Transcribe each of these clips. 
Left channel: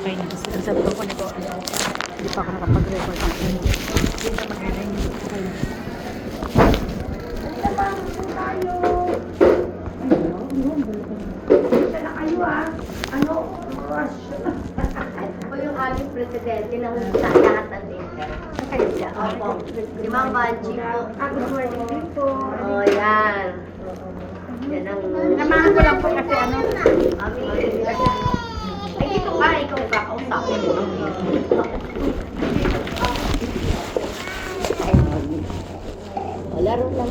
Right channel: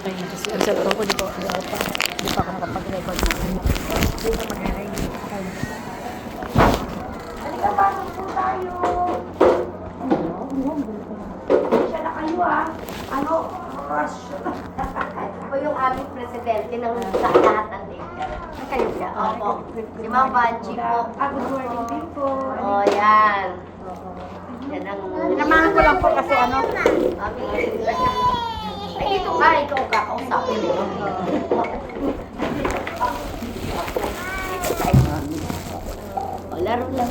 Okay na kasi ang sabi ko, di pa ako nakapag-record na yan. Okay na. Ako yung aming presidente ng lahat ng Dinka. Opo. Si Ma'am Banji po. Good morning po. Oh, yan. Yan ang... Namahan ko lang po kasi ano. Ay, dito ka. Ikaw kakausapin mo. Laro na.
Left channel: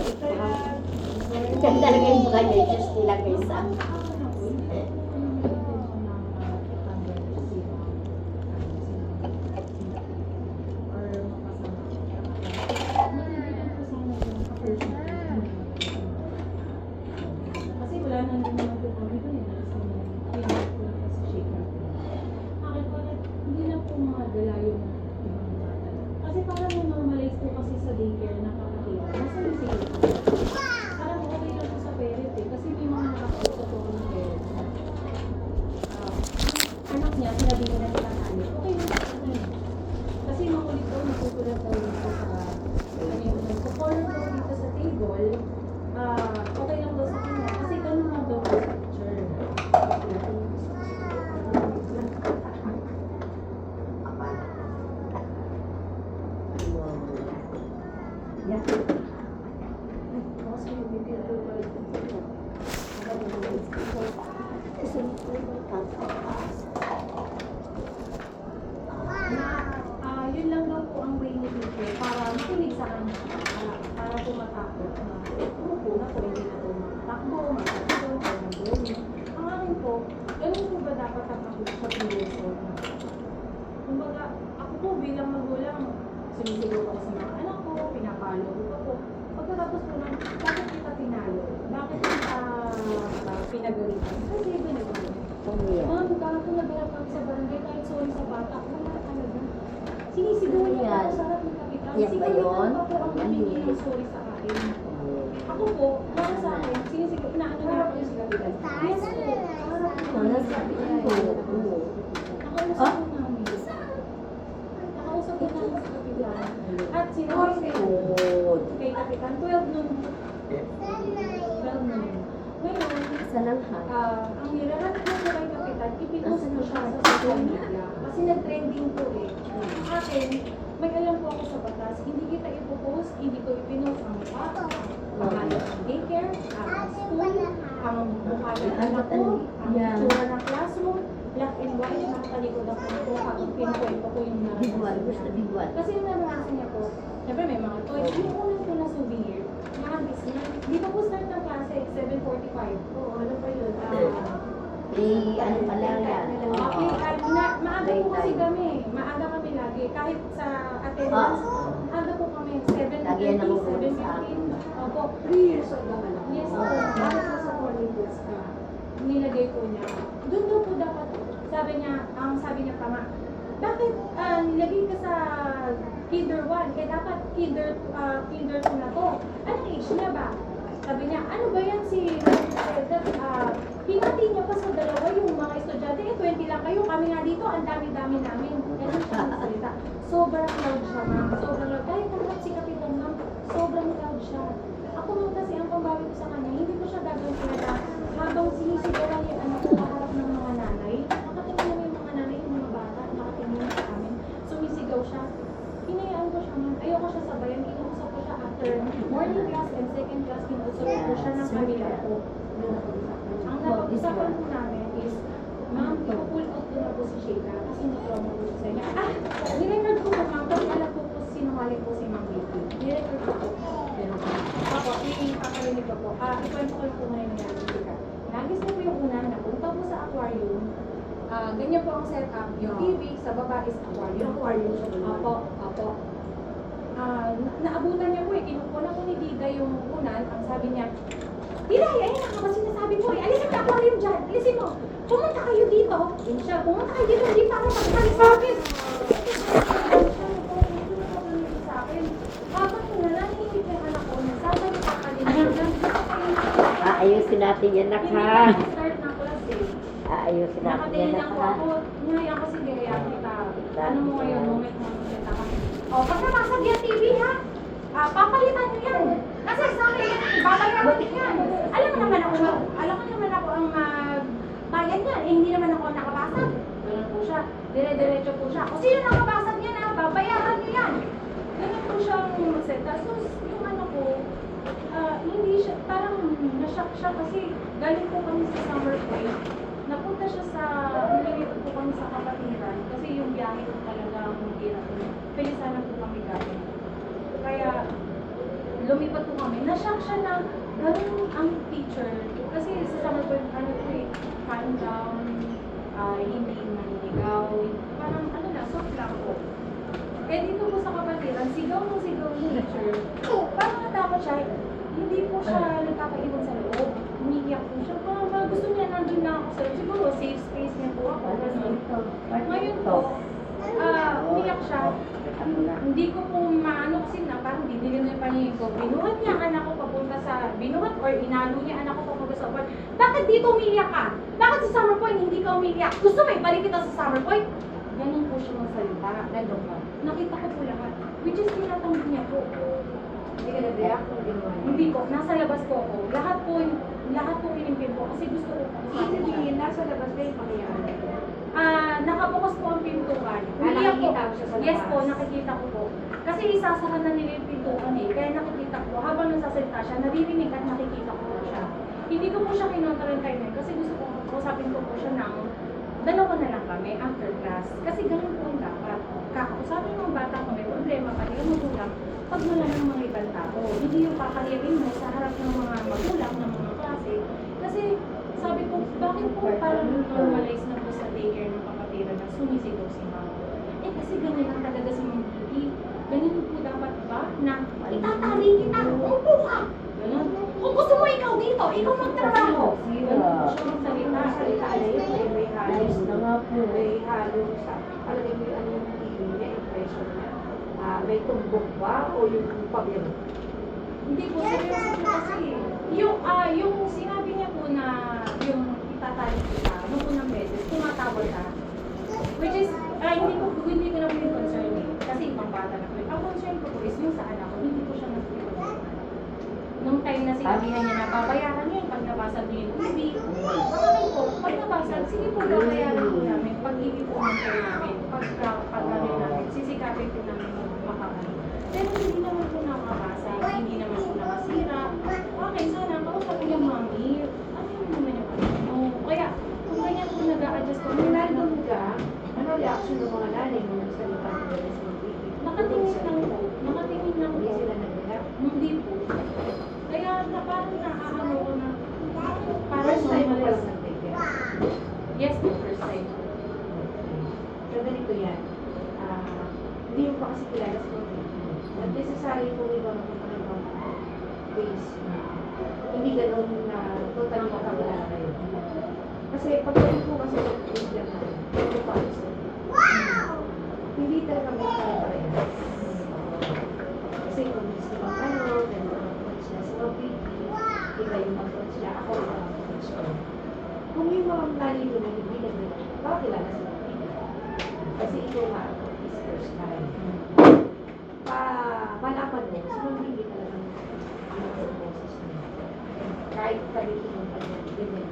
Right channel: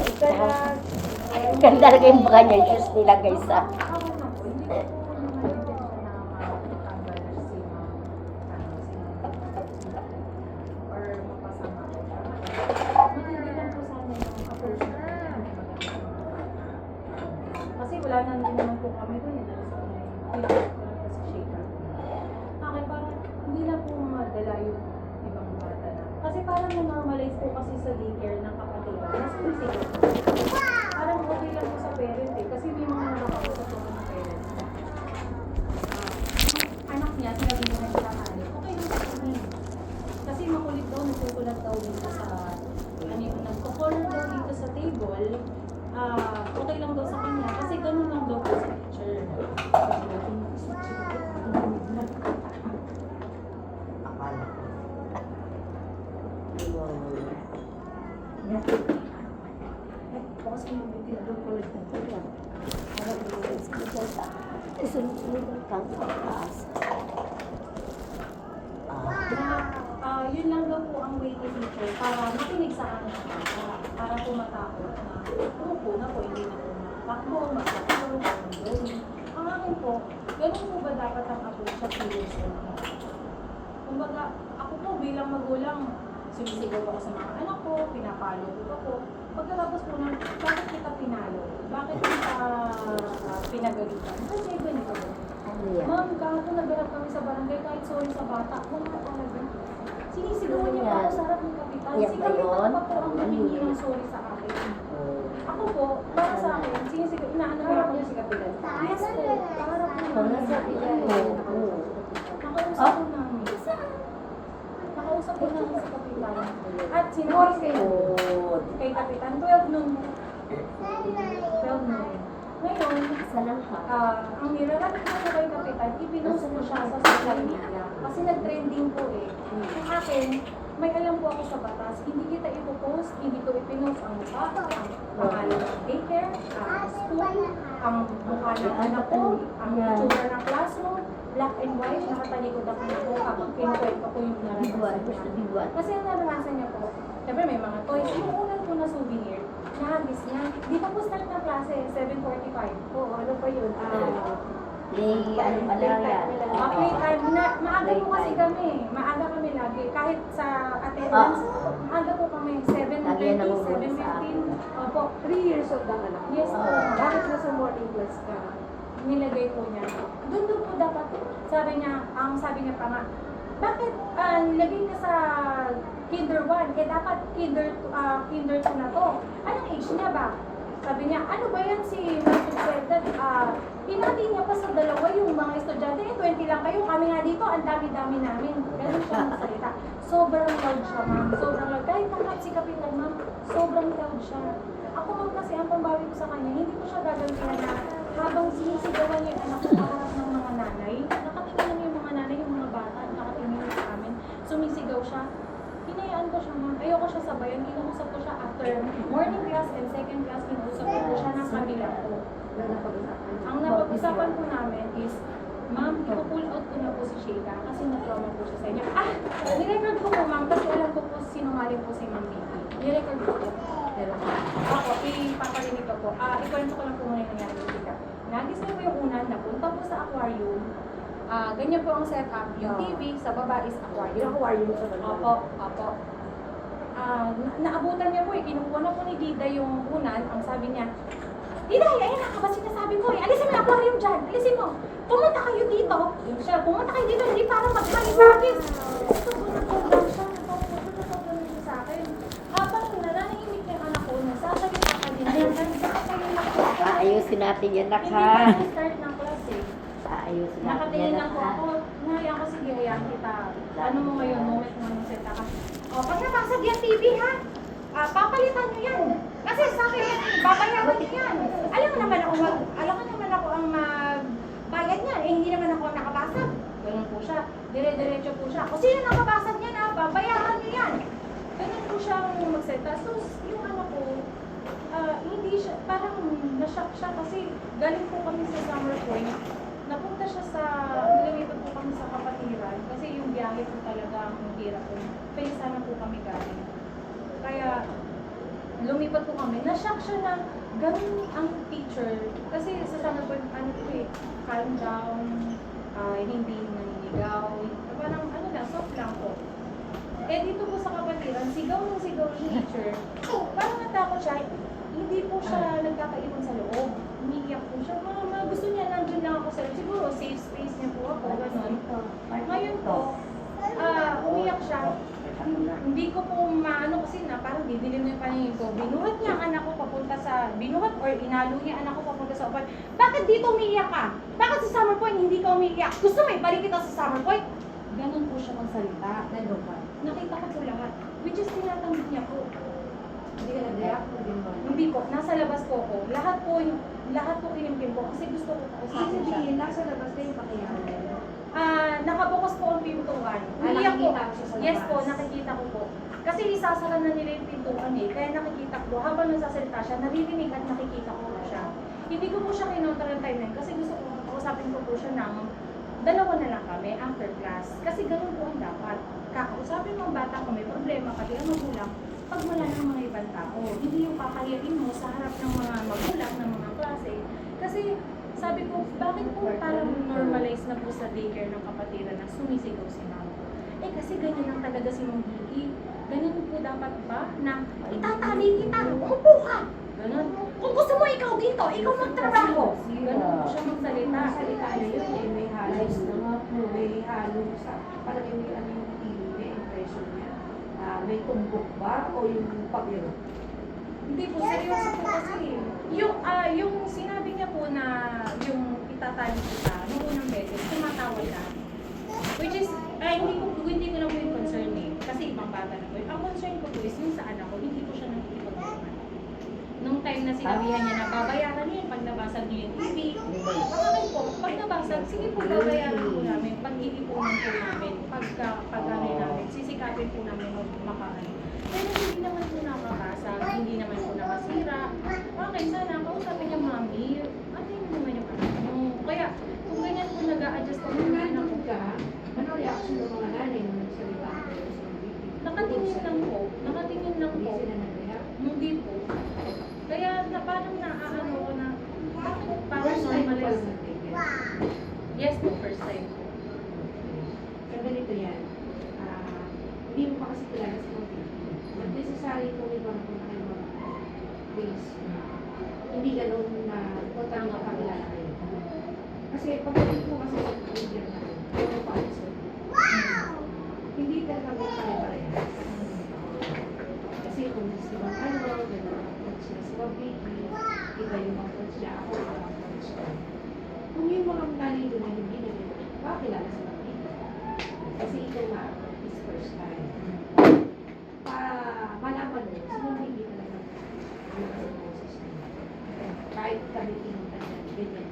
Ganda na yung mga niya. Diyos nila guys ah. Kasi wala nang naman po kami doon. Bakit parang hindi na po madala yung ibang bata na. Kasi parang namamalays po kasi sa daycare ng kapatid. Mas sumisigil po. Parang okay lang po sa parent eh. Kasi may mga nakakausap po ng parent. Yung anak niya, sinabi ko na sa kanya, okay lang po na yun. Kasi makulit daw, natutulag daw dito sa corner daw dito sa table. Okay lang daw sa kanya. Kasi ganun lang daw po sa teacher. Yun lang daw po ang way ni teacher para makinig sa anak niya, para tumatakot na umupo na po, hindi na po makatakbo, magtakbo, magtakbo. Ang akin po, ganun po ba dapat ang approach sa feelings ko? Kumbaga, ako po bilang magulang, sumisigaw ako sa mga anak ko, pinapalo ko ako. Pagkatapos po ng, bakit kita pinalo? Bakit kita pinagalitan? Kasi ganito. Ma'am, kahapon nagharap kami sa barangay kahit sorry sa bata, wala talaga. Sinisigawan niya pa ako sa harap ng kapitan. Yan Si ba kapitan yun? pa po ang humingi ng sorry sa akin. Ako po, para sa akin, sinisigaw, inaano na ako si kapitan. Yes po, para po. Nasabi ano? Nakausap po namin. Nakausap po namin sa kapitan. At sinabi ko, kay kapitan, 12 noon. 12 noon. Ngayon, ang niraramit ko kay kapitan, ipinost ko siya sa social media. Kasi nag-trending po eh. Ang akin, may alam po ako sa batas, hindi kita ipopost, hindi ko ipinost ang bata, ang daycare, ang school, ang mukha ng anak ko, ang itsura ng classroom, black and white, nakatalikod ako po, ang pinukwento ko yung naranasan niya. Kasi ang naranasan niya po, syempre may mga toys, yung unang po na souvenir, nahagis niya. Dito po start ng klase, 7:45. Oo, ano pa yun? Ano pa lang yan? Playtime. Maaga po kasi kami. Maaga kami lagi. Kahit sa attendance, maaga po kami. 7:30, 7:15. Opo. 3 years old ang anak. Yes po. Bakit nasa morning class ka? Nilagay po niya. Doon daw po dapat, sabi niya pa nga, bakit nilagay ka sa kinder 1? Eh dapat kinder 2 na to. Anong age niya ba? Sabi niya, ano ba yan si President? Pinati niya pa sa dalawa yung mga estudyante. 20 lang kayo. Kami nga dito, ang dami-dami namin. Ganun siya ang salita. Sobrang loud siya, ma'am. Sobrang loud. Kahit naman si Kapitan, ma'am, sobrang loud siya. Ako kasi ang pambawi ko sa kanya, hindi ko siya gagantihan na habang sinisigawan niya yung anak ko kaharap ng mga nanay. Nakatingin yung mga nanay, yung mga bata, nakatingin sa amin. Sumisigaw siya. Hinayaan ko siya, ma'am. Ayoko siya sabayan. Kinuusap ko siya after morning class and second class. Kinuusap ko siya ng kabila ko. Ang napag-usapan po namin is, ma'am, ipo-pull out ko na po si Sheila kasi na-trauma po siya sa inyo. Nirecord ko po, ma'am, kasi alam ko po sinungaling po si Ma'am Vicky. Nirecord ko po. Ako, ipaparinig ko po. Ikwento ko lang po muna yung nangyari sa Sheila. Nagis niya po yung unan, napunta po sa aquarium. Ganyan po ang setup. Yung TV, sa baba is aquarium. Opo. Naabutan niya po eh. Kinukuha na po ni Dida yung unan. Ang sabi niya, Dida, ayan ako ba sinasabi mo eh. Alisin mo yung aquarium dyan. Alisin mo. Pumunta kayo dito. Yun siya. Pumunta kayo dito. Hindi para magsalit sa akin. Sa akin. Habang nanahimik yung anak ko, nasabi ko sa kanila. Ayusin natin yan, nak, ha? Start ng class eh. Ayusin natin yan, Nakatingin nak, ako ha? ako, nahaya ko si Gaya. pag nabasag yung TV ha, papalitan nyo yan. Kasi sa akin, babayaran nyo yan. Alam mo naman ako ang magbayad niyan. Eh, hindi naman ako ang nakabasag. Ganun po siya. Dire-diretso po siya. O sino nakabasag niya na, babayaran nyo yan. Ganun po siya ang magsalita. So, yung ano ko, hindi siya, parang na-shock siya kasi galing po kami sa summer point. Napunta siya sa, nililipad po kami sa Kapatiran kasi yung biyahe po talaga ang mahirap po. Pilisanan po kami galing. Kaya, lumipat po kami. Na-shock siya na ganun ang teacher. Kasi sa summer point, ano po eh, calm down, hindi naniligaw. Parang ano lang, soft lang po. Eh dito po sa Kapatiran, sigaw yung teacher. Parang natakot siya. Hindi po siya nagkakaiwan sa loob. Umiiyak po siya. Gusto niya, nandun lang ako sa loob. Siguro, safe space niya po ako. Ngayon po, umiyak siya. Hindi ko po maano kasi na parang bibili niya pa niya ko. Binuhat niya ang anak ko papunta sa, binuhat or inalo niya anak ko papunta sa upan. Bakit dito umiiyak ka? Bakit sa summer point hindi ka umiiyak? Gusto mo ibalik kita sa summer point? Ganun po siya magsalita. Ganun ba? Nakita ko po lahat. Which is tinatanggap niya po. Hindi ka nag-react? Hindi ko, nasa labas ko po. Lahat po kinimkim po kasi gusto ko po sa Sabihin, nasa labas na yung pakiyari. nakabukas po ang pintuan. Nakikita Umiyak mo siya sa labas? Yes po, nakikita ko po. Kasi isasara na nila yung pintuan eh. Kaya nakikita ko, habang nagsasalita siya, naririnig at nakikita ko po siya. Hindi ko po siya kinontra ng time na yun kasi gusto ko, usapin ko po siya ng dalawa na lang kami after class. Kasi ganun po ang dapat. Kakausapin mo ang bata kung may problema at yung magulang pag wala ng mga ibang tao. Hindi yung kakayanin mo sa harap ng mga magulang, ng mga klase. Kasi sabi ko, bakit po parang normalize na po sa daycare ng Kapatiran na sumisigaw si mama ko? Eh kasi ganyan lang talaga si Ma'am Kitty. Ganyan po dapat ba na itatali kita, umupo ka! Ganun. Kung gusto mo ikaw dito, ikaw magtrabaho. Ganun po siya magsalita. Salita na yun, may halos na may halos sa palagay mo yung anong may impression niya. May tumbok ba o yung pabiro? Hindi po, seryoso po kasi. Yung sinabi niya po na yung itatali kita, nung unang beses, tumatawag ka. Which is, hindi ko lang yung concern eh. Kasi ibang bata na po. Ang concern ko po is yung sa anak ko, hindi ko siya nakikipag-uman. Nung time na sinabihan niya na babayaran niya yung pag nabasag niyo yung TV. Bakit po, pag nabasag, sige po babayaran po namin. Pag hindi po ang po namin, pag ano namin, sisikapin po namin makaano. Pero hindi naman po nakabasa, hindi naman po nakasira. Okay, sana kausapin niya mami. Ano yun naman yung ano? Kaya, kung ganyan po nag-a-adjust ko, Nung nandun ka, ano reaction ng mga nanay nung nagsalita mo sa TV? nakatingin lang po. Nakatingin lang Hindi po. sila nag-react? Hindi po. Kaya parang naaano ko na, parang First time mo normalize. palang nag-take care? Yes po, first time po. So ganito yan. Hindi mo pa kasi kilala sa mga Not necessary kung iba napunta kayo ng ways. Hindi ganun na total makakilala kayo. Kasi pag ganun po kasi sa Christian na, yung parents ko, hindi talaga may pare-pareho. Kasi kung gusto bang ano, ganun ang approach niya sa baby, iba yung approach niya, ako iba ang approach ko. Kung yung mga nalito na hindi nagkilala, pakilala sa baby. Kasi ito nga, is first time. Malaman mo, sa mga hindi talaga mag-boses niya. Kahit kami pinunta niya, ganyan niya.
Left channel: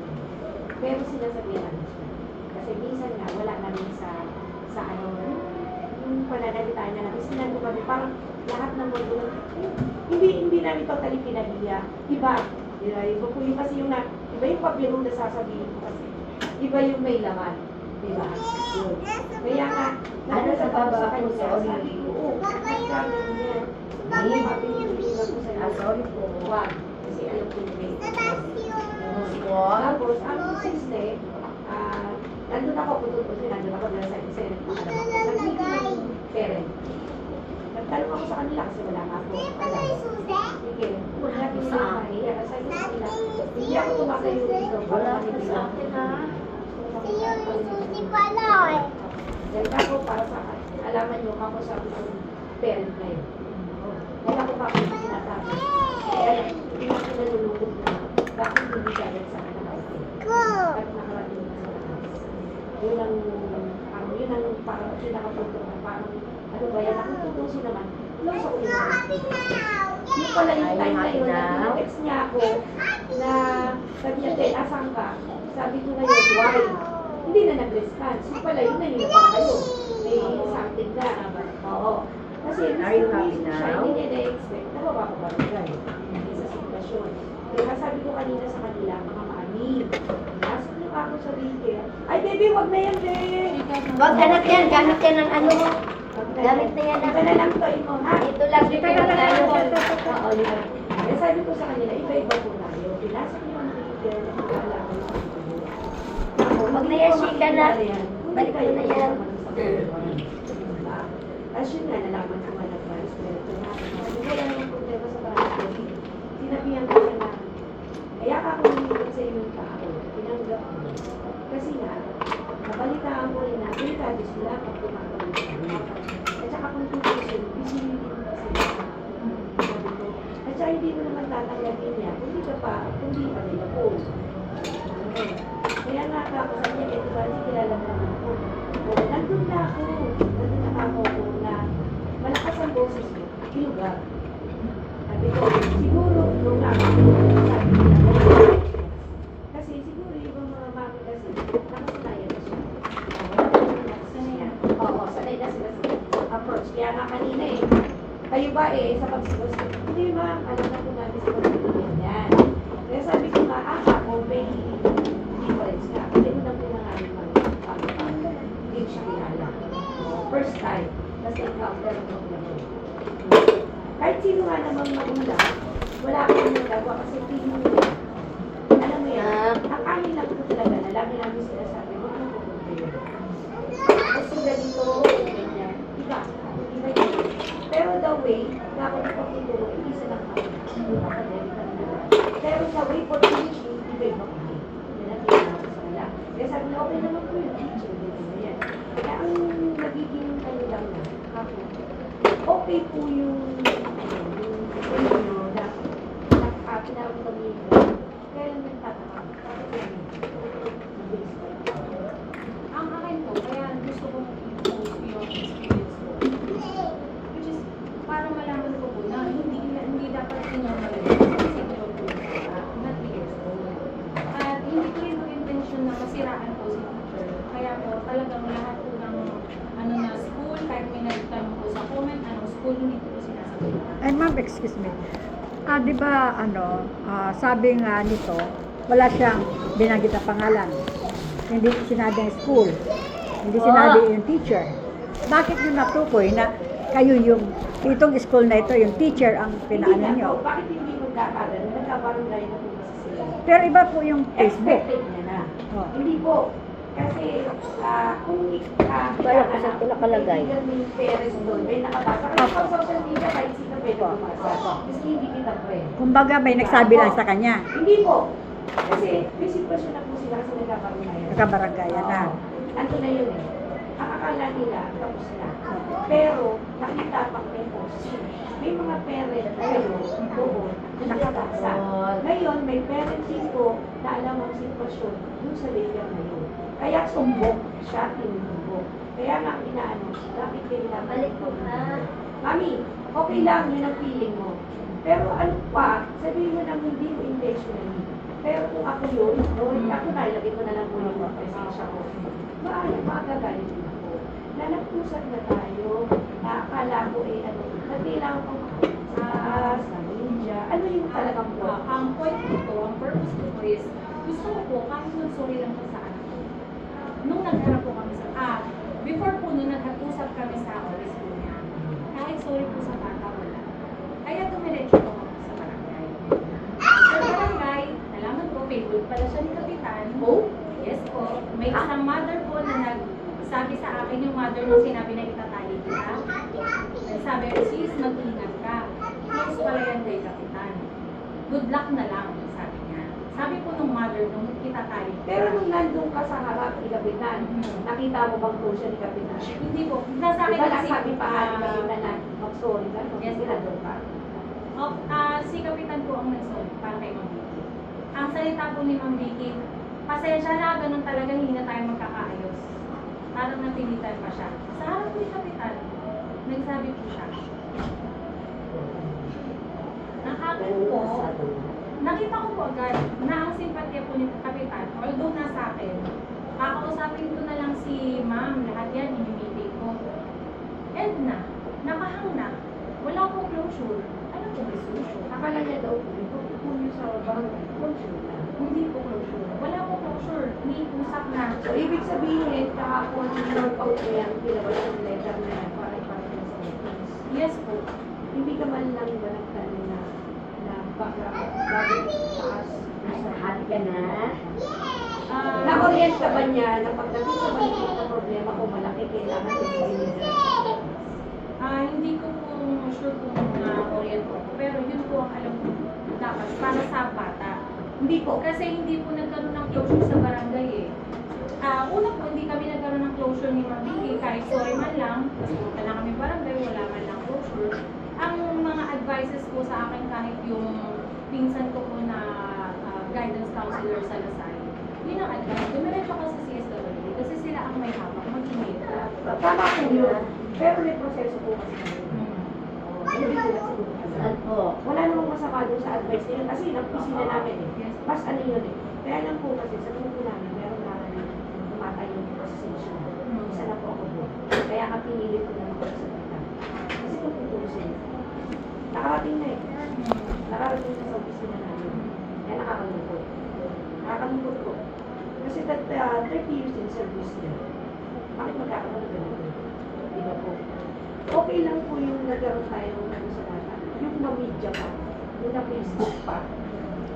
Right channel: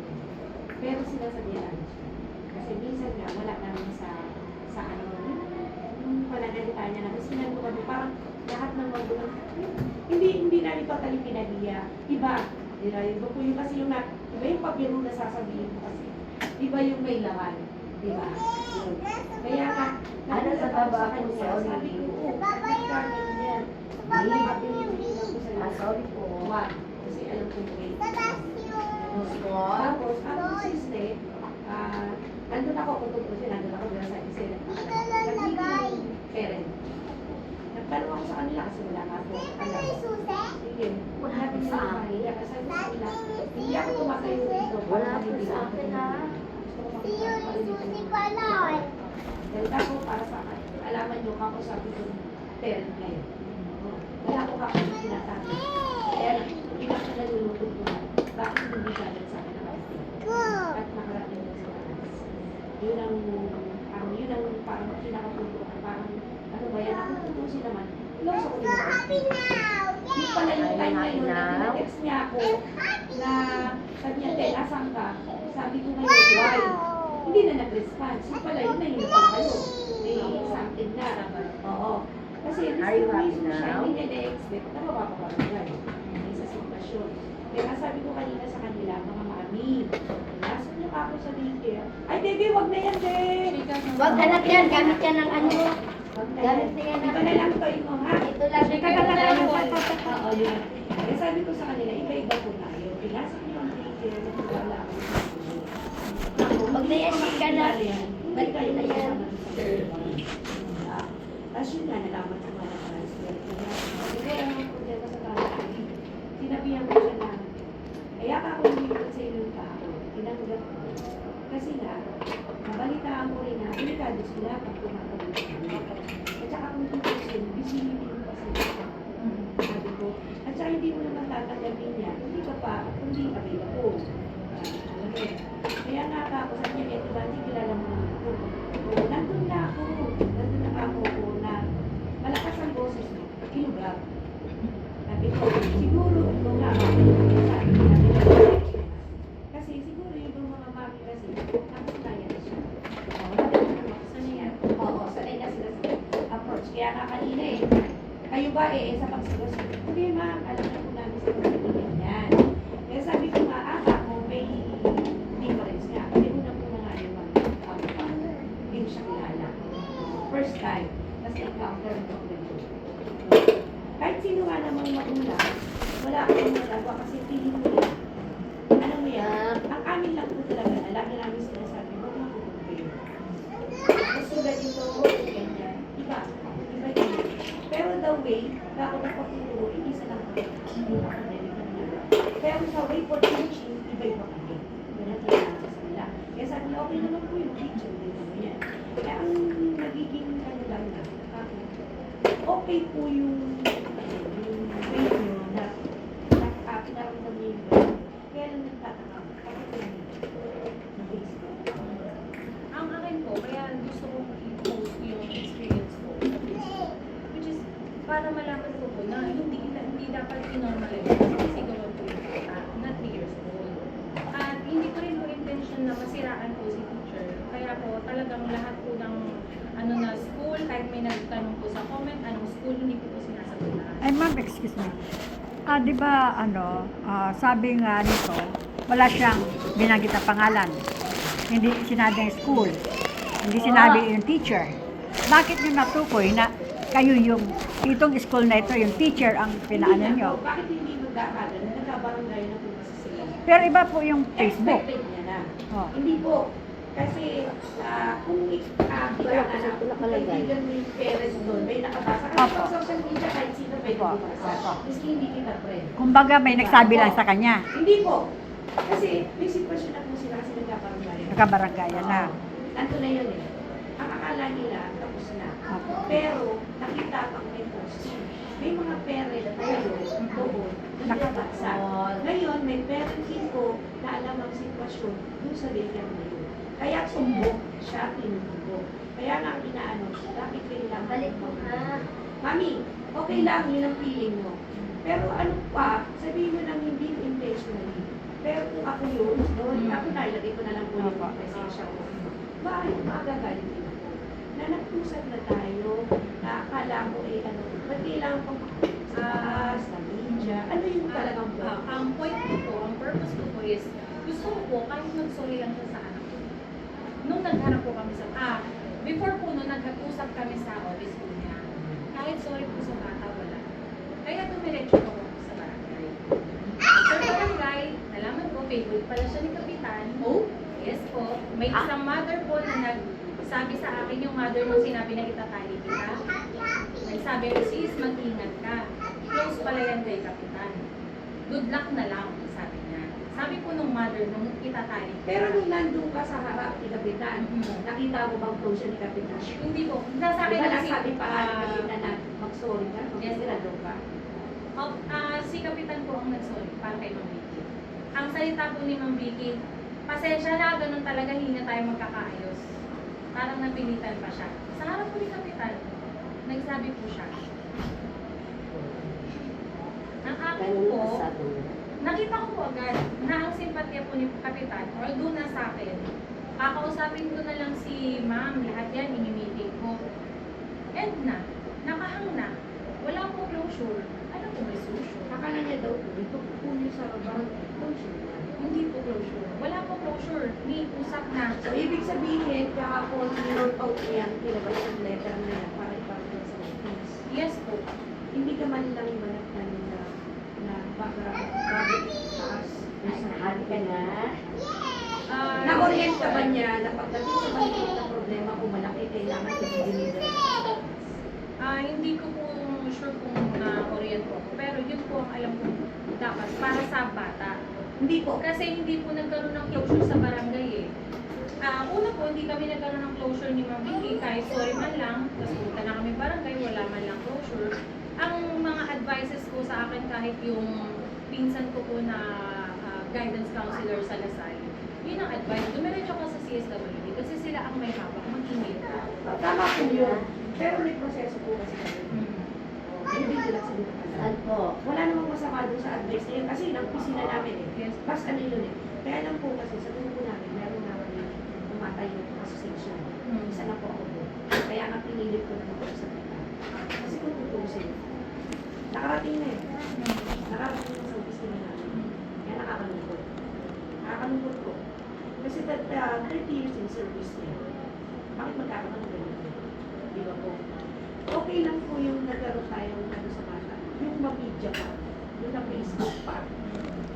Pero sinasabihan namin siya. Kasi minsan nga, wala namin sa ano, yung pananalita niya na. Kasi nandun kami, parang lahat ng magulang, hindi namin totally pinagiya. Iba po yung kasi yung iba yung pabiro na sasabihin ko kasi. Iba yung may laman. Diba? Kaya nga, nakita ko sa kanya, sabi ko, nagkamit niya. Sorry po. Wag. Kasi alam ko yung tapos, ang siste, nandun ako, nandun ako nila sa Senate. Nagiging ng parent. Nagtanong ako sa kanila kasi wala nga ako. Sige, natin sa akin. Kaya sabi ko sa kanila, hindi ako tumakayo dito. Wala hindi sa akin ha. Ganda ko para sa akin. Alaman nyo, ako sa akin yung parent na yun. Wala ko pa akong sinasabi. Kaya hindi ka nalulungkot ko. Bakit hindi gamit sa akin nakarating? Ba't nakarating sa taas? Yun ang parang pinakapunto. Parang ano ba yan? Nakatutusin naman. close ako nito. Yung pala yung time na yun, na tinext niya ako na sabi niya, Tel, asan ka? Sabi ko ngayon, why? Hindi na nag-response. Yung pala yun na yun pala kayo. May something na. Oo. Kasi Are you happy siya now? hindi niya na-expect na mapapabagay sa sitwasyon. Kaya sabi ko kanina sa kanila, mga mami, pasok niyo ako sa daycare. Ay, baby, wag na yan, babe! Wag anak yan, gamit yan ng ano. Gamit na yan Iba na lang to, imo, ha? Ito lang, Ika na lang. Oo, yun. Kaya sabi ko sa kanila, iba-iba po tayo. Pinasok niyo ang daycare, wala ako. Wag na yan, Shika na. Balik kayo na yan. Tapos yun nga, nalaman ko nga na transfer ko na. Kasi kaya yung problema sa transfer, sinabihan ko siya na, kaya ako nilipot sa inyong tao, tinanggap ko. Kasi nga, nabalitaan ko rin na, delikado sila kung tumatawid sila. At saka kung tutusin, busy din kasi. Sabi ko, at saka hindi mo naman tatanggapin niya, hindi ka pa, hindi available. Okay. Kaya nga ako sa niya, ito ba, hindi kilala mo naman ako. O, nandun na ako na malakas ang boses mo, ilugar. Sabi ko, siguro, nung sabi niya, kasi siguro yung mga mami kasi, nakasanayan na siya. Sanay Oo, sanay na sila sa approach. Kaya nga kanina kayo ba sa pagsigos? Hindi ma'am, alam na po namin sa pagsigos yan. Kaya sabi ko nga, ako, may difference nga. Kaya mo na po na nga yung hindi siya kilala. First time, kasi encounter mo problema. Kahit sino nga namang magulang, wala akong nagawa kasi feeling mo. Alam mo yan, ang amin lang po talaga na lagi namin sinasabi, huwag mo po problema. Kasi ganito, ganyan, iba yun. Pero the way na ako napagtuturo, isa lang ako. Hindi pa pandemic na nila. Pero sa way for teaching, iba-iba kami. Yan ang tinanong ko sa kanila. Kaya sabi na, okay naman po yung teaching, ganyan. Kaya ang nagiging ano lang na, okay po yung na nakapinaramdam niyo yun. Kaya yung nagtataka. Ang akin po, kaya gusto kong i-post yung experience ko. Which is, para malaman ko po na hindi dapat i-normalize. Kasi siguro po na 3 years old. At hindi ko rin po intention na masiraan po si teacher. Kaya po, talagang lahat po ng na school, kahit may nagtanong po sa comment, anong school, hindi ko po sinasabihan. Ay ma'am, excuse me. Di ba sabi nga nito, wala siyang binanggit na pangalan. Hindi sinabi yung school. Hindi sinabi yung teacher. Bakit nyo natukoy na kayo yung, itong school na ito, yung teacher ang pinaanan nyo? Bakit hindi magkakaroon? Nagkabarangay na po kasi sila. Pero iba po yung Facebook. Expected niya na. Oh. Hindi po. Kasi kung Wala kasi ito nakalagay. may parents doon, may nakabasa. Kasi pag social media, kahit sino pwede makabasa. Kasi hindi kita friend. Kumbaga may nagsabi lang sa kanya. Hindi po. Kasi may sitwasyon na po sila kasi nagkabarangay. Nagkabaranggayan na. Ando na yun eh. Ang akala nila, tapos na. Pero, nakita pang may post. May mga parent doon, nakabasa. Ngayon, may parent din po na alam ang sitwasyon doon sa daycare na yun. Kaya sumbok siya, tinutubo. Kaya nga inaano, bakit kailangan? Balik po ka. Mami, okay lang, yun ang feeling mo. Pero ano pa, sabihin mo nang hindi mo intentionally. Pero kung ako yun, ako na, ilagay ko na lang po yung presensya ko. Maagagalit din ako. Na nagpusat na tayo, na akala ko ba't kailangan kong makakasas, na media, ano yung talagang po? Ang point ko po, ang purpose ko po is, gusto ko po, kahit mag-sorry lang siya sa anak ko. Nung nagharap po kami before po nung nag-usap kami sa office po niya, kahit sorry po sa bata, wala. Kaya dumiretso po ako sa barangay. Sa barangay, nalaman ko, favorite pala siya ni Kapitan. Oh? Yes po. May isang mother po na nagsabi sa akin yung mother nung sinabi na itatali kita. Nagsabi ko, sis, mag-ingat ka. Close pala yan kay Kapitan. Good luck na lang, sabi niya. Sabi po nung mother nung itatali kita. Pero nung nandun ka sa harap ni Kapitan, nakita mo bang close siya ni Kapitan? Hindi po. Nasa akin Diba kasi, nasabi pa ni Kapitan na mag-sorry ka? Yes, nandun ka? si Kapitan po ang nag-sorry para kay Ma'am Vicky. Ang salita po ni Ma'am Vicky, pasensya na, ganun talaga, hindi na tayo magkakaayos. Parang napilitan pa siya. Sa harap po ni Kapitan, nagsabi po siya, Ang akin Ganun po, ang sabi niya. nakita ko po agad na ang simpatya po ni Kapitan, although nasa akin, kakausapin ko na lang si ma'am, lahat yan, ini-meeting ko. And nakahang na, wala pong closure. Ano po may solution? Akala niya daw, ito po yung sa barangay. Closure na. Hindi po closure. Wala pong closure. May usap na. So, ibig sabihin, kahapon yung out niya, kilabas yung letter na yan para iparating sa office. Yes po. Hindi ka man lang ba nagtanong na background, bakit paas sa hati ka na? Na-orient ka ba niya na pagdating sa maliit na problema o malaki, kailangan i-deliver? Hindi ko po sure kung na-orient po ako. Pero yun po ang alam ko dapat para sa bata. Hindi po. Kasi hindi po nagkaroon ng closure sa barangay eh. Una po, hindi kami nagkaroon ng closure ni Ma'am Vicky. Kahit sorry man lang, tapos punta na kami barangay, wala man lang closure. Ang mga advices po sa akin, kahit yung pinsan ko po na guidance counselor sa Lasal, yun ang advice. Dumiretso ka sa CSWD kasi sila ang may hawak, mag-email ka. Tama po yun. Pero may proseso po kasi kami. Hindi ko lang sagot agad. po? Wala namang masama doon sa advice niya kasi napisina namin eh. Yes. Pas ano yun eh. Kaya lang po kasi sa grupo namin, meron namin tumatay yung association. Isa na po ako doon. Kaya nga pinilit ko na magsasalita. Kasi kung tutusin, nakarating na eh. Nakarating na sa office na namin. Kaya nakakalungkot. Nakakalungkot ko. Kasi 30 years in service niya. Bakit magkakaroon ng ganun? Di ba po? Okay lang po yung nagkaroon tayo ng ano sa bata. Yung mamidya pa. Yung na Facebook pa.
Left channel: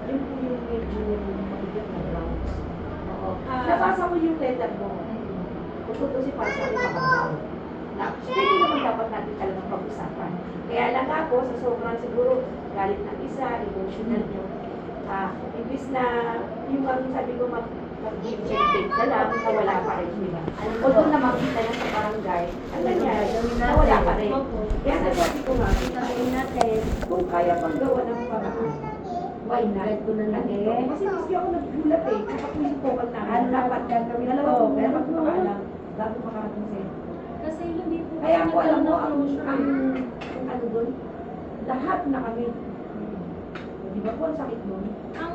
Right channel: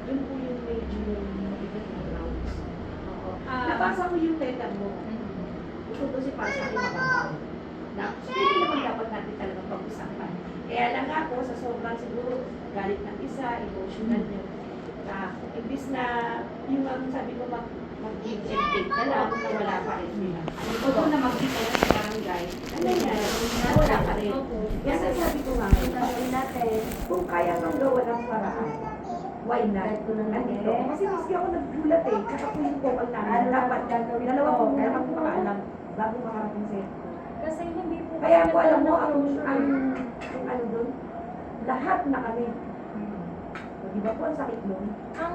Yun po yung medyo mabigat na grounds. Oo. Nabasa ko yung letter mo. Bukod kasi para sa akin makabaw. Na, pwede naman dapat natin talagang pag-usapan. Kaya lang ako, sa sobrang siguro, galit ng isa, emotional nyo. Imbis na yung ang sabi ko mag-give and take ka lang, na wala pa rin, di ba? O doon na makita na sa barangay, ano nangyari? Na wala pa rin. Kaya sabi ko nga, kung kaya pang gawa ng paraan, why not? Nandito. Kasi kasi ako naggulat eh, tsaka po yung vocal namin, dapat gagawin. Dalawa ko muna magpakaalam bago makarating sa'yo. Kasi hindi po Kaya kasi ko alam mo, nagkaroon ng closure. ang ano doon, lahat na kami. Di ba po, ang sakit doon? Ang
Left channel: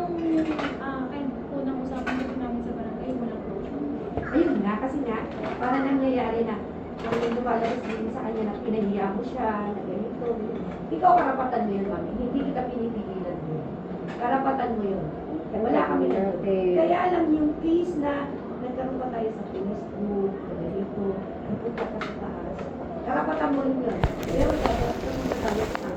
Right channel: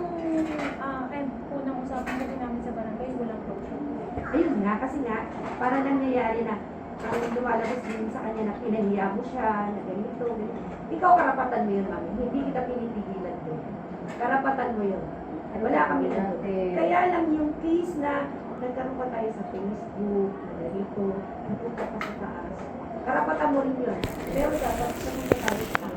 and unang usapan ko namin sa barangay, walang closure. Ayun nga, kasi nga, para nangyayari na, ang lumalabas din sa kanya na pinahiya mo siya, na ganito. Ikaw karapatan mo yun, mami. Hindi kita pinipigilan mo. Karapatan mo yun. Wala kami na. Kaya lang yung case na nagkaroon pa tayo sa Facebook, ganito, napunta pa sa taas. Karapatan mo rin yun. Pero dapat sa mga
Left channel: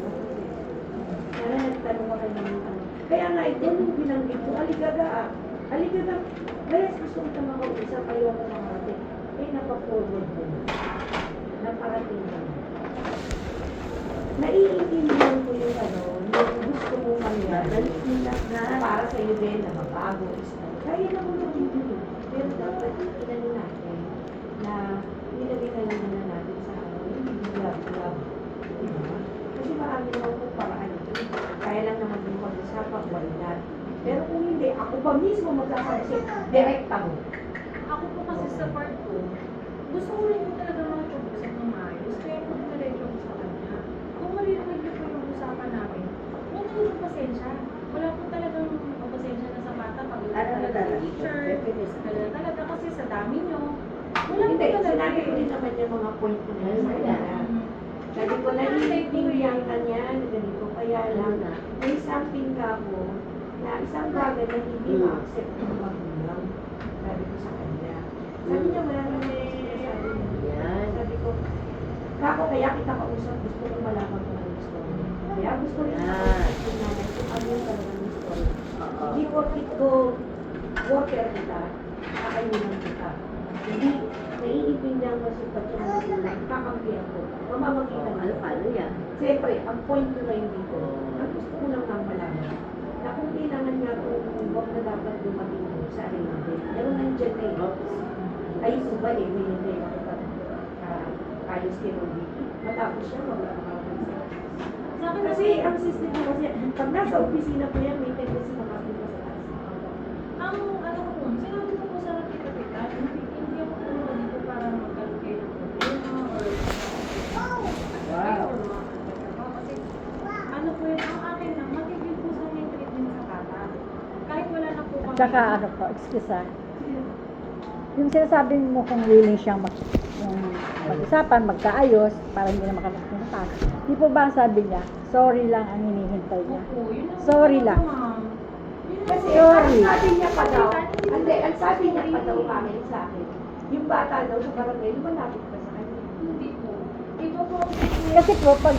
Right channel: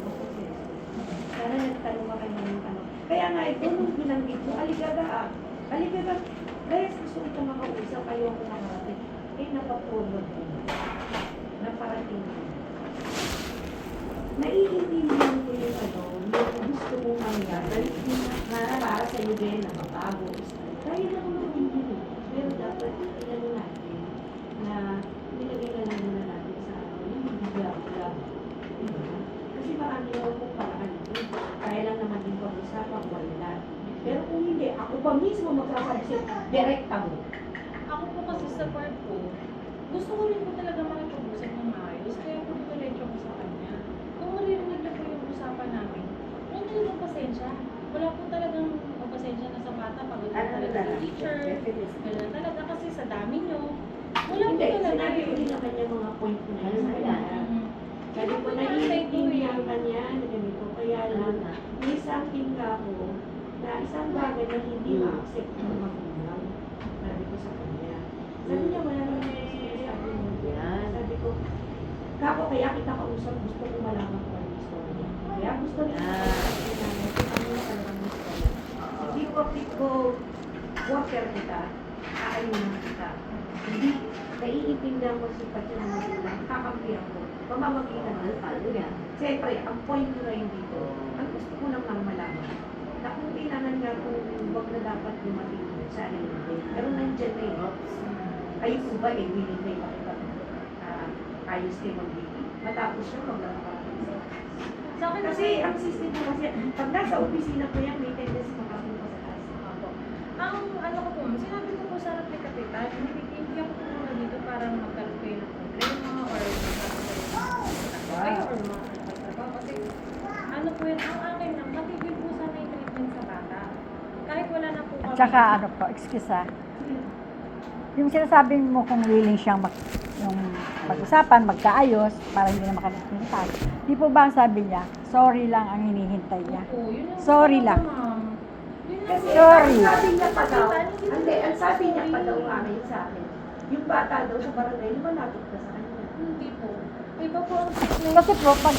sana nagtanong ka kayo ng ano. Kaya nga, ito nung binanggit mo, aligaga. Aligaga, kaya gusto kita makausap, kayo ako makarating. Eh, napaforward ko na. Naparating na. Naiintindihan ko yung ano, yung gusto mong mangyari. Na para sa iyo din, na mabago. Kaya lang naman yun. Pero dapat, inano natin, na nilagay na lang muna natin sa ano, yung bigla-bigla. Kasi marami naman kung paraan. Kaya lang naman yung pag-usapan, wala. Pero kung hindi, ako pa mismo magsasabi, direkta mo. Ako po kasi sa part ko, gusto ko lang po talaga makachubusap ng maayos, kaya po diretso ko sa kanya. Kung maririnig niyo po yung usapan namin, huwag po pasensya. Wala po talagang pasensya na sa bata pag teacher. Wala talaga kasi sa dami niyo. Wala po Hindi, talaga. sinabi ko rin naman yung mga point ko na sa kanya. Sabi ko, naiintindihan ka niya na ganito, kaya lang, may something ka mo na isang bagay na hindi ma-accept ng magulang. Sabi ko sa kanya. Sabi niya, wala naman may sabi mo. Sabi ko, kako kaya kita kausap, gusto ko malaman kung ano gusto mo. Kaya gusto rin ako kasi na ano talaga gusto ko. Hindi ko worker kita, kaayunan kita. Hindi, naiintindihan ko si Pati na magulang, kakampihan ko. Pamamagitan ng ano yan. Siyempre, ang point ko na yun dito, ang gusto ko lang nang malaman na kung kailangan nga kung wag na dapat dumating sa hindi. Pero nandiyan na yun. Ayun ko ba eh, winintay ko kita ayos kay Mambiki. Matapos siya, maglalakapin siya. Sa akin Kasi ang system ko kasi, pag nasa opisina po yan, may tendency makapunta sa taas. ang ano ko po, sinabi ko po sa aking kapitan, hindi ako po dito para magkaroon kayo ng problema or Wow. kasi ano po yun, ang akin lang, Tsaka ano po, excuse ha. Yung sinasabi mo kung willing siyang mag-usapan, magkaayos, para hindi na makalimutan. Di po ba ang sabi niya, sorry lang ang hinihintay niya. Opo, yun ang Sorry lang. ma'am. Yun Kasi Sorry. ang sabi niya pa daw, hindi, ang sabi niya pa daw amin sa akin, yung bata daw sa barangay, malapit na sa kanya. Hindi po. Iba po ang Kasi po, pag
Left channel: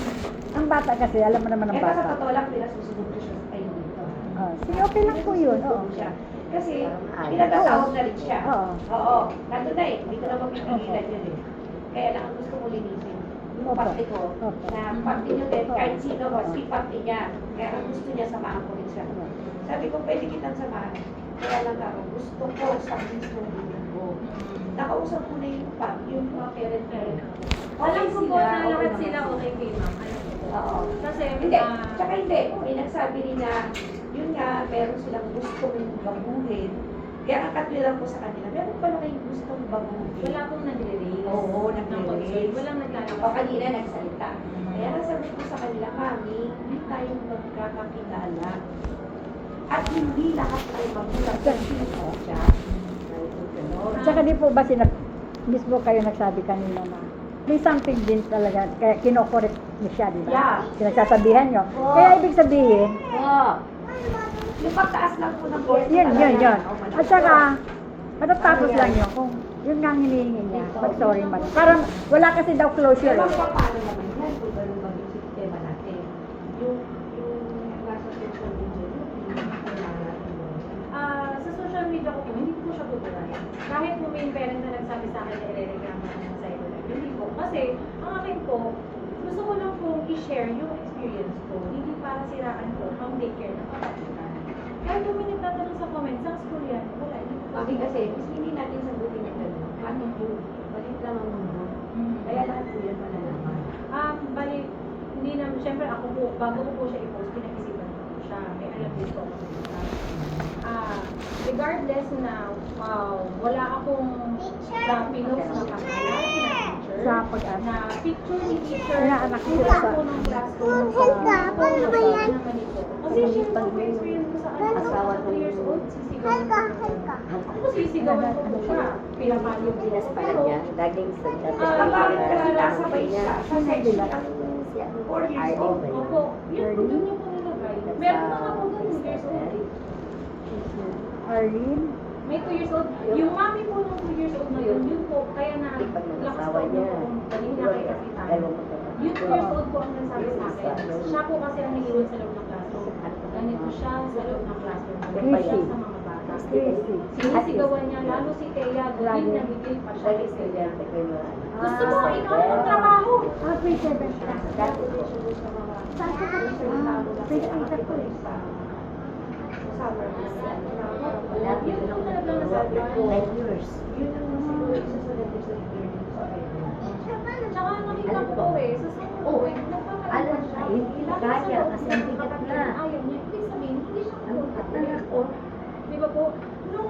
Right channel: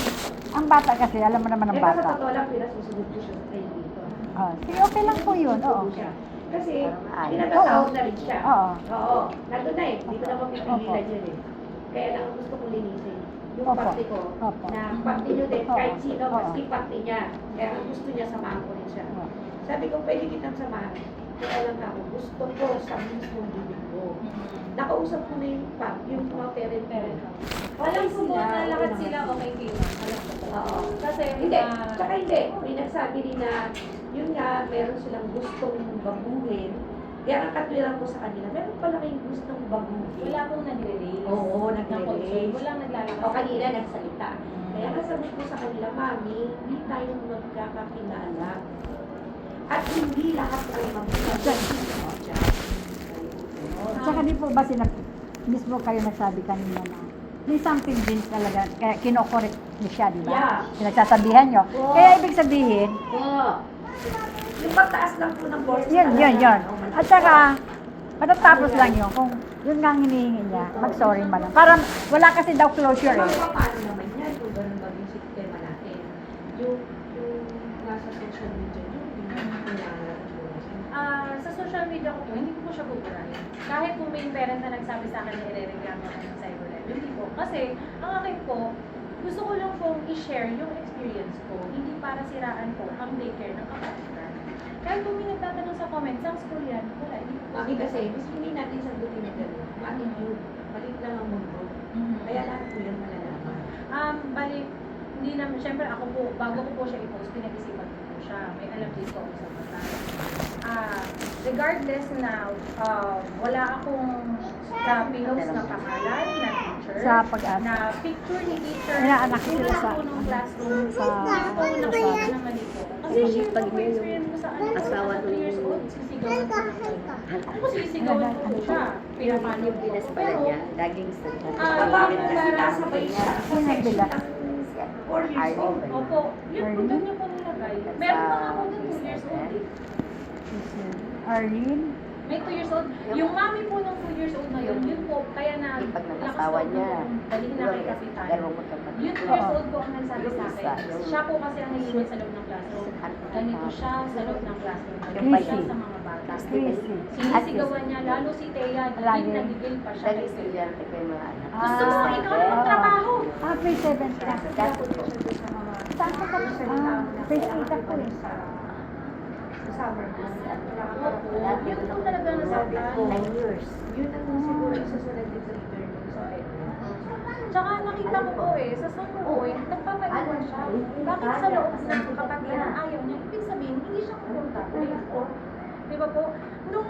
ang bata kasi, alam mo naman ang Eh, sa bata. totoo lang, pinasusunod ko siya sa kayo dito. Sige, okay lang po yun. Oo. Susunod siya. Kasi, pinatatawag na rin siya. Oo. Oo. Nandun na eh. Hindi ko na mapipigilan yun eh. Kaya lang ang gusto ko linisin. Yung parte ko, Opo. na parte nyo din, kahit sino, maski parte niya. Kaya ang gusto niya, samahan ko rin siya. Sabi ko, pwede kitang samahan. Kaya lang ako, gusto ko sa mismong bibig ko. Nakausap ko na yung mga parent-parent ko. Alam ko po na lahat naman sila okay kay ma'am. Alam ko po. Oo. Kasi, Hindi, tsaka hindi. May nagsabi rin na, yun nga, meron silang gustong baguhin. Kaya ang katwiran ko sa kanila, meron pala kayong gustong baguhin. wala pong nagre-raise. Oo, ng nagre-raise. concern. Walang naglalabas. O kanina nagsalita. Kaya nasagot ko sa kanila, Mami, hindi tayo magkakakilala. At hindi lahat ay magulang sa siya. At saka di po ba mismo kayo nagsabi kanina na may something din talaga, kaya kinokorek niyo siya, di ba? Yeah. Pinagsasabihan niyo. Oo. Kaya ibig sabihin, Yung pagtaas lang po ng voice. yun. At saka, matatapos lang yun kung yun nga ang hinihingi niya, mag-sorry man. Parang wala kasi daw closure. Diba eh. po, paano naman yan kung gano'n naman yung sistema natin? Yung nasa social media, yung kailangan. Sa social media ko po, hindi ko po siya buburahin. Kahit po may parent na nagsabi sa akin na irereklamo ako ng cyberlife, hindi po. Kasi, ang akin po, gusto ko lang pong i-share yung experience ko, hindi para siraan po ang daycare ng kapatiran. Kahit kung may nagtatanong sa comments, ang school yan, wala. Mami kasi, mas hindi natin sagutin na gano'n. Attitude, maliit lang ang mundo. Kaya lahat po yan malalaman. Bali, hindi naman, syempre ako po, bago ko po siya i-post, pinag-isipan ko po siya. May alam din po ako sa batas. Regardless na wala akong sa pinost na pangalan na teacher, Sa pag-asa. na picture ni teacher, Inaanak ko wala sa- po ng classroom sa ano ba yan? Kasi share ko po experience ko sa anak ko, Asawa sa 2 years old, sisigawan ko po siya. Ako po sisigawan ko po siya. Pinapalo ko. Pinas pala niya, laging sa Bakit kasi nasabay siya sa section ng 4 years old? Opo, yun po doon niya po nilagay. Meron pa nga po doon 2 years old. Arlene, May 2 years old. Yung mami po ng 2 years old na yun, yun po, kaya na Pag lakas nag-asawa loob niya, na po, dali na kay kasi tayo. Yung 2 years old po ang nagsabi sa akin. Siya po kasi ang nagingin sa loob ng classroom. Ganito siya sa loob ng classroom. Ganito siya sa mga bata. Sinisigawan niya, lalo si Thea, lagi nagigil pa siya. Gusto mo, ikaw na magtrabaho. grade 7 ka. Saan ko kami salita mo na Face kaya kita ako po eh. sa summer. Yun po talaga Sabi nasaktan. ko, yun ang siguro isa sa naging sa Tsaka nakita ko po eh, sa summer point, nagpapaiwan siya. Bakit sa loob ng kapag ayaw niya, ibig sabihin, hindi siya komportable. Di ba po? Nung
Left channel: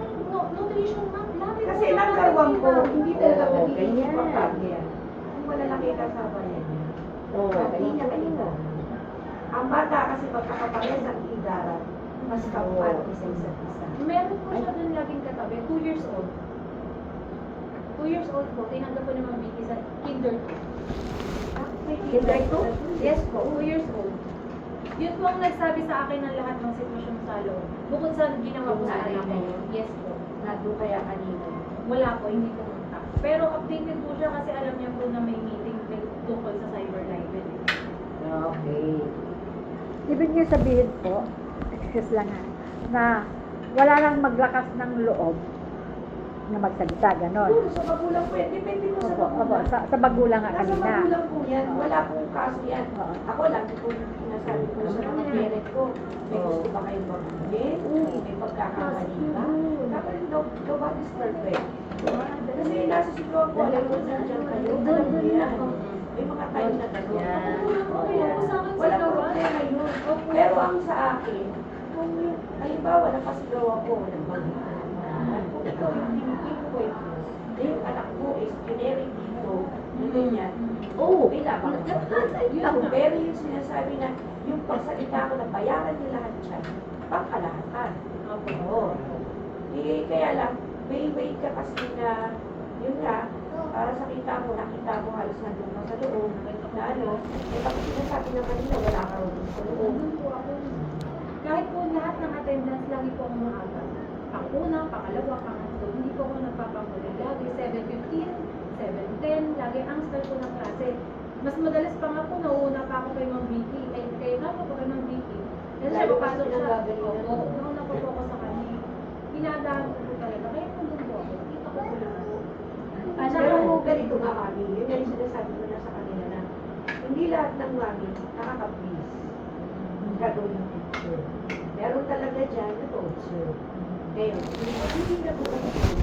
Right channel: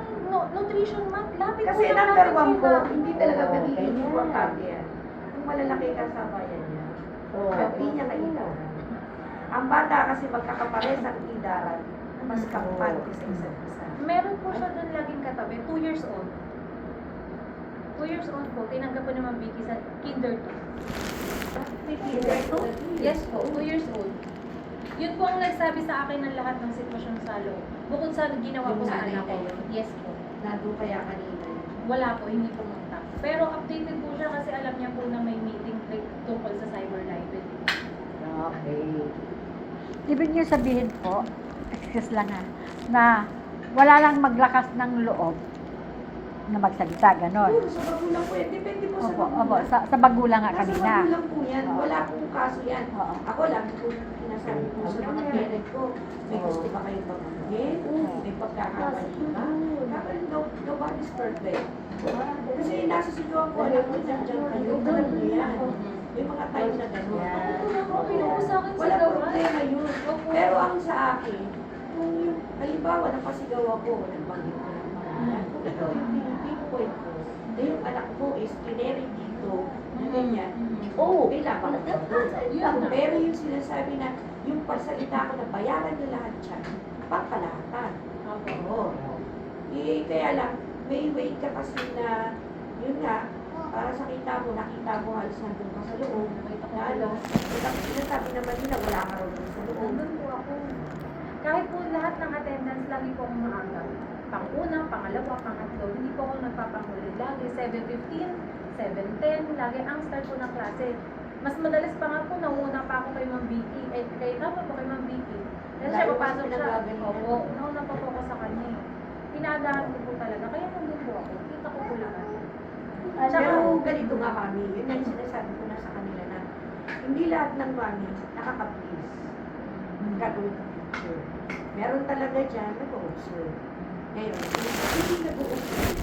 nutrition month, lapit Kasi po number natin one kita. ko, hindi talaga Oo, nagiging ganyan. importante yan. Kung malalaki ka sa bayan niya, at hindi niya kailangan. Ang bata kasi magkakapares ang idaran, mas kapal isa isa't isa. Meron po siya doon laging katabi, 2 years old. 2 years old po, tinanggap po naman Vicky sa kinder 2. Kinder two? Yes po, 2 years old. Yun po ang nagsabi sa akin ng lahat ng sitwasyon sa loob. Bukod sa ginawa ko sa anak ko. Yes po. Nandun kaya kanina. Wala po, hindi po pumunta. Pero updated po siya kasi alam niya po na may meeting tungkol sa cyber library. Okay. Ibig niyo sabihin po, excuse lang ha, na wala nang maglakas ng loob na magsalita, ganon. Puro sa magulang po yan. Depende po sa Opo, magulang. sa magulang nga Nasa kanina. magulang po yan. Wala pong kaso yan. Oo. Ako lang kung sinasabi ko sa mga parent ko, may gusto ba kayong baguhin? May pagkakamali ba? Dapat nobody's perfect. Kasi nasa sitwasyon ko, alam ko nandiyan kayo. Alam mo yan. May mga time na gano'n. Okay lang po sa akin Wala sigawan. problema yun. Pero ang sa akin, kung halimbawa napasigaw ako, nagbagay kung ito yung pinipinpoint mo, yung anak mo is generic dito, ganyan. Oo, kailangan ko doon. Yun na. Pero yung sinasabi na, yung pagsalita ko na bayaran nila lahat siya, pagkalahatan. Opo. Oo. Eh, kaya lang, may way ka kasi na, yun nga, para sa nakita mo halos nandun ka sa loob, na ano, eh, ang sinasabi naman nila, wala ka naman sa loob. Nandun po ako. Kahit po lahat ng attendance, lagi po akong maaga. Pang-una, pangalawa, pangatlo, hindi po ako nagpapahuli. Lagi 7:15, 7:10, lagi ang start po ng klase. Mas madalas pa nga po, nauuna pa ako kay Ma'am Vicky. Ay, kay Tama po kay Ma'am Vicky. Kasi siya, Lalo papasok kasi siya. nagagalingan. Opo, nauna pa po ako sa kanya. Inaagahan ko po talaga. Kaya nandun po ako. Kita ko po lahat. Pero ganito nga mami, yun ang sinasabi ko na sa kanila na hindi lahat ng mami nakaka-please. Gagawin ng teacher. Meron talaga dyan nag-observe. Ngayon, hindi nag-observe.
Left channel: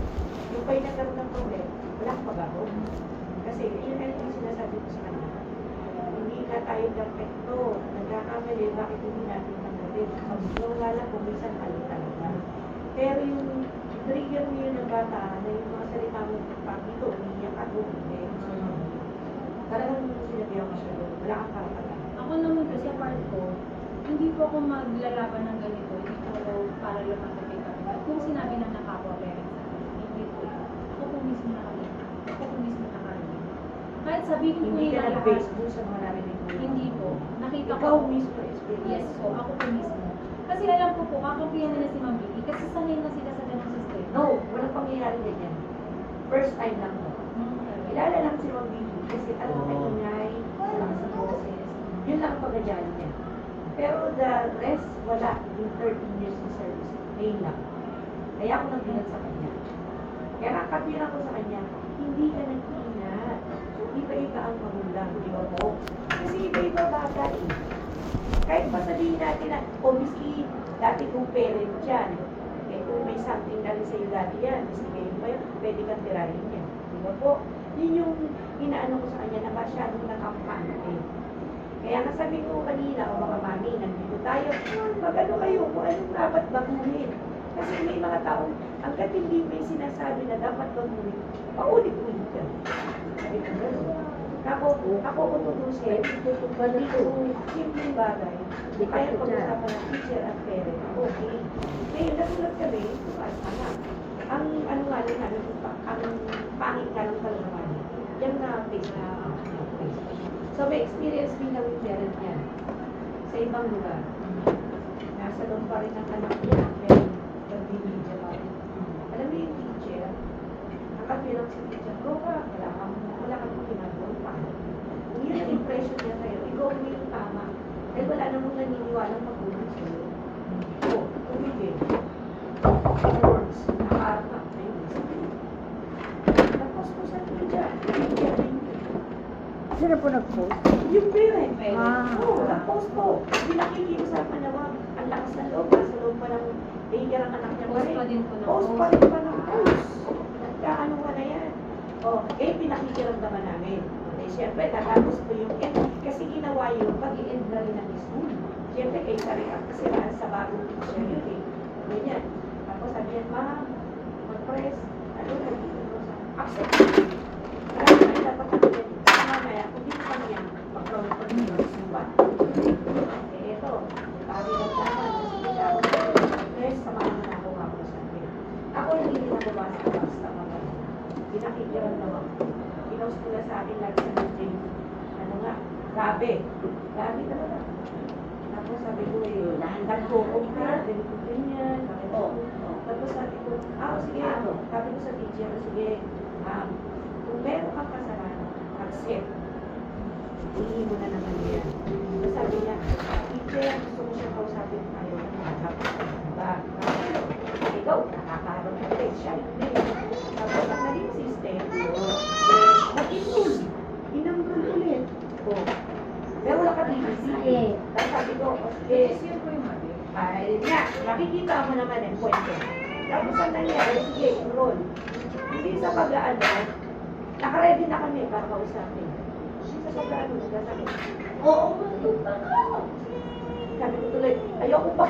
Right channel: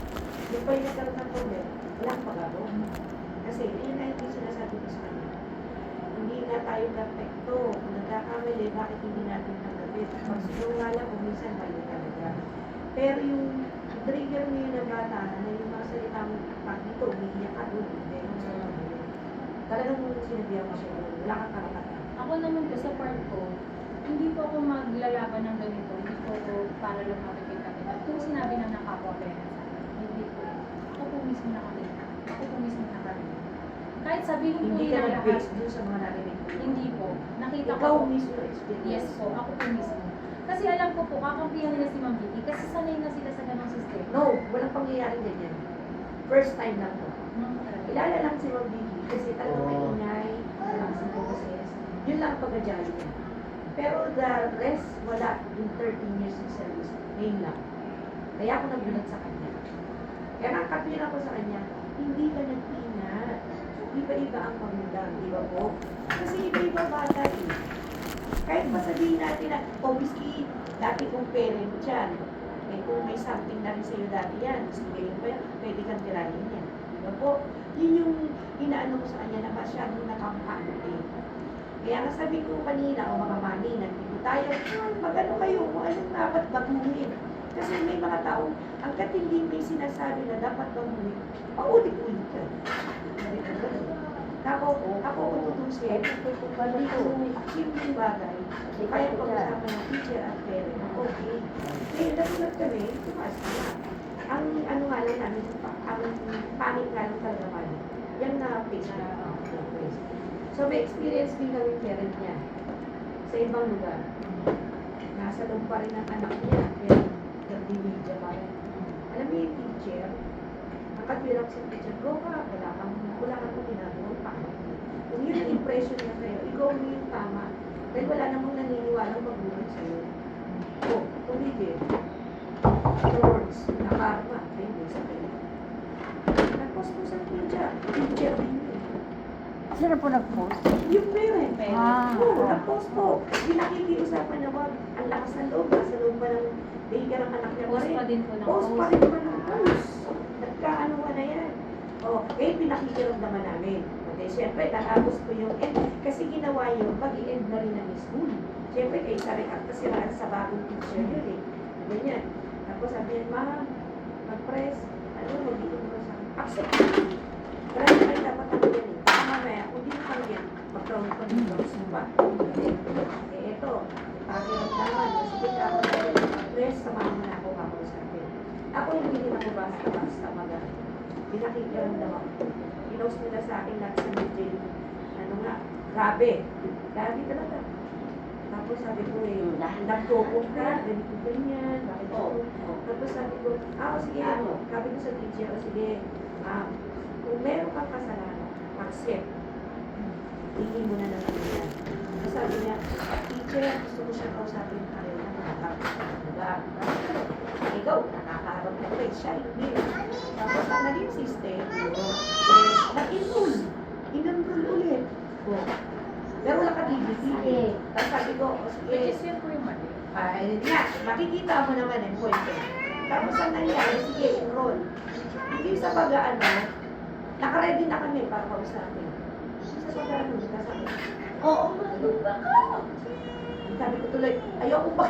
Yung ba'y nagkaroon ng problem, wala kang magagawa. Kasi yun ay yung sinasabi ko sa kanila. Hindi na tayo perfecto. Nagkakamali, bakit hindi natin tanggapin? Pag sinungalan ko, minsan mali talaga. Pero yung trigger mo yun ng bata na yung mga salita mo pag dito, umiiyak ka doon, hindi. Talagang sinabihan ko siya doon, wala kang karapatan. Ako naman po sa part ko, hindi po ako maglalaban ng ganito. Hindi po ako para lang makikita. At kung sinabi na nakapwa-parents sa akin, hindi po. Ako po mismo nakalimutan. Ako po mismo nakalimutan. Kahit sabihin ko Hindi ka nila lahat, nag-base doon sa mga narinig mo. hindi po. Nakita ko Ikaw po. mismo experience. Yes po, ako po mismo. Kasi alam ko po, kakampihan nila si Ma'am Vicky kasi sanay na sila sa ganong system. No, walang pangyayari ganyan. First time lang to. Kilala lang si Ma'am Vicky kasi talagang maingay, wala sa boses. Yun lang ang pagkadyari niya. Pero the rest, wala. In 13 years of service, ngayon lang. Kaya ako nagbilat sa kanya. Kaya nakapiran ko sa kanya, hindi ka nag-ina. Iba-iba ang magulang, di ba po? Kasi iba-iba bata eh. Kahit pa sabihin natin na, obviously, dati kong parent dyan. Eh, kung may something na rin sa'yo dati yan, sige yun pa yun, pwede kang tirahin yan. Di ba po? Yun yung inaano ko sa kanya na masyadong nakampana eh. Kaya nga sabi ko kanina, o mga mami, nandito tayo, magano kayo kung anong dapat baguhin. Kasi may mga taong, hanggat hindi may sinasabi na dapat baguhin, paulit-ulit ka. Sabi ko gano'n. Ako kung tutusin, hindi ko simpleng bagay, kaya pag-usapan ng teacher at parent, okay. Eh, nasunod kami, tumaas na nga. Ang ano nga lang namin, ang pangit nga lang talaga namin, yung na-face na face. So, may experience din kami parent niya sa ibang lugar. Nasa loob pa rin ang anak niya, kaya nagbibigya pa rin. Alam mo yung teacher, nakapirang si teacher, wala kang ginagawa pa. Kung yun ang impression niya sa'yo, ikaw mo yung tama. Dahil wala namang naniniwalang magulang sa'yo. O, kung hindi, words, nakarap ka, hindi sabihin. Nagpuspusan ko dyan, teacher din yun. Sino po nag-post? Yung parent. Ah. Oo, nag-post po. Hindi nakikiusapan na wag. Ang lakas ng loob. Sa loob pa ng daycare ang anak niya. Post pa din po ng Post pa rin pa ng post. Nagkaano ka na yan. O, eh, pinakikiramdaman namin. Okay, syempre, natapos po yung end. Kasi ginawa yun, pag-i-end na rin ng school. Syempre, kayo sa rin kasi sa bagong teacher yun eh. Ganyan. Tapos sabi yan, ma'am, mag-press. Ano, mag-iin ko sa accept. Kaya ay dapat ako yan. Mamaya, kung di ko yan, mag-round ko rin yung sumpa. Eh, ito, pag-iin naman, sige ka ako, press, samahan mo na ako sa akin. Ako, nagiging ako basta mga pinakikiramdam ako. Pinost nila sa akin lahat sa meeting. Ano nga, grabe. Grabe talaga. Tapos sabi ko nagtupok na, ganito ganyan, bakit ako. Tapos sabi ko, sige ako. Sabi ko sa teacher, sige, kung meron kang kasalanan, accept. Hindi mo na naman yan. Tapos sabi niya, teacher, gusto mo siya kausapin kaya na matapos. Ikaw, nakakaharap na rin siya. Hindi. Tapos ang naging system, nag-enroll. In-enroll ulit. Pero wala ka DBC. Tapos sabi ko, sige. Yun po yung mali. Ay, nga, makikita mo naman yung point eh. Tapos ang nangyari, sige, enroll. Hindi sa pag-ano, nakaready na kami para kausapin. Sa sobrang ka sabi, oo, matutuga ka. Sabi ko tuloy, ayoko ba?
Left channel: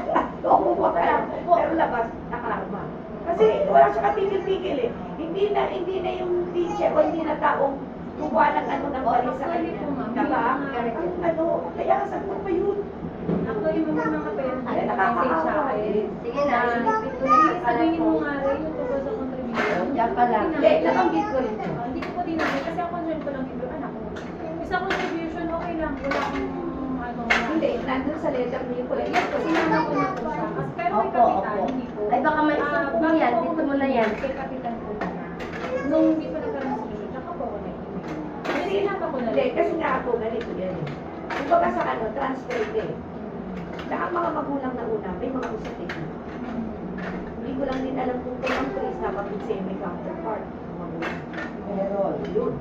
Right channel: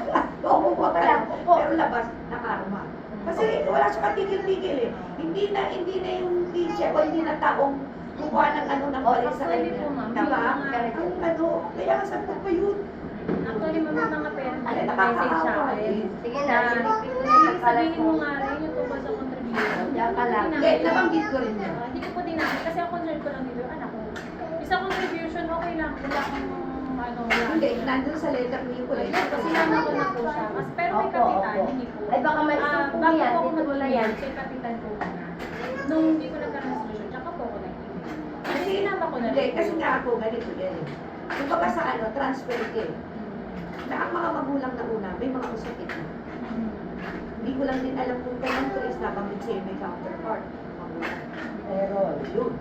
Pero labas, nakarma. Kasi wala siya katigil-tigil eh. Hindi na yung teacher o hindi na taong kukuha ng ano ng balik sa kanya. Diba? Ang ano, kaya sabi ko pa yun. Actually, mga parents, Ay, message sa akin. Sige Na, na, sige, sabihin mo nga rin yung tungkol sa contribution. Diyan ka lang. Hindi, nabanggit ko rin yun. Hindi ko pa dinagay kasi ang concern ko lang dito yung anak ko. Sa contribution, okay lang. Wala akong wala. Hindi, nandun sa letter ni ko lang. Kasi naman ko na po siya. Pero may Opo, kapitan, opo. hindi po. Ay, baka may isang po bago yan, po ako dito mo na mag-email, yan. kay kapitan po muna. Nung hindi ko nagkaroon ng solusyon, tsaka po ako nag-email. Kasi sinama ko na Hindi, rin. kasi nga ako, ganito yan. Kumbaga sa transfer ka eh. Na ang mga magulang na una, may mga usapin na. Hindi ko lang din alam kung kailang Chris na bakit siya may counterpart. Pero, yun.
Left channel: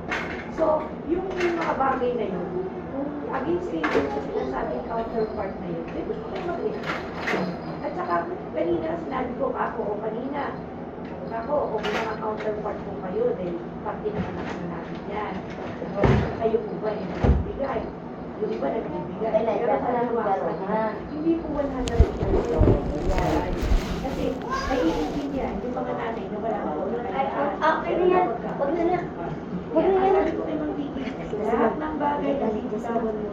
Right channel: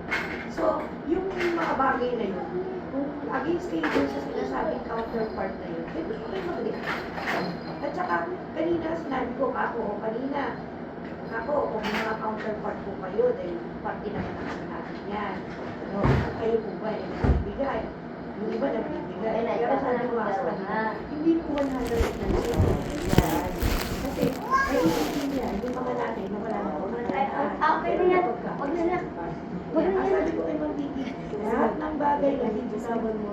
So, yung mga bagay na yun, kung against kayo dun sa sinasabing counterpart na yun, may gusto kayo mag-click. At saka, kanina sinabi ko, ako, kung may mga counterpart po kayo, dahil parte naman naman natin yan. Kayo po ba yung nagbibigay? Yung iba nagbibigay. Ay, Pero sa nagkakaroon naman ng gano'n, ha? hindi po 100%. Kasi, naiintindihan yung mga nanay na wala na Okay na yan. Huwag na lang. Kaya sabi ko kay Mang Bibi, lahat ng bagay na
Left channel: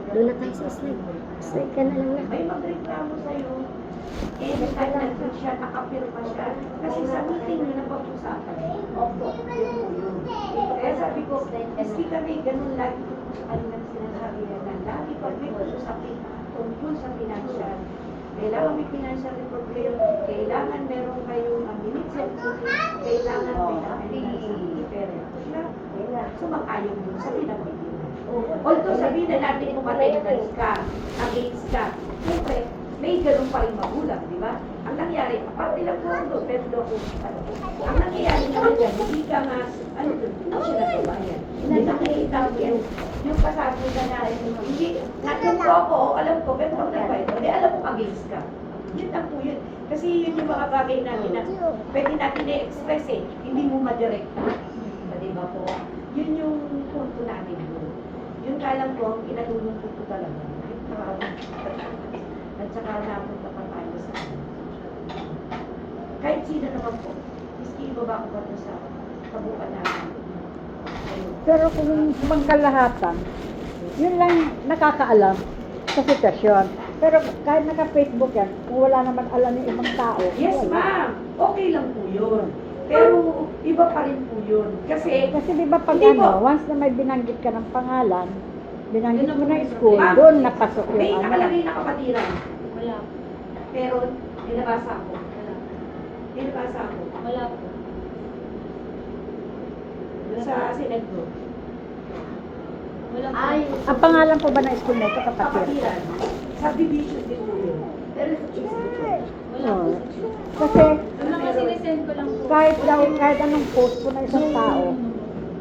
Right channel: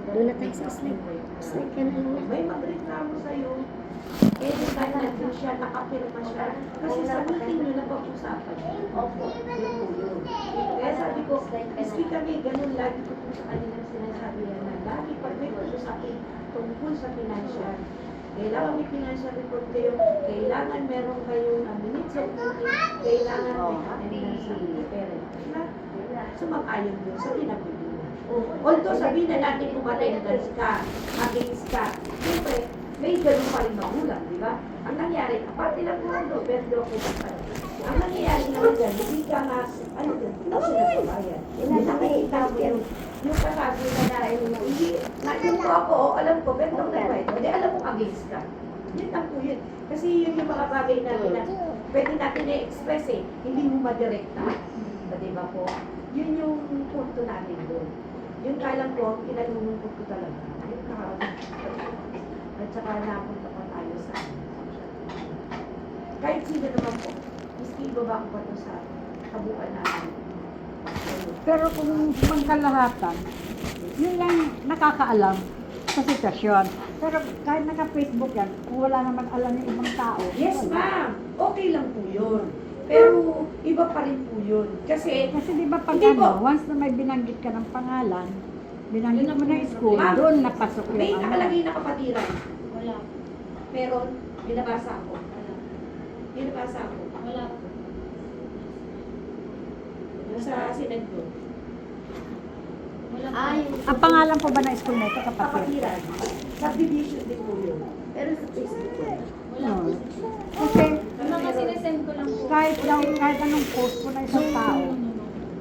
Doon na tayo sa slide. Slide ka na lang. may magreklamo sa'yo, eh, basta nandun siya, nakapirma siya. Kasi sa meeting nyo na pag-usapan. Opo, yun po yun. Kaya sabi ko, iski kami, ganun lagi ko sa kanilang sinasabi naman. Lagi pag may pag-usapin tungkol sa financial, kailangan may financial report kayo, kailangan meron kayong minutes of meeting, kailangan may financial report. Sumang-ayon yun sa pinagbibigay. Although sabihin na natin kung attendance ka, against ka, siyempre, may ganun pa rin magulang, di ba? Ang nangyari, aparte lang po pero document pa. Ang nangyayari naman dyan, hindi ka nga, ano doon, hindi siya nagbabayad. Hindi nakikita mo yung kasagutan na, hindi, nandito ako, alam ko, pero nung nagbayad, hindi alam mo against ka. Yun lang po yun. Kasi yun yung mga bagay natin na pwede natin i-express eh, hindi mo madirekta. Di ba po? Yun yung punto natin doon. Yun ka lang po, ang kinalulungkot ko talaga. At saka napunta pa tayo sa kahit sino naman po, miski ibaba ko ito sa kabuuan natin. Pero kung magkalahatan, yun lang nakakaalam sa sitwasyon. Pero kahit naka-Facebook yan, kung wala naman alam ng ibang tao. Yes, ma'am. Okay lang po yun. Pero iba pa rin po yun. Kasi Kasi di ba pag Hindi ano, po. once na may binanggit ka ng pangalan, binanggit mo na school, Ma'am, doon napasok may yung ano. nakalagay na kapatiran. Wala. Pero binabasa ko. Binabasa ko. Wala po. Doon sa Senate Group. Wala po. Ay, Ang pangalan po ba ng school na ito, kapatid? Kapatiran. Subdivision din po yun. pero sa Facebook ko. Wala po. Kasi Ang mga sinesend ko lang po. kahit anong post po na isang tao,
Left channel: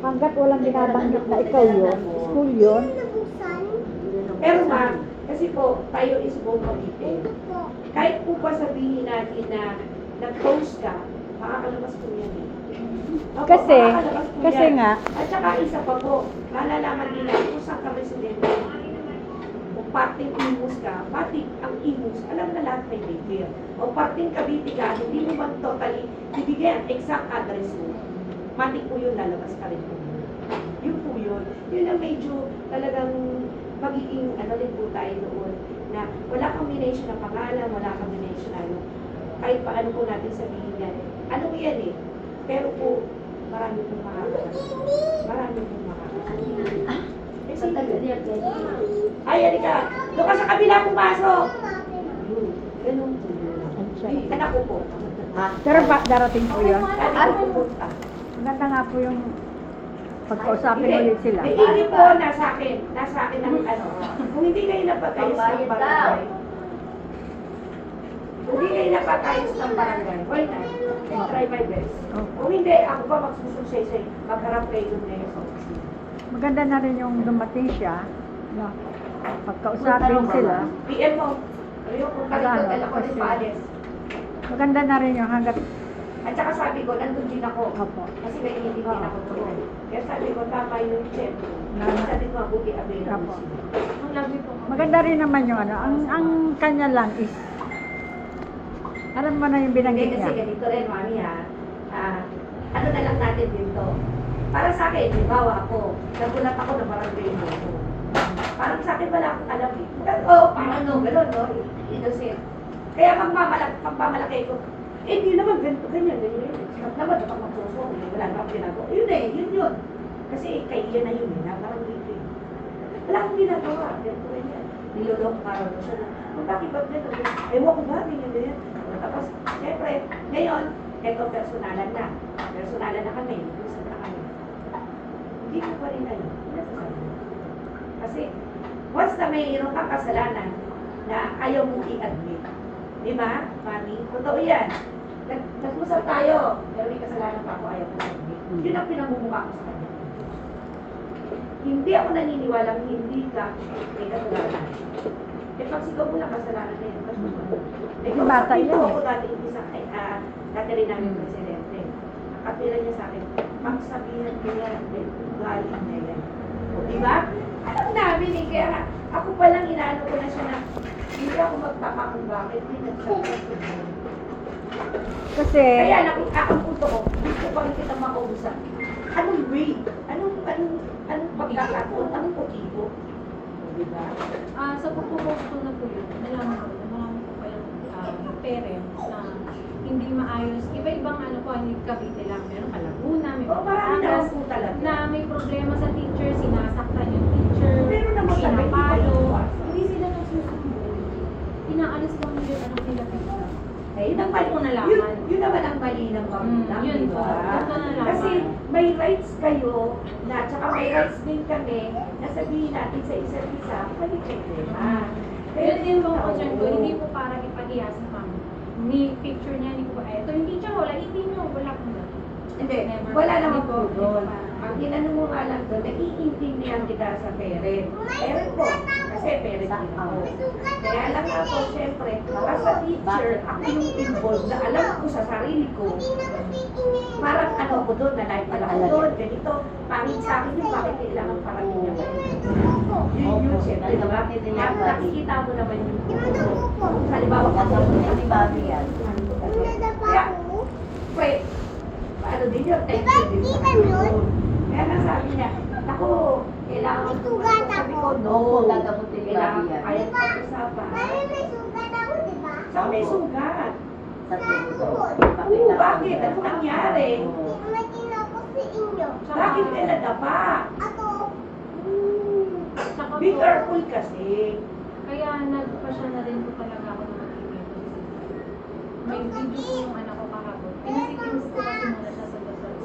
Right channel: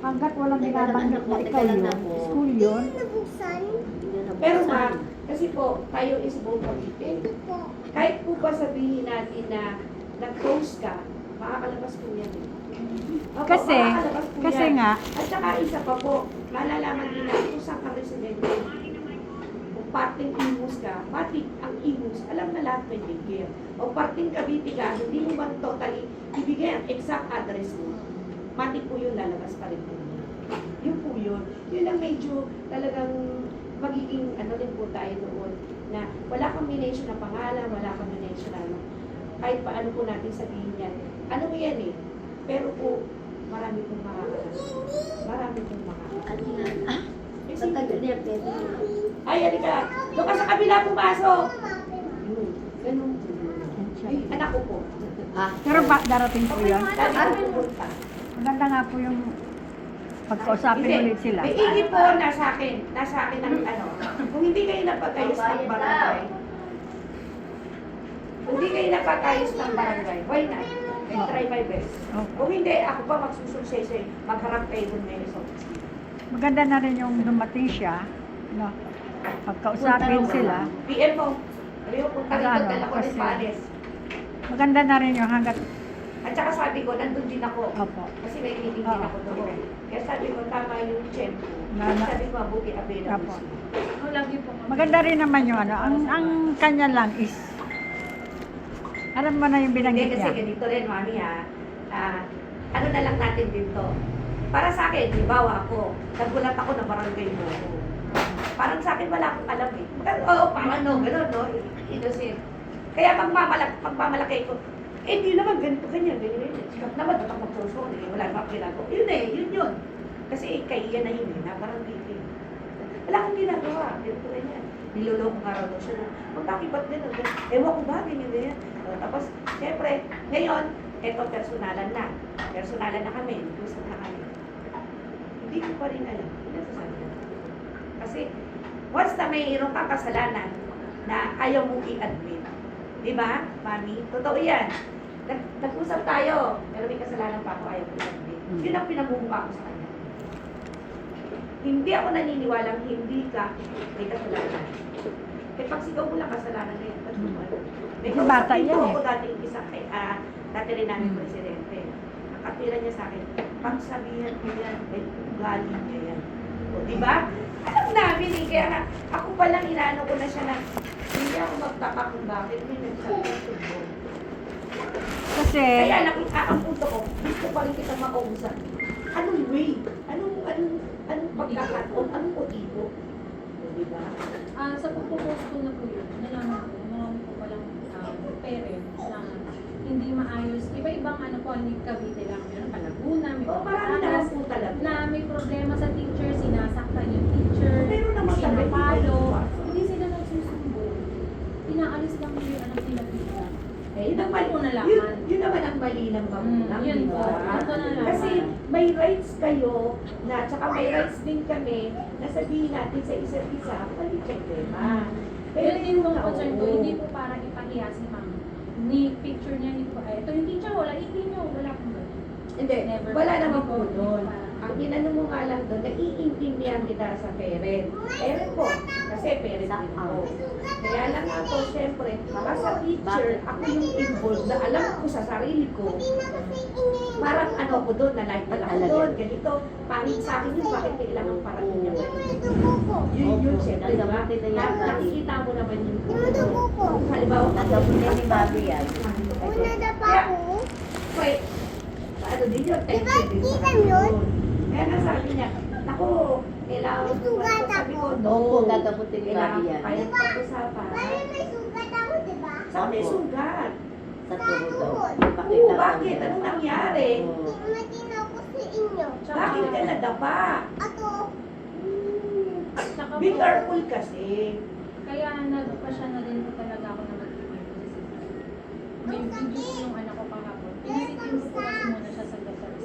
hanggat walang binabanggit na ikaw yun, school yun, Pero ma'am, kasi po, tayo is both committed. Kahit po pa sabihin natin na nag-post ka, makakalabas po yan. Opo, Kasi- makakalabas po kasi yan. nga, At saka isa pa po, malalaman nila kung saan ka residente. O parting imus ka, pati ang imus, alam na lahat may bigay. O parting Cavite ka, hindi mo ba totally ibigay ang exact address mo. Pati po yun, lalabas ka rin po. Yun po yun. Yun ang medyo talagang magiging ano din po tayo noon na wala kang minention na pangalan, wala kang minention na ano. Kahit paano po natin sabihin yan. Ano yan eh? Pero po, marami pong makakalas. Marami pong makakalas. Eh, Sa tagal niya, pwede. ay, halika. Doon ka sa kabila pumasok. Yun. Ganun po. Yung anak ko po. Ah, pero darating po yun. Ano po pa? Maganda nga po yung pagkausapin Hindi. ulit sila. May ingin po nasa akin. Nasa akin ang ano. Kung hindi kayo napatayos ng barangay. Kung hindi kayo napatayos ng barangay, why not? I'll try my best. Kung hindi, ako pa magsususaysay. Magharap kayo dun kayo sa office. Maganda na rin yung dumating siya, no? Pagkausapin sila. PM mo. Sabi mo, punta dito, dala ko ng pares. Maganda na rin yung hanggat. At saka sabi ko, nandun din ako. Opo. Kasi may initin din ako doon. Kaya sabi ko, tama yung check. Na- Sabi ko, mabuti available. Opo. Ang lagi po. Maganda rin naman yung ano, ang kanya lang is, alam mo na yung Hindi binanggit kasi niya. ganito rin, mami ha. Ano na lang natin dito. Para sa akin, halimbawa ako, nagulat ako na barangay mo. Parang sa akin wala akong alam eh. Pero, parang gano'n, no? Innocent. Kaya pagmamalaki ko, hindi naman ganito, ganyan. Sabi naman, dapat magsusunod, wala naman ako ginagawa. Yun. Kasi kaya na yun, na parang hindi. Wala akong ginagawa, ganito ganyan. Niloloko ka rin siya na, bakit ba't gano'n? Ewan ko ba, ganyan. Tapos, syempre, ngayon, eto personalan na. Personalan na kami, usap na kami. Hindi ko pa rin alam. Kasi, once na mayroon kang kasalanan na ayaw mong i-admit, di ba, Mami? Totoo yan. Nag-usap tayo, pero may kasalanan pa ako, ayaw ko i-admit. Yun ang pinamumukha ko sa kanya. Hindi ako naniniwalang hindi ka may kasalanan. Eh, pag sigaw mo lang kasalanan na yan, ba't mo ba? May Kasi bata kausapin yan ko eh. ako dating isa, dati rin namin presidente. Nakatira niya sa akin, pag sabihan ko yan, may galing ka yan. O, di ba? Alam namin eh, kaya nga, ako palang inaano ko na siya na, hindi ako magtaka kung bakit may nagsasabi ko. Kasi, Kaya ang punto ko, gusto pa rin kita makausap. Anong way? Anong pagkakataon? Anong motibo? O, di ba? Sa pagpo-post ko na po yun, nalaman ko, marami po palang parents na hindi maayos. Iba-ibang ano po, ang Cavite lang. Meron Laguna, may O, marami naman Batangas, po talaga. na may problema sa teacher, sinasaktan yung teacher, Pero naman talaga, sinapalo. iba-iba. Hindi sila nagsusumbong. Inaalis lang nila yung ano pinapita. Eh, yun ang mali. Ko nalaman. Yun naman ang mali ng magulang, Yun di po. ba? Doon ko nalaman. Kasi may rights kayo na, tsaka may rights din kami na sabihin natin sa isa't isa, may problema. Pero din po ang concern ko, oo. hindi po para ipahiya si mami. May picture niya, hindi ko pa, eto, hindi siya wala, hindi nyo, wala kong Hindi, Never. wala naman Hindi po po. doon. Ang inano mo nga lang doon, naiintindihan kita sa parent. Parent po, kasi parent din ako. Kaya lang ako, syempre, as a teacher, ako yung involved na alam ko sa sarili ko. Parang ano ko doon, na life pala ko doon, ganito. Pangit sa akin yung bakit kailangan parang yun niya. Yun yung syempre, diba? Nakikita mo naman yung halimbawa, Ni Mami yan. kaya, wait, ano din yun? Ay, din sa Diba yun? Kaya nga sabi niya, ako, kailangan ko sugat sabi ko, ako. no. Oo, gagamutin ni Kailangan Mami yan. kaya pag-usapan. Sa may sugat. Sa tuhod. Oo, bakit? Ano nangyari? Oo. Bakit ka nadapa? Saka Be po, careful kasi. kaya nagpa-siya na din po talaga ako ng interview. May video po yung anak ko kahapon. Pinasitin ko kasi muna siya sa the first.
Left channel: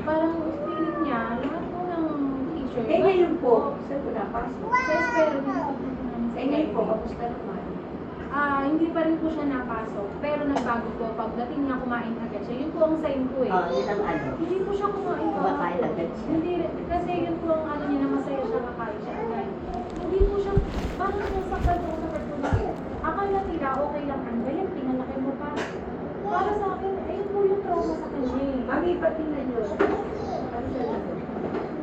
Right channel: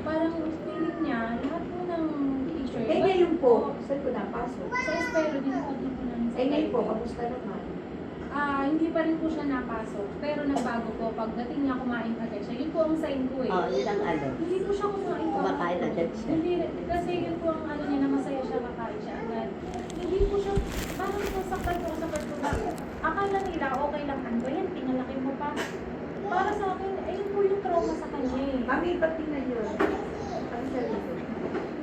Parang feeling niya, lahat po ng teacher. Eh ngayon po, saan ko napasok? Sa espero, binukod na po namin. Eh ngayon po, kamusta naman? Hindi pa rin po siya napasok. Pero nagbago po. Pagdating niya, kumain agad siya. Yun po ang sign ko eh. Yun ang ano. Hindi po siya kumain. Kumakain agad siya. Hindi, kasi yun po ang ano niya na masaya siya, kakain siya agad. Hindi po siya, parang nasaktan po sa pagkakas. Akala nila, okay lang ang ba yan, pinalaki mo pa. Para sa akin, yun po yung trauma sa kanya eh. Mami, patingnan nyo. Ano siya na?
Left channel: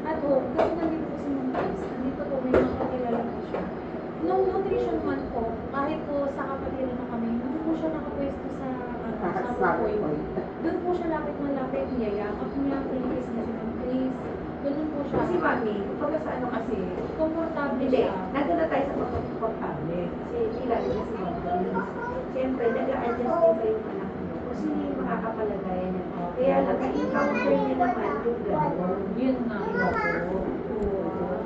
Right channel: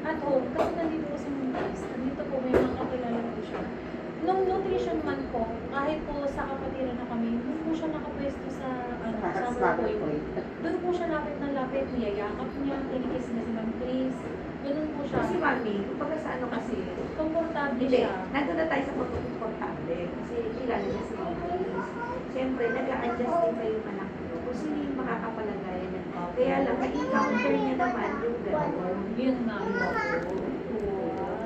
At home, kasi nandito po si Mundis, nandito po may mga kakilala po siya. Nung nutrition month po, kahit po sa kapatiran na kami, hindi po siya nakapwesto sa Starting point. Doon po siya lapit na lapit, niyayakap niya, kinikis na siya ng Chris. Doon po siya. Kasi mami, pagka sa ano kasi, Komportable hindi, siya. nandun na tayo sa pagkakomportable. Kasi kilala niya si Mami. Siyempre, nag-a-adjust din kayo yung anak mo. Kung sino yung makakapalagay niya. Kaya lang, na-encounter niya naman yung gano'n. Yun nga.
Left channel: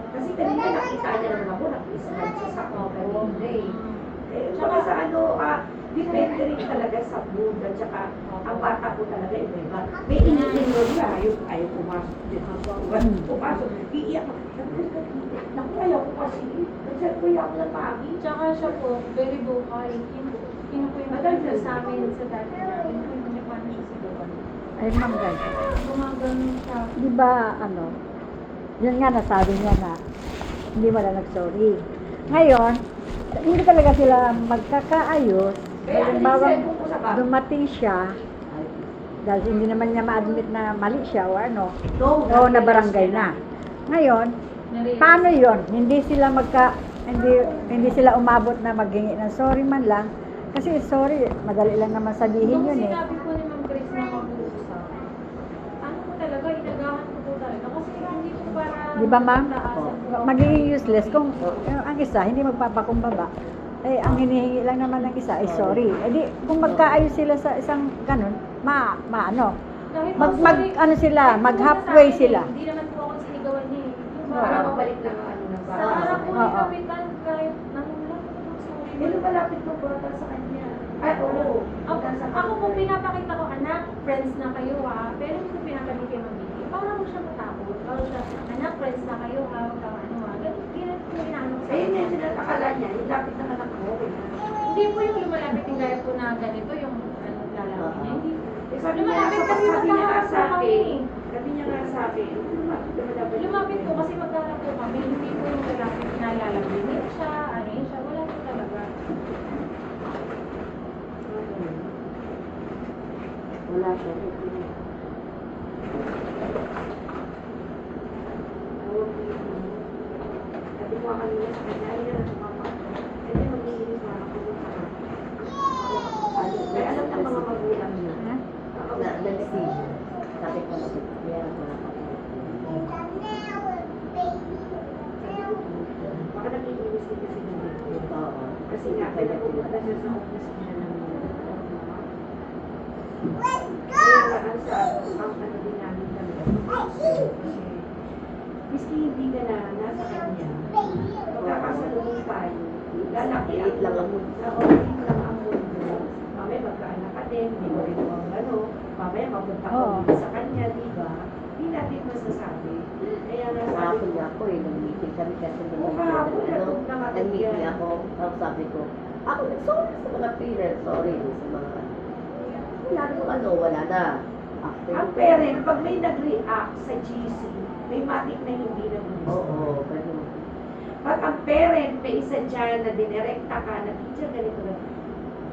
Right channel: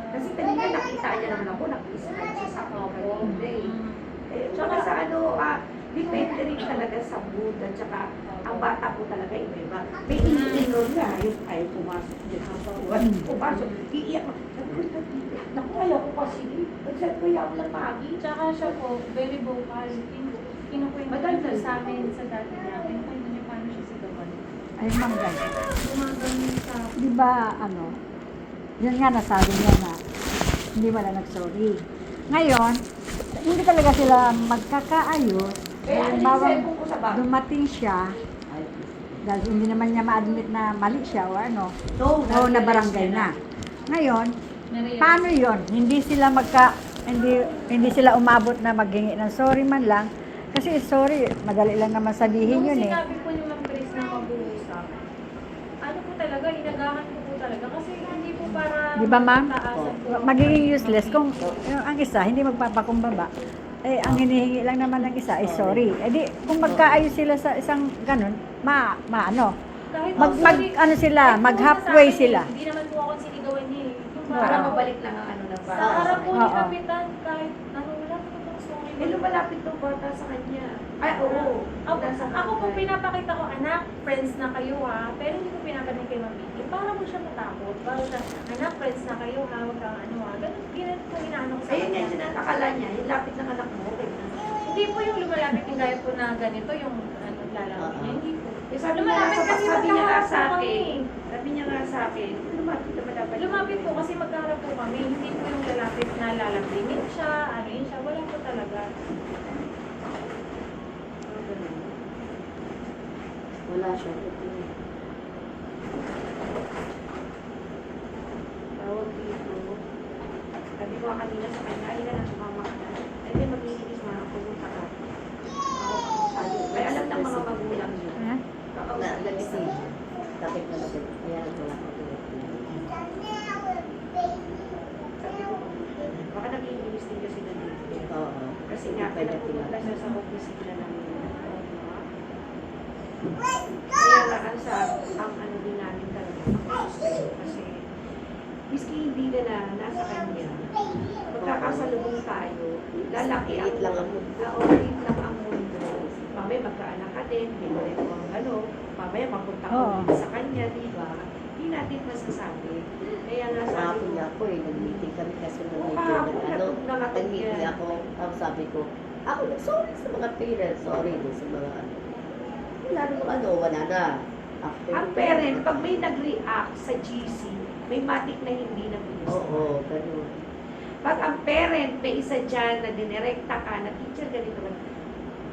Kasi kanina nakita niya naman ako, nakisagad siya sa ako kanina eh. Tsaka sa ano, depende rin talaga sa mood at saka ang bata ko talaga iba. May iniinom niya, ayaw pumasok. Pumasok, iiyak ko. Naku, ayaw ko kasi. Sabi ko, iyak lang pagi. Tsaka siya po, very vocal. Kinukwento po sa amin sa dati namin kung ano paano siya sigawan. ayun lang guys. Gumagano sa Di ba, ano, yun nga nasabi niya nga, hindi wala nag-sorry. Ngayon, hindi talaga sila magkakaayos. Kaya Halimbawa, iniisip ko sa bata. dumating siya, dahil hindi naman niya ma-admit na mali siya o ano, No, o na barangay na. Ngayon, paano yon? Hindi sila hindi sila umabot na maghingi ng sorry man lang. Kasi sorry, madali lang naman sabihin Nung yun eh. sinabi po ni Ma'am Grace na mag-uusap, ano po talaga, inagahan ko po talaga. Kasi hindi po para Di ba, ma'am? Taasan po. Magiging useless kung ang isa hindi magpapakumbaba. Eh, ang hinihingi lang naman ng isa ay sorry. Eh di, kung magkaayos sila sa isang ganun, ano, Kahit ano sila, mag halfway sila. Hindi naman po ako sinigawan niya eh. Yung Para parang mabalik lang ang ano ng sa bata. harap po ni Oo. Kapitan, kahit nanulang yung sorry. Eh, lumalapit ng bata sa kanya. Ay, oo. Ako po pinapakita ko, anak, friends na kayo ha. Pero hindi ko pinapakita kay Mami. Para mo siya matakot. Para siya, anak, friends na kayo ha. Huwag kang ano ha. Ganun, ganun po inaano ko sa Ayun yung sinakala niya, yung lapit ng anak mo. Hindi po yung lumalapit yung gaya po na ganito, yung ano, lalapit niya. Hindi po. Eh, sabi niya Lumalapit kasi sabi niya nga magkaharap sa po kami. akin, sabi niya nga sa akin, lumapit. Lumapit po kasi magkaharap po kami. Hindi po yung lalapit na lalapit siya, ano yun siya. Wala po talaga. Wala siya. Sabi ko kanina sa kanya, ay na lang sumama ka. Ay na maglilinis mo na pumunta ka. Kaya alam ng mga magulang niya. Ha? Nag-see. Bakit mo nag-kaya mga Baka naglilinis din kasi na dito. Oo. Kasi nga, pinapupunta siya sa office nila ng kaya nga ang ano din namin talaga. Kasi, miski hindi ka na nasa kanya, magkakasalubong tayo, lalaki ang Liit lang ang mundo. Oo, liit lang ang mundo. Mamaya magkaanak ka din, hindi mo rin mo ang ano, mamaya mapunta ko Oo. sa kanya, di ba? Hindi natin masasabi. Kaya nga sabi Ako ko, niya ako eh, nag-meeting kami kasi Oo, nag-meeting kahapon, ano, nakatulog nag-meeting yan. ako, tapos sabi ko, ako sorry sa mga parents, sorry din sa mga, wala namang ano, wala na. After ang parent, pag may nag-react sa GC, may matik na hindi na Oo, ganun. Pag ang parent, may isa dyan na dinirekta ka, na teacher ganito na,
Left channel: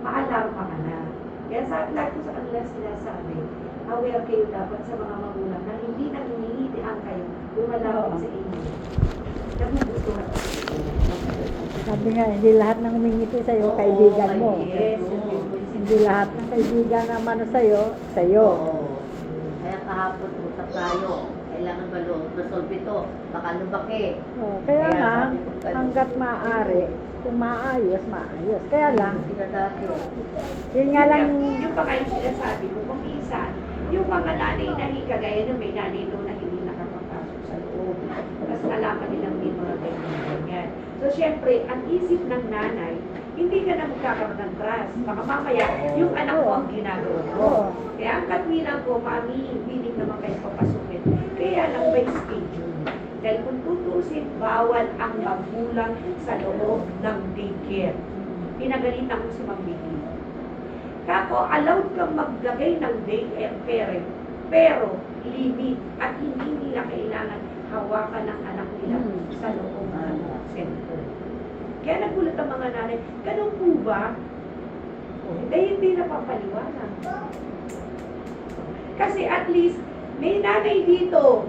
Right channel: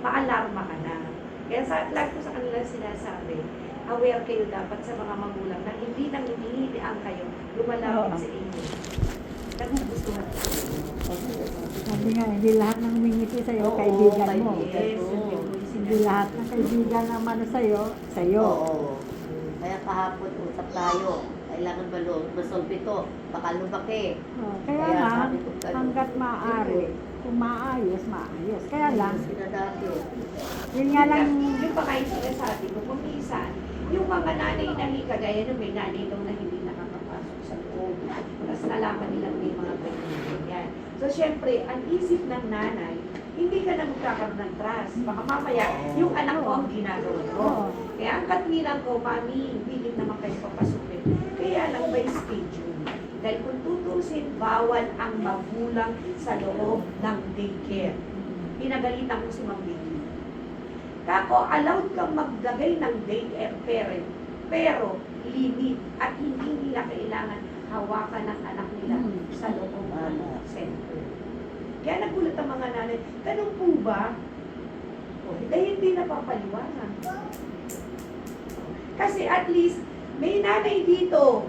maalarma ka na. Kaya sa lahat ko sa kanila sinasabi, aware kayo dapat sa mga magulang na hindi nang hinihilian kayo lumalapit Oo. sa inyo. Nagugustuhan ko sa inyo. Sabi nga, hindi lahat ng humingiti sa'yo, kaibigan mo. Yes, Hindi lahat ng kaibigan naman sa'yo, sa'yo. Oo. Kaya kahapon, usap tayo. Kailangan masolve ito. Baka lumaki. Oh, kaya Kaya nga, sabi ko, ganun. hanggat maaari, kung maayos, maayos. Kaya lang, Sila dati. yun nga lang, yung mga yung sinasabi ko, kung minsan, yung mga nanay na kagaya na may nanay daw na hindi nakakapasok sa loob. Tapos nalaman nilang may mga ganyan. So, syempre, ang isip ng nanay, hindi ka na magkakaroon ng trust. Baka mamaya, yung anak ko ang ginagawa ko. Oo. Kaya ang katwilang ko, mami, willing naman kayo papasukin. Kaya lang by schedule. Dahil kung tutusin, bawal ang magulang sa loob ng daycare. Pinagalitan ko si Ma'am Vicky. Kako, allowed kang maglagay ng daycare parent, pero limit at hindi nila kailangan hawakan ng anak nila sa loob ng center. Kaya nagulat ang mga nanay, ganun po ba? Eh, hindi napapaliwanag. Kasi at least, may nanay dito.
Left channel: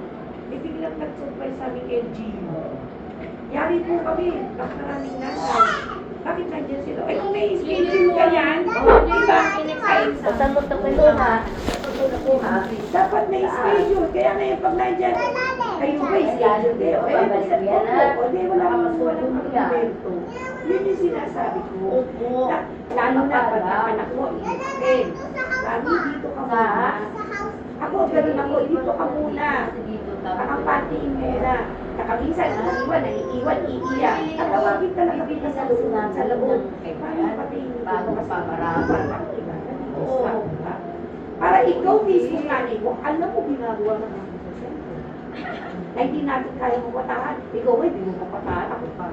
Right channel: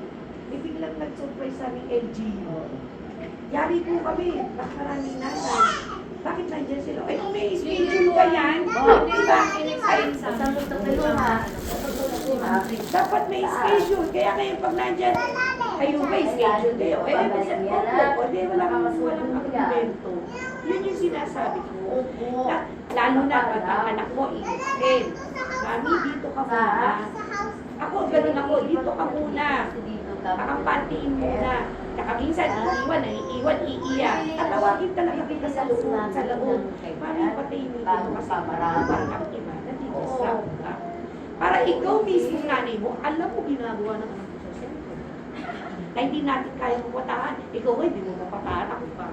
May biglang nag-surprise sa aming LGU. Yari po kami, mas maraming nanay. Bakit nandiyan sila? Ay, kung may schedule ka yan, di ba? Basta mo ito kayo ha. Tutulog ko ha. Dapat may schedule. Kaya ngayon pag nandiyan, ayun may schedule kayo. Eh, o di walang argumento. Yun yung sinasabi ko. Opo. Lalo na pag ang anak mo, i-extend. Mami, dito ka muna. Ako, ganun ako, dito ka muna. Nakapantiin muna. Saka minsan, naiiwan, iiyak. Tatawagin talaga kita sa loob. Sa loob. Mami, patayin mo dito kasi parang iba. Nandito sa ka. Para ikaw mismo nanay mo, alam mo ginagawa ng mga sosyo. Na hindi natin kaya mapatahan. Ikaw ay, hindi mo mapatahan. Ako pa.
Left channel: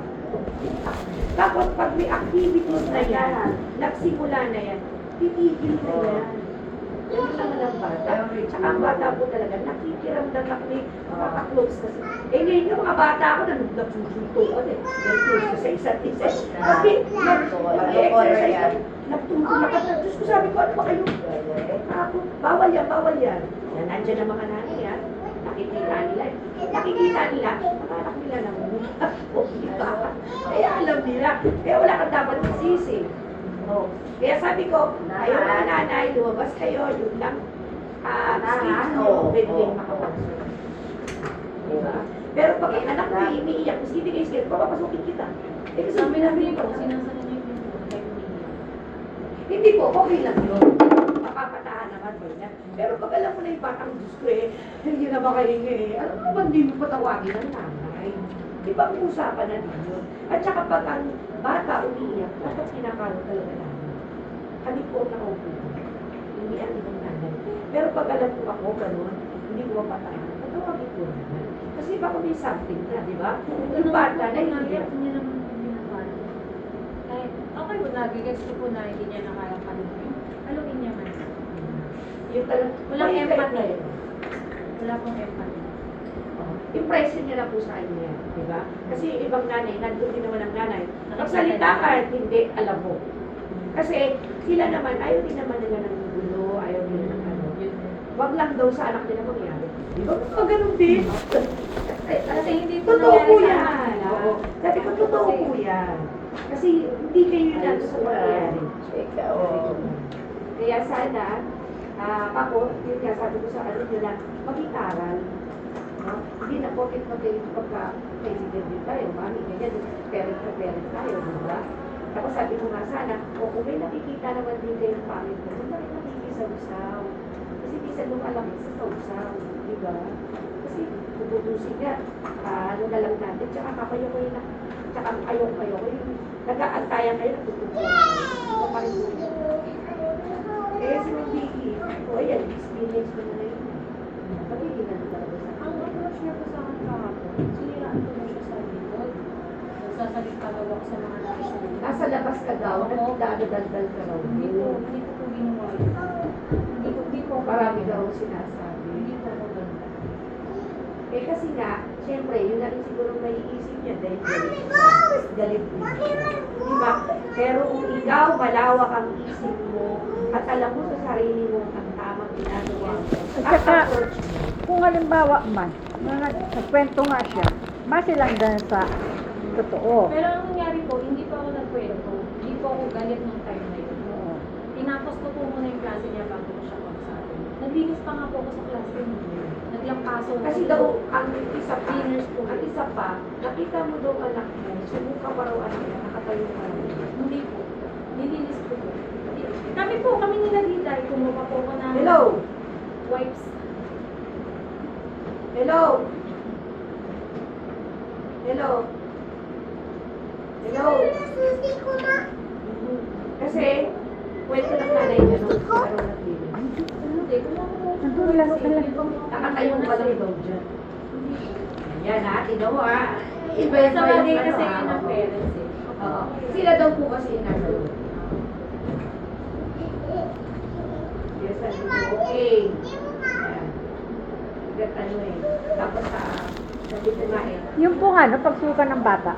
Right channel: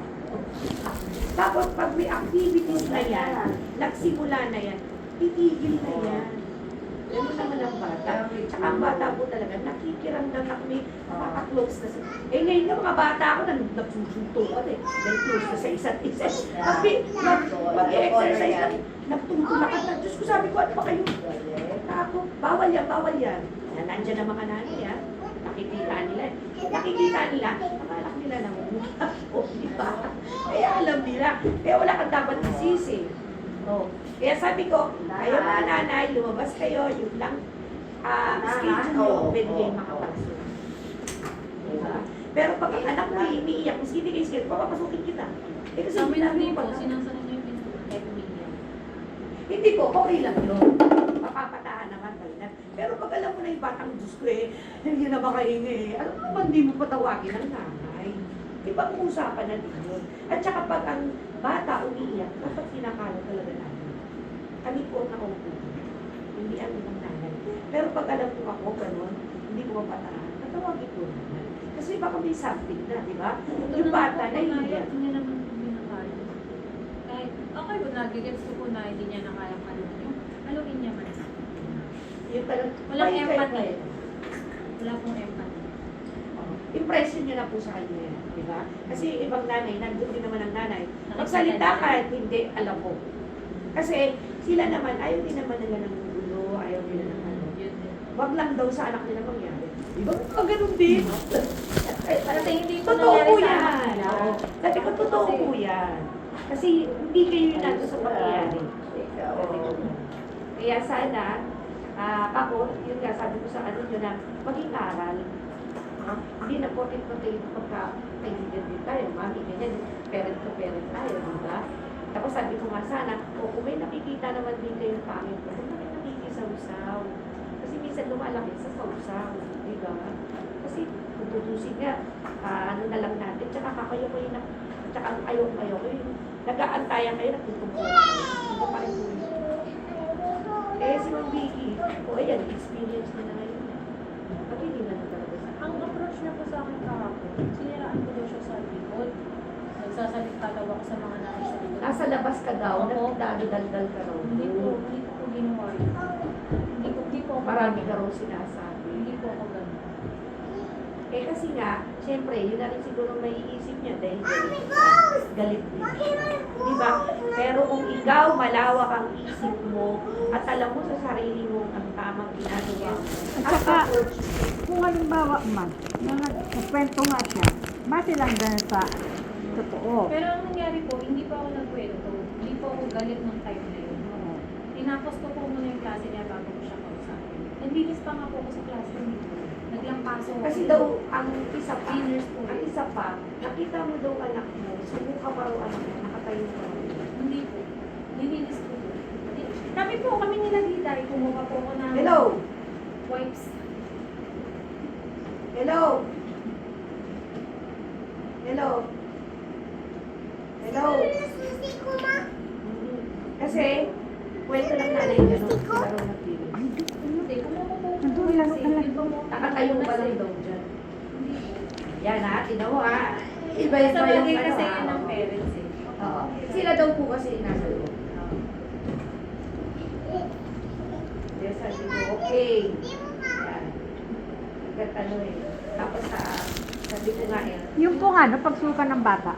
Tapos pag may activities na yan, nagsimula na yan, titigil na yan. Ganun naman ang bata. Tsaka ang bata po talaga, nakikiramdam na kami, makaka-close na sila. Eh ngayon yung mga bata ako, nagsusuntukan eh. Nag-close na sa isa't isa. Kasi mag-exercise na, nagtungkol na kata. Diyos ko sabi ko, ano ba kayo? Ako, bawal yan. Yan, andyan ang mga nanay yan. Nakikita nila. Nakikita nila, parang nila nangungutak ko, di ba? Kaya alam nila. Kaya wala kang dapat isisi. Oh. Kaya sabi ko, kayo mga nanay, lumabas kayo, yun lang. Schedule nyo, pwede makapagsunod. Diba? Pero pag ang anak mo iniiyak, kasi hindi kayo scared, papapasukin kita. Eh, kasi Sa amin hindi hindi pa. po, sinasalo niyo yung tayo umiiyak. Hindi po, okay lang yun. Mapapatahan naman mo na. Pero pag alam mo na yung batang Diyos ko hindi na makahinga alam mo naman, hindi mo patawagin ang nanay. Di ba kung usapan na din yun? At saka pag ang bata umiiyak, dapat kinakalo talaga namin. Kami po na okay. Hindi ang ibang nanay. Pero pag alam ko ako, ganun, hindi ko mapatahan, patawagin ko naman. Kasi baka may something na, di ba? Yung bata na iiyak. Hindi naman po binakalo. Kahit, okay po, nagigets ko po na hindi niya na kayang paluin. Paluin niya man. Yung talagang, Walang may empathy. effect. Wala pong empathy. Impression nyo na po sa kanya, di ba? Kasi yung ibang nanay, nandun din naman ang nanay. Magsalita ka, hindi, alam mo. Kasi sila naman, ayaw din naman nila ng gulo, ayaw nila ng ano. Wag lang daw sa anak nila mangyari. Di ba? Pag ganun din. At hindi po Totoo po nangyari sa yan. kanila. Oo. Sabi ko, totoo po yan. Kasi hindi kayo nandun sa pangyayari. Kaya sana, ako, yun nga sabi ko sa kanila na maging aral. No? Hindi na pocket-potato pagka kaibigan din tayo, mami, ganyan, parent to parent tayo, di ba? Tapos sabi ko nga sana, o kung may nakikita naman din kayo ng pangit mo, hindi na nakikisaw-saw. Kasi minsan lumalaki sa saw-saw, di ba? Kasi puputusin ka, ano na lang natin, tsaka kakayokay na, tsaka ayok-ayok, nag-aantayan kayo, nagtutupo na kayo. Di ba pa rin po yun? Eh, si Ma'am Vicky, o ayan, experience ko na ngayon. Magiging na talaga sa Ang approach niya po sa akin kahapon, siniraan ko daw siya sa likod. Nagsasalita daw ako sa mga nasa likod. Nasa labas ka daw, nagdadaldal ka daw. Hindi ko po ginawa yun. Hindi ko. Marami ka raw sinasabi. Hindi po ako ganun. Eh kasi nga, siyempre, yun na rin siguro may isip niya dahil galit din. Diba? Pero kung ikaw, malawak ang isip mo, at alam mo sa sarili mo ang tamang ginagawa mo, At at saka, approach mo. kung halimbawa man, nagkwento nga siya, base lang dahil sa totoo. Pero ang nangyari po, hindi pa ako nagkwento. Hindi po ako galit ng time na yun. Tinapos ko po muna yung klase niya bago ko siya kausapin. Naglinis pa nga po ako sa classroom. Naglampaso. Kasi daw, ang isa pa, Cleaners po. ang isa pa, nakita mo daw anak mo, sumuka pa raw anak niya, nakatayo pa raw. Hindi po. Nilinis ko po. Kami nila Diday, kumuha po ko ng Hello? wipes. Hello? Hello? Hello? Kasi, kwento ng nanay niya nung laro ng TV. Hindi, kumuha po. Nandun lang talaga. Nakatayo mo ba daw dyan? Yan ha, ino mo ha. Sa Iba-iba bagay yung kasi ano yun ha. ng parents eh. Oo. Sila daw po kasi nasa loob. Yes, sabi ko, okay. Yan. Nagtano eh. Tapos sabi ko nga yan. Yung po ano, pagsuka ng bata,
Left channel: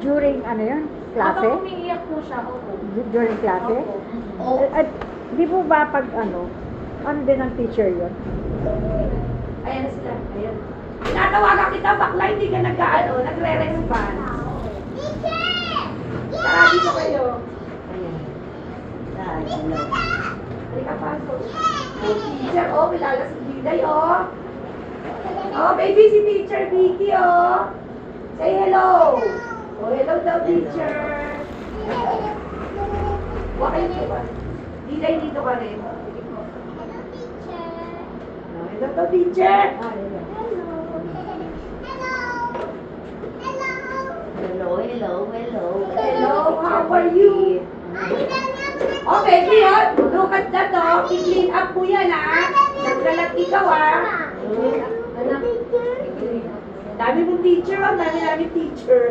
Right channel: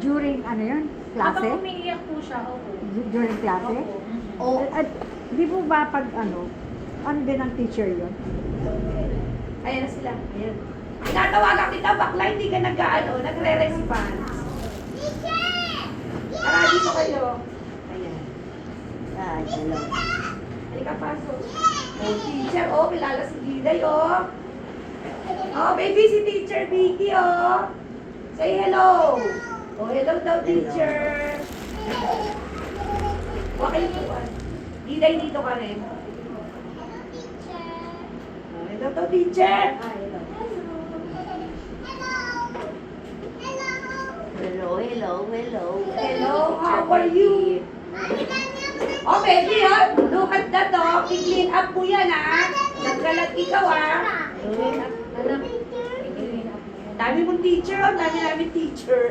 during ano yun, klase? Kapag umiiyak po siya, opo. During klase? Opo. At di po ba pag ano din ang teacher yun? Ayan sila. Ayan. Tinatawagan kita, bakla, hindi ka nag-ano, nagre-response. Tara, dito kayo. Ayan. Halika, pasok. Oh, teacher, oh, kilala si Diday, oh. Oh, baby, si Teacher Vicky, oh. Say hello. Oh, hello daw, teacher. Okay po ba? Diday, dito ka rin. Oh, hello daw, teacher. Ah, hello. Hello, how are you? Oh, baby, ha? Look at that, oh. I-clean up mo yan, ha? Nagkalat ikaw, ha? Anak, Dami mong teacher, oh. Dami namin teacher.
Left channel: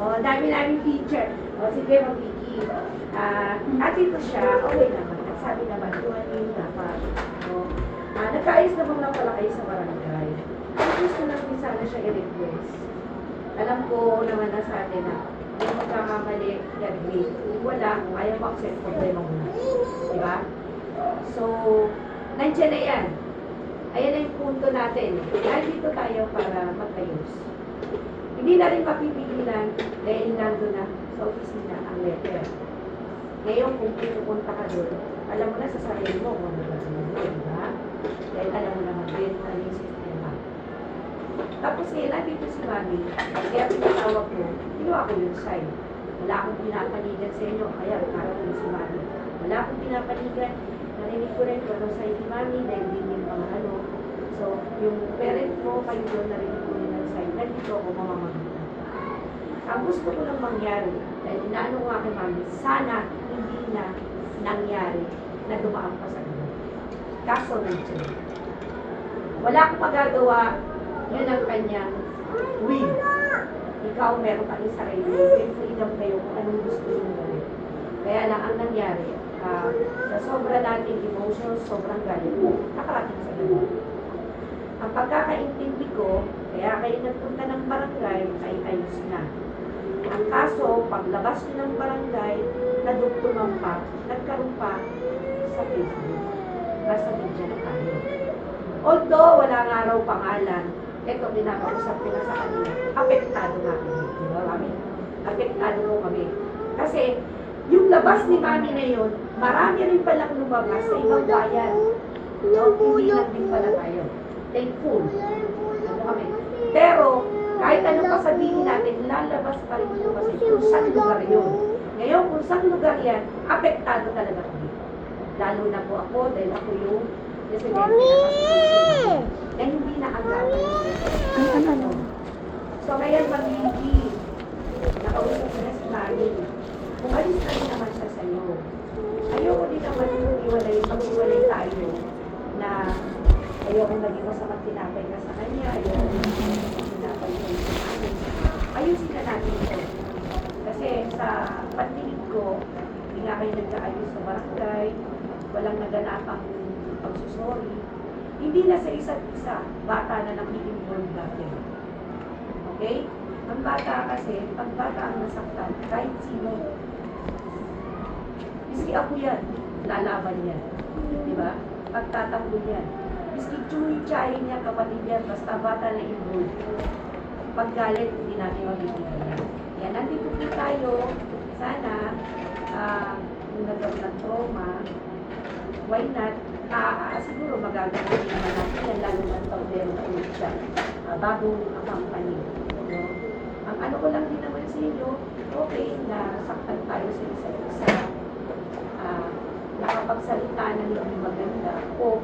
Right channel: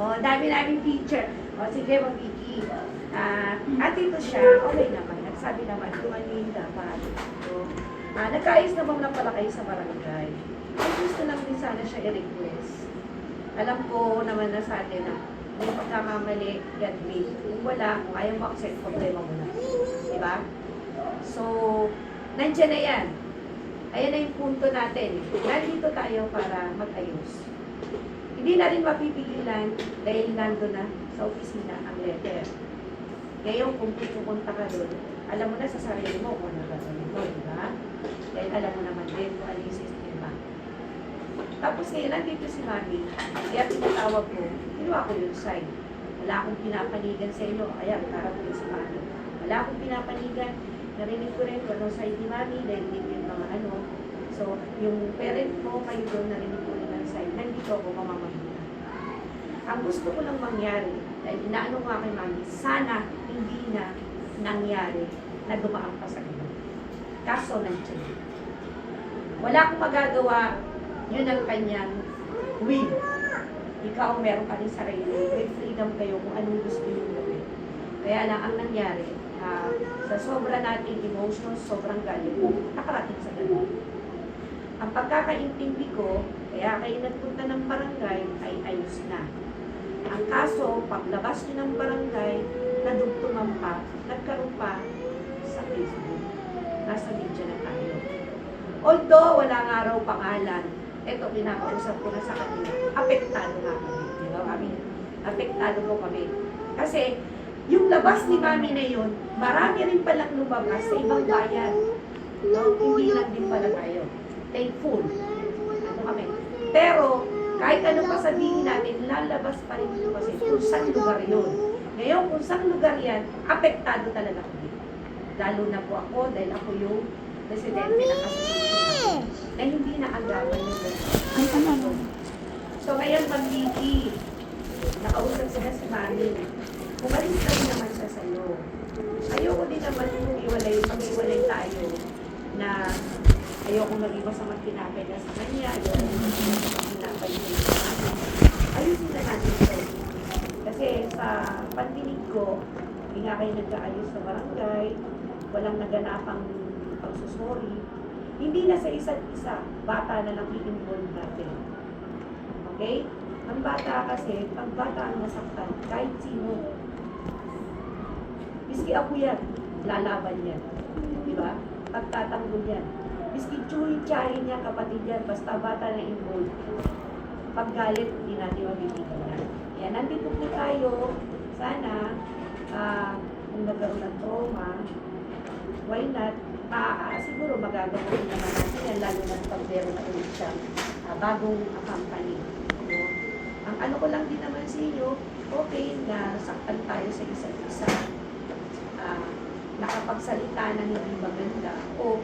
Oh, dami namin teacher. Oh, sige, Mabiki. At ito siya, okay naman. Sabi naman, kung ano yung dapat. So, nagkaayos naman lang pala kayo sa barangay. Gusto lang din sana siya i-request. Alam ko naman na sa atin na kung magkakamali, get me. Kung wala, kung ayaw mo-accept, problema mo na. Diba? So, nandiyan na yan. Ayan na yung punto natin. Nandito tayo para mag-ayos. Hindi na rin mapipigilan dahil nandun na sa opisina ang letter. Ngayon, kung pupunta ka doon, alam mo na sa sarili mo kung ano ba sa mo, diba? Dahil alam mo naman din kung ano yung sistema. Tapos ngayon, nandito si Mami. Kaya tinatawag ko, kinuha ko yung sign. Wala akong pinapanigan sa inyo, kaya harap ko si Mami. Wala akong pinapanigan. Narinig ko rin kung anong sign ni Mami, dahil din yung mga ano. So, yung parent ko, kayo doon, narinig ko rin ang sign. Nandito ako mamamagita. Ang gusto ko lang mangyari, dahil inaano ko nga kay Mami, sana hindi na nangyari na dumaan pa sa iyo. Kaso nandiyan. Wala akong magagawa, yun ang kanyang will. Ikaw meron ka rin sarili, may freedom kayo kung anong gusto nyo gawin. Kaya lang ang nangyari, sa sobra nating emotions, sobrang galit, nakarating sa ganun. Ang pagkakaintindi ko, kaya kayo nagpunta ng barangay, ay ayos na. Ang kaso, paglabas nyo ng barangay, nadugtungan pa, nagkaroon pa sa Facebook. Nasa media na tayo. Although wala nga raw pangalan, ito pinakausap ko na sa kanila, apektado nga kami. Di ba kami? Apektado ko kami. Kasi yung labas ni Mami na yun, marami rin palang lumabas sa ibang bayan. No? Hindi lang din pala tayo. Thankful. Ano kami? Pero, kahit anong pa sabihin natin, lalabas pa rin ito kasi kung saan lugar yun. Ngayon, kung saan lugar yan, apektado talaga kami. Lalo na po ako, dahil ako yung presidente na kasusunod na hindi naagapan yung So, ngayon, Mami, nakausap sila si Mami. Umalis na rin naman siya sa iyo. Ayoko din naman yung mag-iwalay tayo na ayoko naging masamang tinapay na sa kanya, ayoko naging tinapay na sa kanya. Ayusin na natin ito. Kasi sa pandinig ko, hindi nga kayo nag-aayos sa barangay, walang naganapang pagsusori. Hindi na sa isa't isa, bata na nag-i-involve natin. Okay? Ang bata kasi, pag bata ang nasaktan, kahit sino, miski ako yan, lalaban yan. Di ba? Pagtatanggol yan. Miski chuy-chayin niya, kapatid yan, basta bata na involved. Pag galit, hindi natin mabibigyan yan. Yan, nandito po tayo. Sana, kung nagkaroon ng trauma, why not? Siguro magagawin naman natin yan, lalo man pag meron na ulit siya. Bagong company. No? Ang ano ko lang din naman sa inyo, okay na saktan tayo sa isa't isa. Nakapagsalita ng hindi maganda o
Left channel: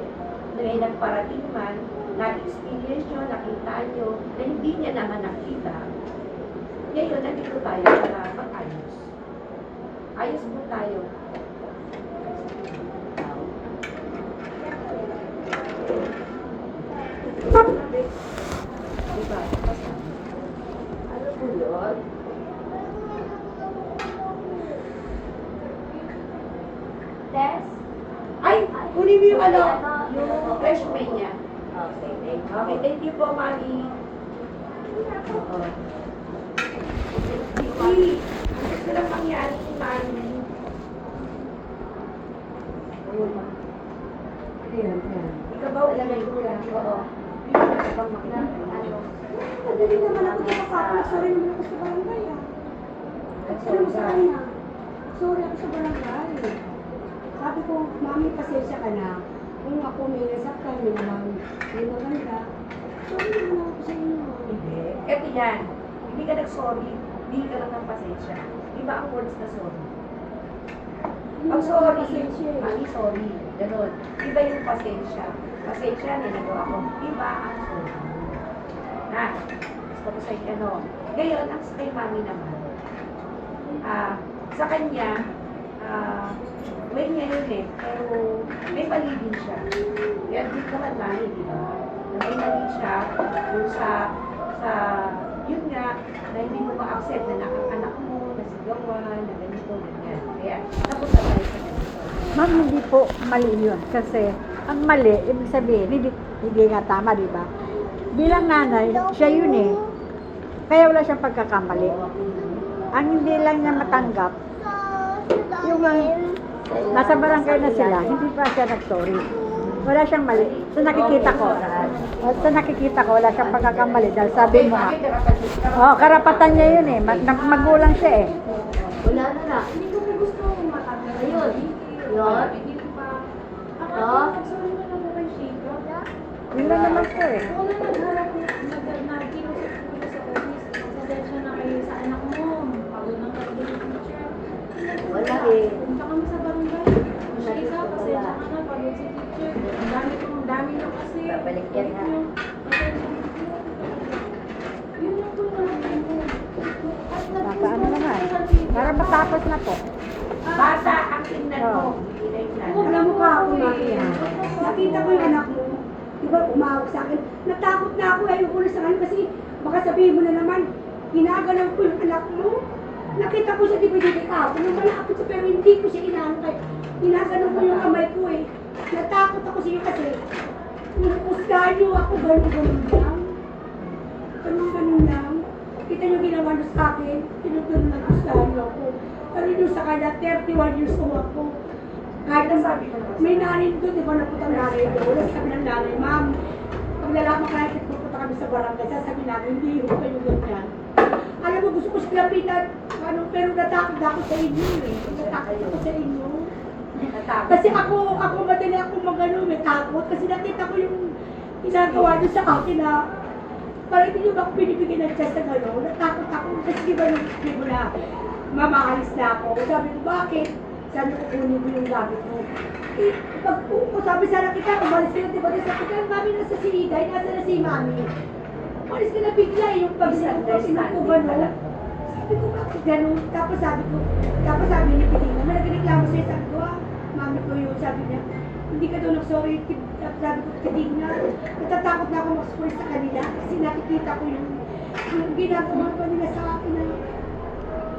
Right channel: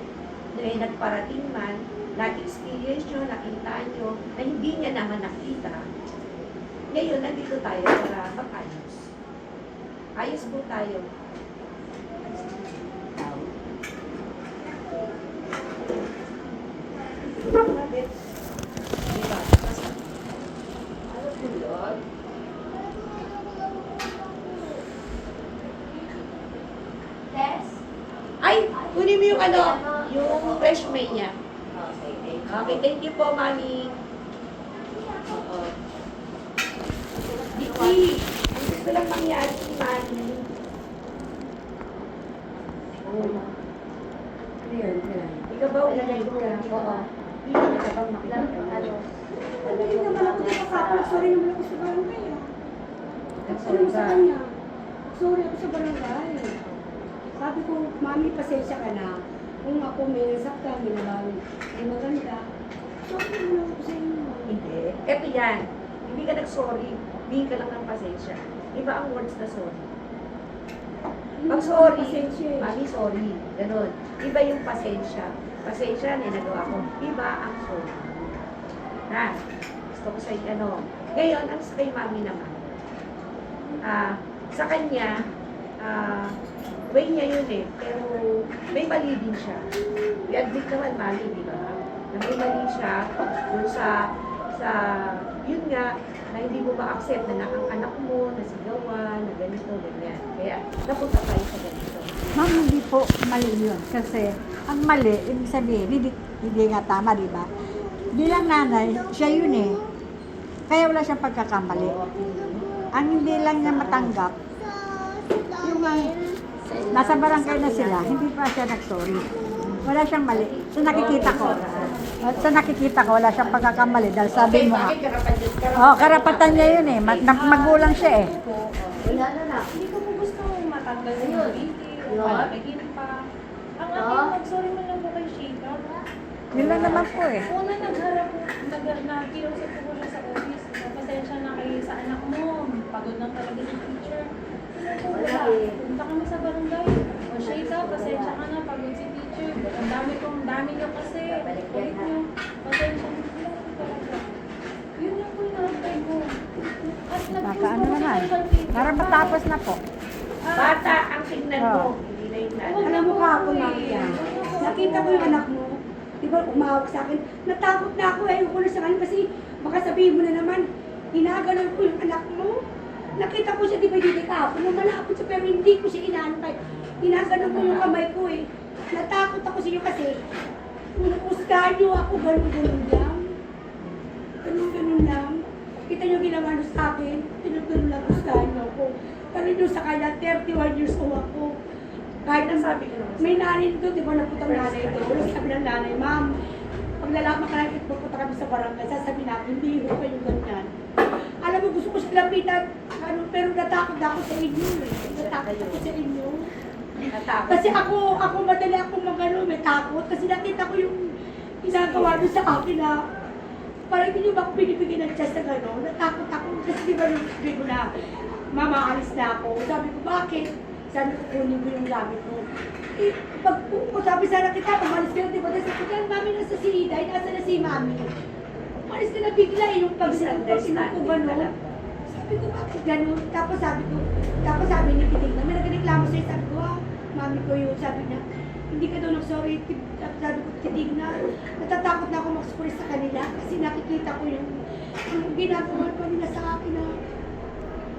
may nagparating man, na-experience nyo, nakita nyo, na hindi niya naman nakita. Ngayon, nandito tayo para mag-ayos. Ayos po tayo. Diba? Ano po yun? Test? Ay, kunin mo yung ano, yung resume niya. Okay, thank you. Okay, thank you po, Mami. Oo. Hindi. Ang gusto lang mangyari si Mami. Uy. Ayan. Ikaw ba ulit ka? Oo. Hindi ka bang makikita mo? Hindi naman ako nakakapag. Sorry naman ako sa barangay ah. Sorry Sa ba? kanya. Sorry ako sa barangay. Sabi ko, Mami, pasensya ka na. Kung ako may nasaktan, may maganda. Sorry naman ako sa inyo. Hindi. Eto yan. Hindi ka nag-sorry. Hindi ka lang ng pasensya. Iba ang words na sorry. Pag sorry, Pasensya eh. Mami, sorry. Ganon. Iba yung pasensya. Pasensya na nagawa ko. Iba ang sorry. Ha? Gusto ko sa'yo ganon. Ngayon, ang sa kay Mami naman. Sa kanya, way niya yun eh. Pero may mali din siya. I-admit naman Mami, di ba? Na may mali siya kung sa yun nga, na hindi mo ma-accept na ang anak mo, nasigawan, na ganito, ganyan. Kaya, napunta tayo sa ganito. Ma'am, hindi po mali yun. Kasi ang mali, ibig sabihin, hindi nga tama, di ba? Bilang nanay, siya yun eh. Kaya wala siyang pagkakamali. Ang hindi lang niya matanggap, yung nasa barangay na sila, hindi pa siya nag-sorry. Wala siyang mali. Sa nakikita ko, wala siyang pagkakamali. Dahil sabi mo, Bakit karapan karapatan niya yun eh. Magulang siya eh. Wala na na. Hindi ko po gusto matanggal. Ayun. Yun. Bigyan pa. Oo. Sorry mo lang mo kay Sheila. Yun lang naman po eh. Una nagkiusap ko siya sa office. Pasensya na kayo sa anak mo. Pagod ng pagod yung teacher. Wala eh. Punta kami sa barangay. Shayla, pasensya ka na. Pagod si teacher. Ang dami niyo kasi. Babalik yan, ha? Pasensya na. Yun lang po yung natin mo. At Nakaano naman. Para matapos na po. Bata ang tingnan mo. Ilay na. Alam mo ka ako, Maria. Nakita ko yung anak mo. Di ba, umawag sa akin. Natakot na ako. Ayoko na sa kanya kasi baka sabihin mo na naman, ginagalang ko yung anak mo. Nakita ko siya, di ba, hindi ka ako. Lumalakot siya, pero hindi ko siya inaano kayo. Ginagalang ko yung kamay ko eh. Natakot ako sa iyo kasi inuusgahan niyo ako, ganun-ganun lang. Ganun-ganun lang. Kita niyo ginawa niyo sa akin, tinutulong lang usgahan niyo ako. Pero yun sa kanya, 31 years old ako. Kahit na sabi ko, may nanay doon, di ba naputang nanay doon. Sabi ng nanay, ma'am, pag lalaman ka natin, pupunta kami sa barangay, sasabihin namin, hindi ho kayo ganyan. Alam mo, gusto ko siya lapitan, ano, pero natakot ako sa inyo eh. Natakot ako sa inyo. Kasi ako madali akong magano, may takot. Kasi nakita ko yung ginagawa niyo sa akin na parang hindi niyo ba ako binibigyan ng chance na gano'n. Natakot ako. Kasi di ba nung sabi mo na, mamaalis na ako. Sabi ko, bakit? Sabi ko, kunin ko yung gamit mo. Eh, pag sabi sana kita, umalis ka na, di ba? Sabi ko, mami, nasa si Iday, nasa na si mami. Umalis ka na bigla eh, yung pag-sinukuban mo. Sabi ko, bakit gano'n? Tapos sabi ni Titina, may nagreklamo sa'yo, sabi ko, mami ko yun, sabi niya, hindi ka daw nag-sorry, sabi ko, Titina, natatakot na ako mag-sorry sa kanila kasi nakikita ko yung ginagawa pa nila sa akin na,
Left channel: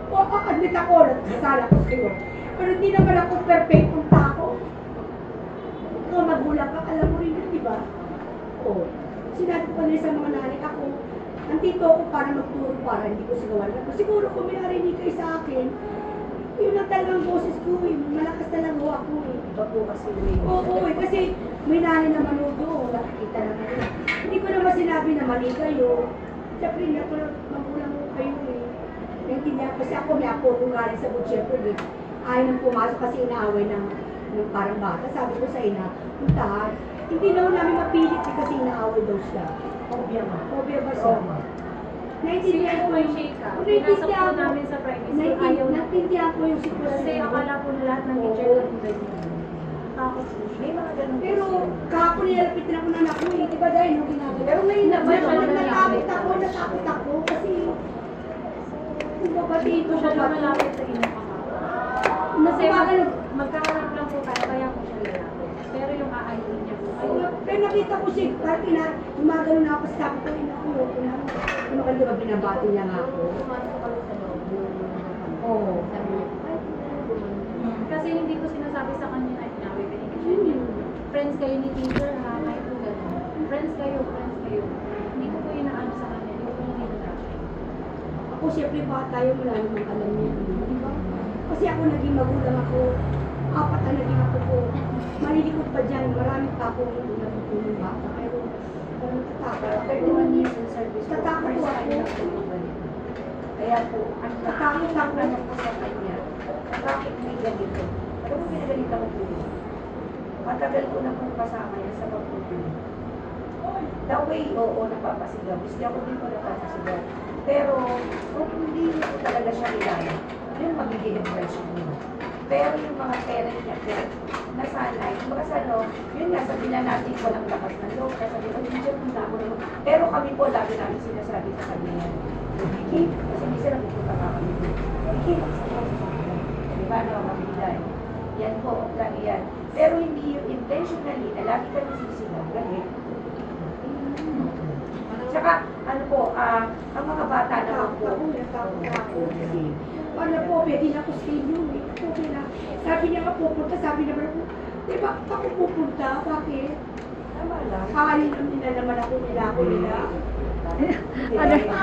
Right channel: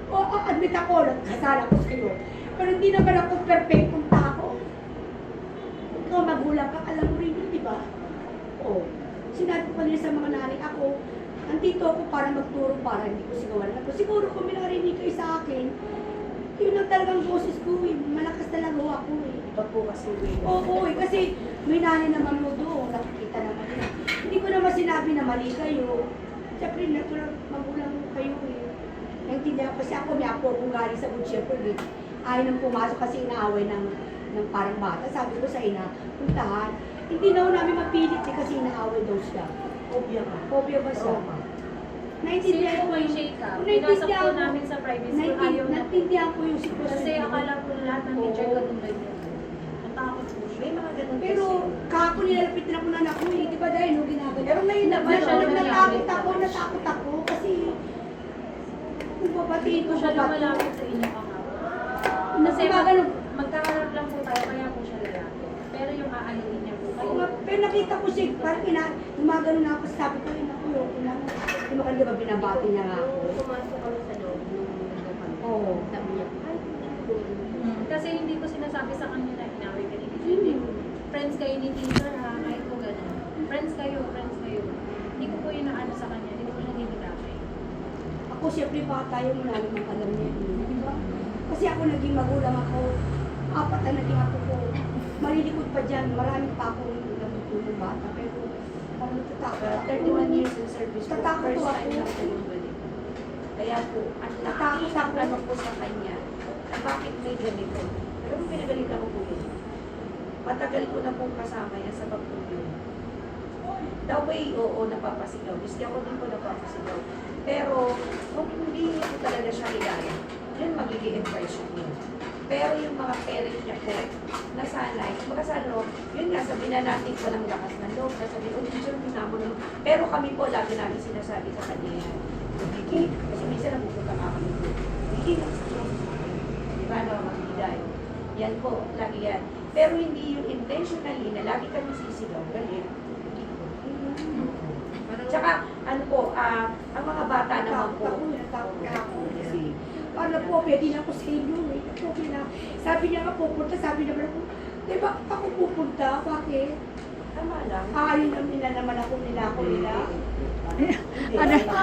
oo, admit ako, nagkasala ko sa'yo. Pero hindi naman ako perfectong tao. Ikaw magulang ka, alam mo rin yun, di ba? Oo. Sinabi ko kanila sa mga nanay, ako, andito ako para magturo, para hindi ko sigawan ako. Siguro kung may narinig kayo sa akin, yun lang talagang boses ko eh. Malakas talaga ako eh. Iba po kasi way. Oo, eh, kasi may nanay na manood doon, nakikita naman yun. Hindi ko naman sinabi na mali kayo. Siyempre, magulang ko kayo eh. Naintindihan kasi ako, niya po kung galing sa good shepherd eh. Ayaw nang pumasok kasi inaaway ng parang bata. Sabi ko sa ina, puntahan. Hindi na namin mapilit eh, kasi inaaway daw siya. Obya ka. Obya ba siya? Oo. Naintindihan ko yung Shayla, pinasok po namin sa private school. Ayaw na. Naintindihan ko yung sitwasyon. Kasi akala po lahat ng teacher ko rin ganyan. Natakot po siya. May mga ganun Pero kasi. kahapon nilalapit na ako na anak ko eh. Di ba dahil no, ginagawa? Pero ngayon naman, natakot ako kasi kung babatiin Hindi po siya lumalapit sa inyo kahapon. Kasi magkaharap lang po tayo, kaya po siya lalapit. Pero yung aanuin niya po kayo. Pero nakita ko siya, parang gumagano na ako, sabi ko, inakuloko na. Yung mga diba binabati niya nga ako. Pumasok kami sa loob. Oo. Sabi niya, ay, Kasi hindi ko sinasabi sa kanya na inaway ka ni teacher. Friends kayo ni teacher ha, kahit po gano'n. Friends kayo. Hindi ko po yun na ano sa kanya, hindi ko po yun dinadakay. Ako siyempre bata yun, wala namang alam niya. Di ba? Kasi ako naging magulang ako, 4 na naging ako ko. Malilikot pa dyan, marami pa akong nagtutulong bata. Pero ako natatakot. 31 years in service po. Tatakot First po time ako. na po bumalik. Kaya po, ang Tatakot ako. ano po sa kanya, bakit may ganito? Pero pinagalitan ko po yun. Matagal ko na pong kasama yan sa pagtutulong. The way, oo, napapasigaw. Kasi ako din po napapasigaw. Pero, kung hindi niya po talaga siya kilala, yun magiging impression niya. Pero yung mga parent niya po, nasanay. Mga sa ano, yun nga, sabi na natin walang lakas ng loob. Sabi ko, teacher, punta mo naman. Pero kami po, lagi namin sinasabi sa kanya, hindi, kasi minsan napupunta ka kami. Hindi, di ba, nakakamiday. Yan po, lagi yan. Pero hindi yung intentionally na lagi kami sisigaw, galit. Tsaka, ano po, ang mga bata naman po, Natakot ako. Kasi, ano po, pwede na ako sa inyo eh. Okay na. Sabi niya ka pupunta, sabi naman ako, di ba ako pupunta? Bakit? tama lang. Kakain lang nila naman ako nila.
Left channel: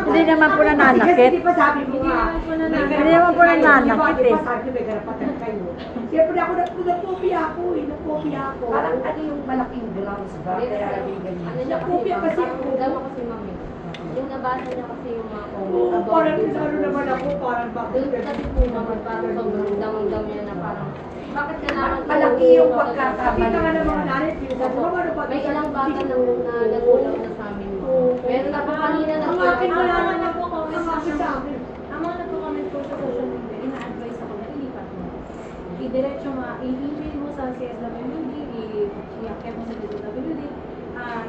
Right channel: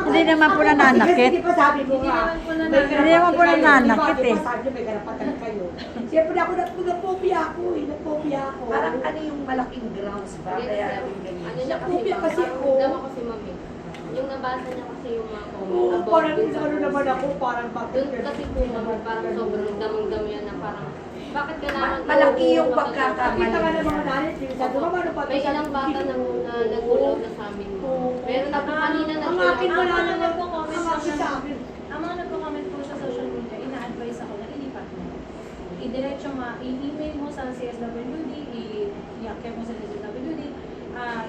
Hindi naman po nananakit. Kasi di ba sabi mo nga, Hindi naman po nananakit Di ba eh. sabi niyo may karapatan kayo. Siyempre ako napopia ako eh, napopia ako. Parang ano yung malaking grounds ba? Kaya yung ganyan. Ano niya Kopya kasi kasi, ako. dama kasi mami. Yung nabasa niya kasi yung mga Oo, about parang dun sa ano naman ako, parang bakit Doon kasi po nagbasa sobrang dam-dam yan na parang Bakit kailangan Malaki yung iuuwi ka sa pagkakamali. Kita nga ng mga nanay, sabi mo ano pag May ilang bata na nagulaw na sa amin. Meron na kanina na Ang akin Ang wala mga naman. nagko-comment Ang lang akin sa naman, akin. ang mga nagko-comment po sa social media, ina-advise ako na ilipat mo. I-diretso mo, i-email mo sa CSWD, i-accept mo sa DSWD,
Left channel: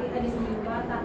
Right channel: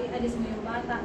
i-alis mo yung bata.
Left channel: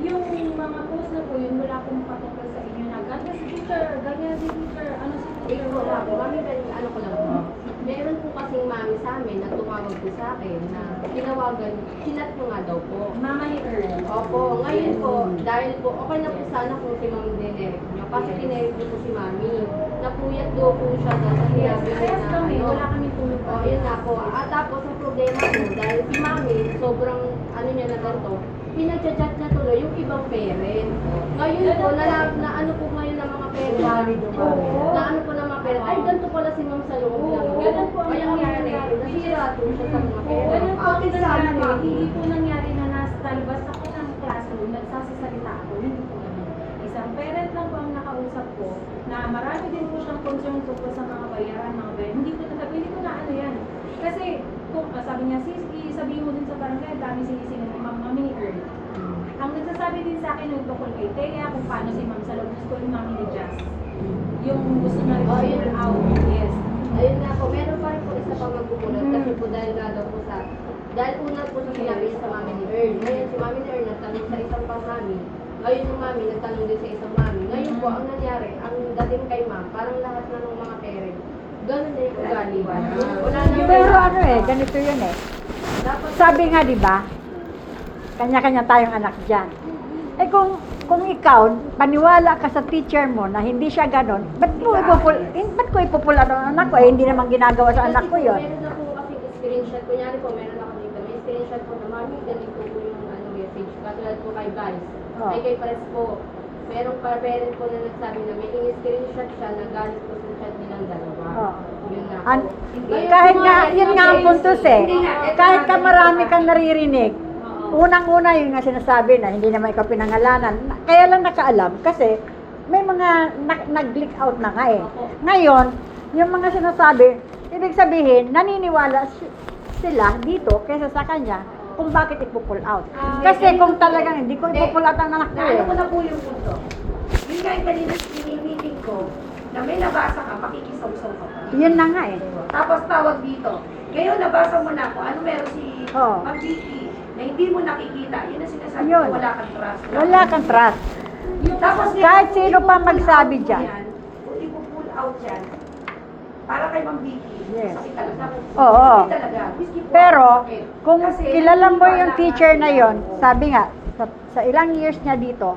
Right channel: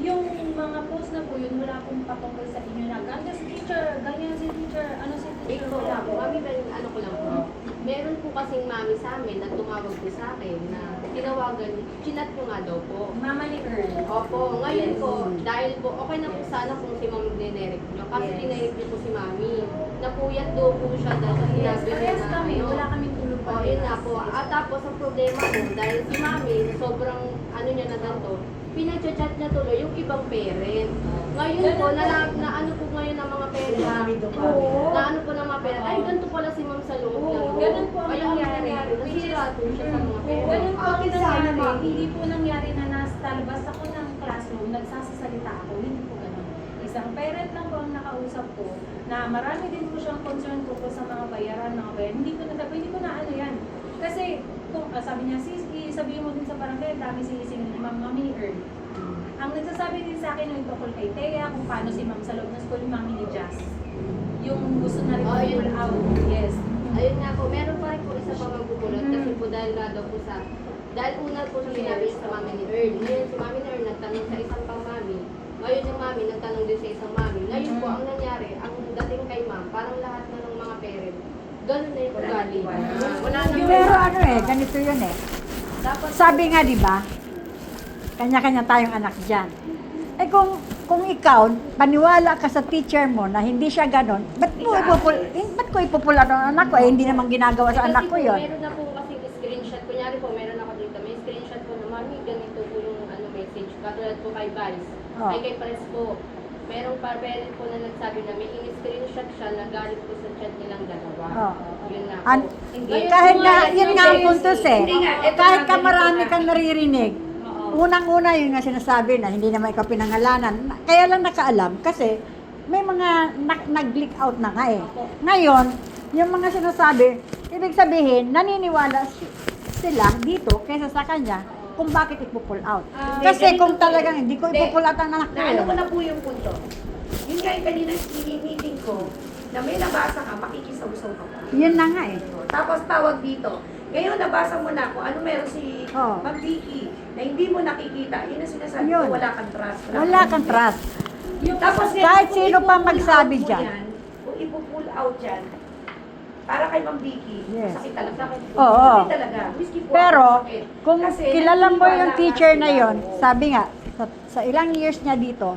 Yung mga post na po yun, wala pong patungkol sa inyo na ganda si teacher, ganyan si teacher, ano si teacher, Ikaw wala lang po. po. Mami, ano ko lang po. Meron po kasing mami sa amin na tumawag po sa akin na tinawagan, chinat ko nga daw po. Mama ni Earl. Opo, ngayon po, dahil po, okay na po sana kung si Ma'am dinirect nyo. Kasi dinirect nyo po si Mami. Napuyat daw po siya dahil sa Yes, sinabi parehas na kami, ano. wala kami tulog pa. O, yun na po. At tapos, ang problema po, dahil si Mami, sobrang, ano niya na ganito, pinag-chat niya tuloy yung ibang parent. Ngayon po, na ano po ngayon ng mga parent, na ano po ng mga parent, ay, ganito pala si Ma'am sa loob lang. Ganun po ang Kaya nangyari. nasirado siya sa mga parent. Ganun po ang Akin sa nangyari. amin, Hindi po nangyari na nasa labas ako ng classroom, nagsasasalita ako. Hindi po ganun. Isang parent lang po ang nakausap ko na marami din po siyang concern tungkol sa mga bayaran, mga bayaran. Hindi ko na hindi ko na ano yan. Kasi kung sabi niya, sabihin mo din sa barangay, dami sinisingil ni Ma'am Mami ni Earl. Ang nagsasabi din sa akin yung tungkol kay Thea, kung paano si Ma'am sa loob ng school, yung Mami ni Jazz. Yung gusto na rin Oh, yun. pull out. Yes. Ayun nga po, meron pa rin po isa pang nagbubulat kasi po dahil nga daw po sa dahil una po siya sinabi sa mami ni Earl. Ngayon si mami ni Earl nagtanong sa isang pang mami. Ngayon yung mami nagtanong din sa isang mami. Ngayon po ang nangyari, ang dating kay ma'am, parang lahat na ng mga parent, ganun na yung ugali. Wala na Pero ano ganito yun Dapat Sabi nga, di ba, kanya-kanya tayong anak dyan. Eh kung ikaw, paniwala ka sa teacher mo na hindi siya ganon, ba't ko ipupul ang anak ko? Eh, hindi naman ginagawa sa anak ko yun. Meron na po kasi screenshot. Kunyari po, meron ako dito. May screenshot po na mami, ganito po yung message. Katulad po kay Vice. Oh. Ay kay Pares po. Merong parent po na nagsabi na may in-screenshot siya na galing po sa chat nilang dalawa. Oh. Yun na An- po. kahit nga, yun nga ang puntos eh. Kahit ka marami kang naririnig, Oo. unang-una yun nga sinasabi na hindi naman ikaw pinangalanan. Kaya lang nakaalam kasi may mga nag-leak out na nga eh. Ngayon, yung mga sinasabi, ibig sabihin, naniniwala sila dito kaysa sa kanya kung bakit ipo-pull out. Kasi kung talagang hindi ko ipo-pull out ang anak ko Naano ko eh. na po yung punto. Yung guy kanina meeting ko, na may nabasa ka, makikisaw-saw ka pa. Yun na nga eh. Tapos tawag dito. Ngayon nabasa mo na kung ano meron si Oo. Ma'am Vicky na hindi mo nakikita. Yun ang sinasabi Ayun. ko, wala kang trust. Wala kang trust. Tapos Kahit kung sino pa ipo-pull magsabi out mo dyan. yan, kung ipo-pull out yan, para kay Ma'am Vicky, Yes. sakit talaga. Oo. Sakit talaga. Miski po Pero, ako sakit. kung Kasi kilala mo naniniwala yung ka teacher sila. na yon, sabi nga, sa ilang years niya dito,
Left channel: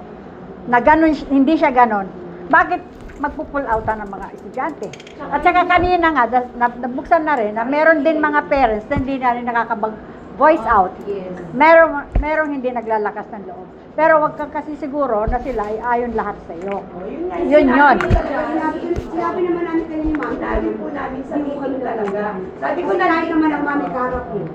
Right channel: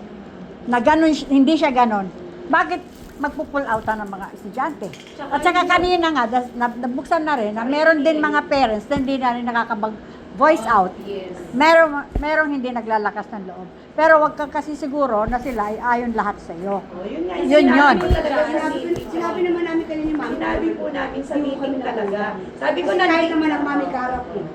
na ganun, hindi siya ganon, bakit magpo-pull outan ng mga estudyante? At saka kanina nga, nabuksan na rin, na meron din mga parents na hindi na rin nakakabag-voice out. Yes. Meron hindi naglalakas ng loob. Pero wag kang kasi siguro na sila ay ayon lahat sa iyo. Oh, yun nga. Yun Sinabi yun. ko talaga sa Sinabi naman namin kayo ni Mami. Sinabi po namin sa meeting talaga. Sabi ko Kasi na kahit naman ang Mami Karap eh.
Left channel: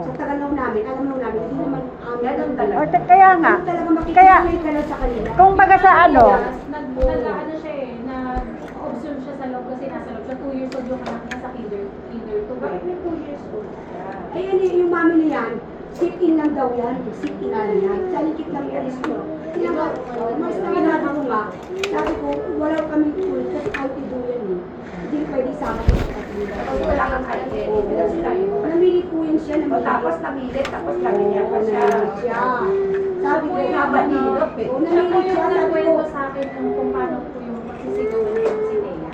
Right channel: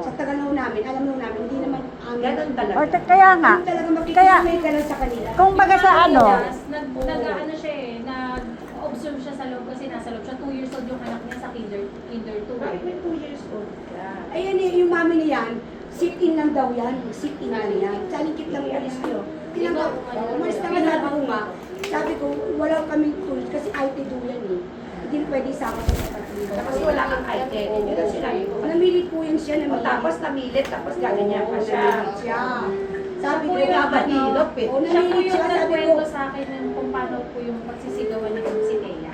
Sa Tagalaw namin, alam naman namin, hindi naman amin. Ganun talaga. O, kaya nga, Ano talaga kaya, makikita ka lang sa kanila. kung baga sa ano, Nag-ano siya eh, nag-observe siya sa loob kasi nasa loob siya. 2 years old yung anak niya sa kinder 2. Bakit may 2 years old? Ayun eh, yung mami niyan, sit-in lang daw yan. Sit-in lang yan. Sa likit lang umalis kayo. Tinanggap, umalis na nga sabi ko nga. Sabi ko, wala kaming tools kasi IT tool yan eh. Hindi pwede sama ko sa kanila. Kasi wala kang identity na sinabi mo. Namilit po yan siya, namilit. Tapos namilit, tapos gaganyan pa siya. Namilit siya. Sabi ko, Yung labanilot eh. oh, Siya po namilit yung siya. Sabi ko, nagkwento sa akin yung kung paano po yung pagsisigawan niya si Thea.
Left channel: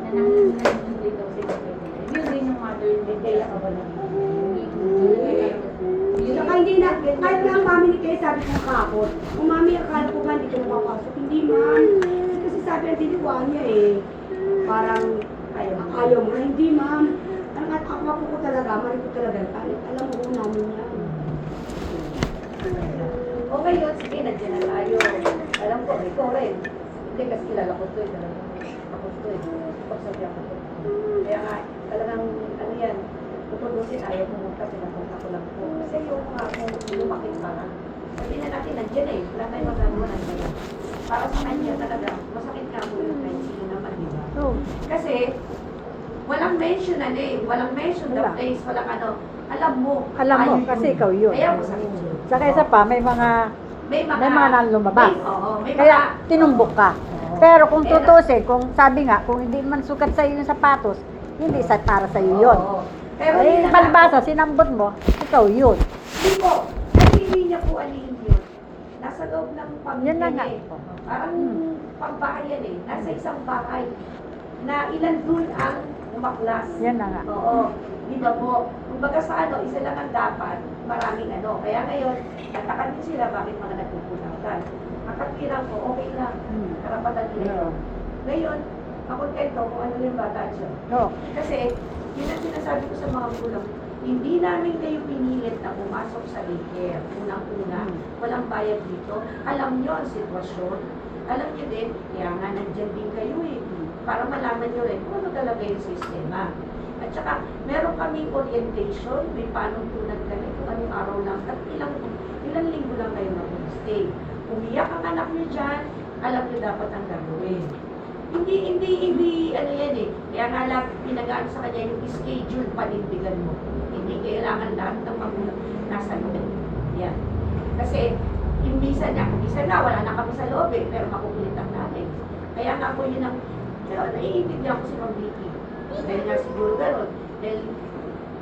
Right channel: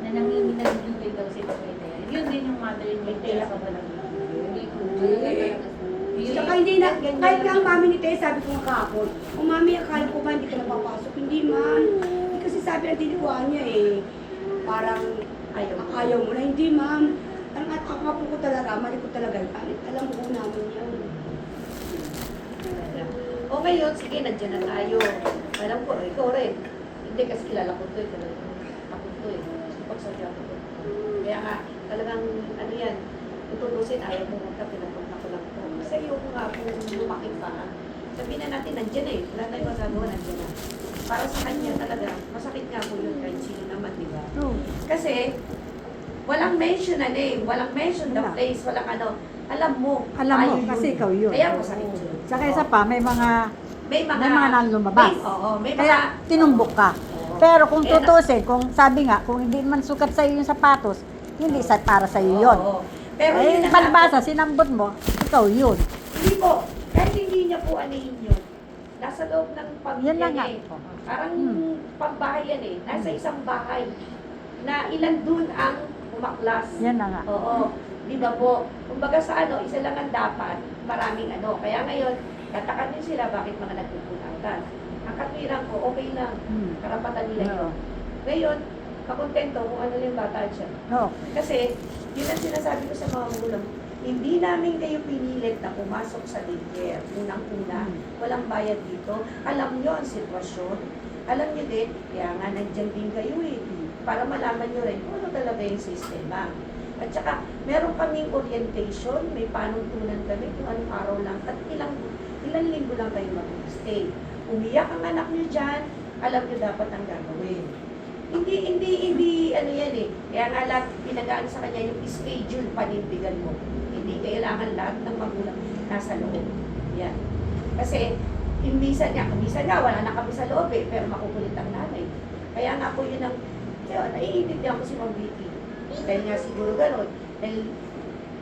Na nangingigil daw sila kay Thea. Yun din yung mother ni Thea sa balang. saka hindi na, kahit nga ang mami ni Teo, sabi ko kahapon, o mami, akala ko ba hindi ka napapasok? Hindi man. Kasi sabi ang tinukuhan niya eh, parang ayaw mo na. Hindi ma'am. Ang ako ko talaga, mali ko talaga. Alam mo ko namin yan. O ngayon, sige, nandiyan na tayo. Alam ko, ikaw rin. Hindi kasi kilala ko to eh. Ako to eh. Pagsadya ko to. Kaya nga, talagang, ano yan, tutubusin, ayaw pumunta, pinapunta ko lang po. Kasi ayaw ko nga kung lumakit pa. Sabihin na natin, nandiyan eh. Wala tayong magagawa, nandiyan na. Para sa kanya talaga, masakit nga po yun kahit sino naman, di ba? Kasi, Walang mention na name, walang mention the Wala. place, walang ano. Alam mo. Alam mo, ayun kasi yun. ikaw yun. Kaya masakit yun. Saka isa pa, may mga May mga nang lumabas. Oo, may Kaya mga tinumbok ka. Oo. Pero kung Kaya na- tutusin, kung sabi nga, kung hindi man sukat sa yung sapatos, hindi sa para sa iyo yun. Oo. Pero Eh, yun na nga. palibasa, sinambot mo, ikaw yun. Hindi po. Ay, hindi niya po anihin yun. Nasa loob ng Yan pamilya na niya nga. eh. Parang Hmm. pambahay yan eh. Nasa isang bahay na ilan dun ang umaklas. Yan na nga. Oo. Di ba po? Kumbaga sa ano, isa lang ang dapat, maraming ano. Kaya ngayon, tatakan din sila bakit mga nagpupulatan. Ang katwiran ko, okay lang. Hmm. Karapatan nila yun. Ngayon, makontento kung ano yung bata siya. No. Kasi, yun ang sinasabi ko sa mga magulang, hindi namin kayo pinilit na pumasok sa daycare. Unang-una, walang bayad dito. Alam nyo ang sitwasyon. Alam nyo din, kaya nga nandyan din kayo eh. Para malaman nyo rin kung ano talaga yung sistema. At saka, meron kaming orientation, may panuntunan kami kung anong araw lang, at ilang linggo lang kayo na stay. Umiyak ang anak nyo dyan, alam nyo dapat ang gagawin. Hindi, ano yan eh. Kaya nga lang, pinagaan sa kanya yung schedule panindigan mo. Hindi kailangan lahat ng magulang nasa loob. Yan. Kasi, minsan nga, wala na kami sa loob eh, pero makukulit ang nanay. Kaya nga po yun ang, naiintindihan ko si Ma'am Vicky. Dahil nga siguro gano'n, dahil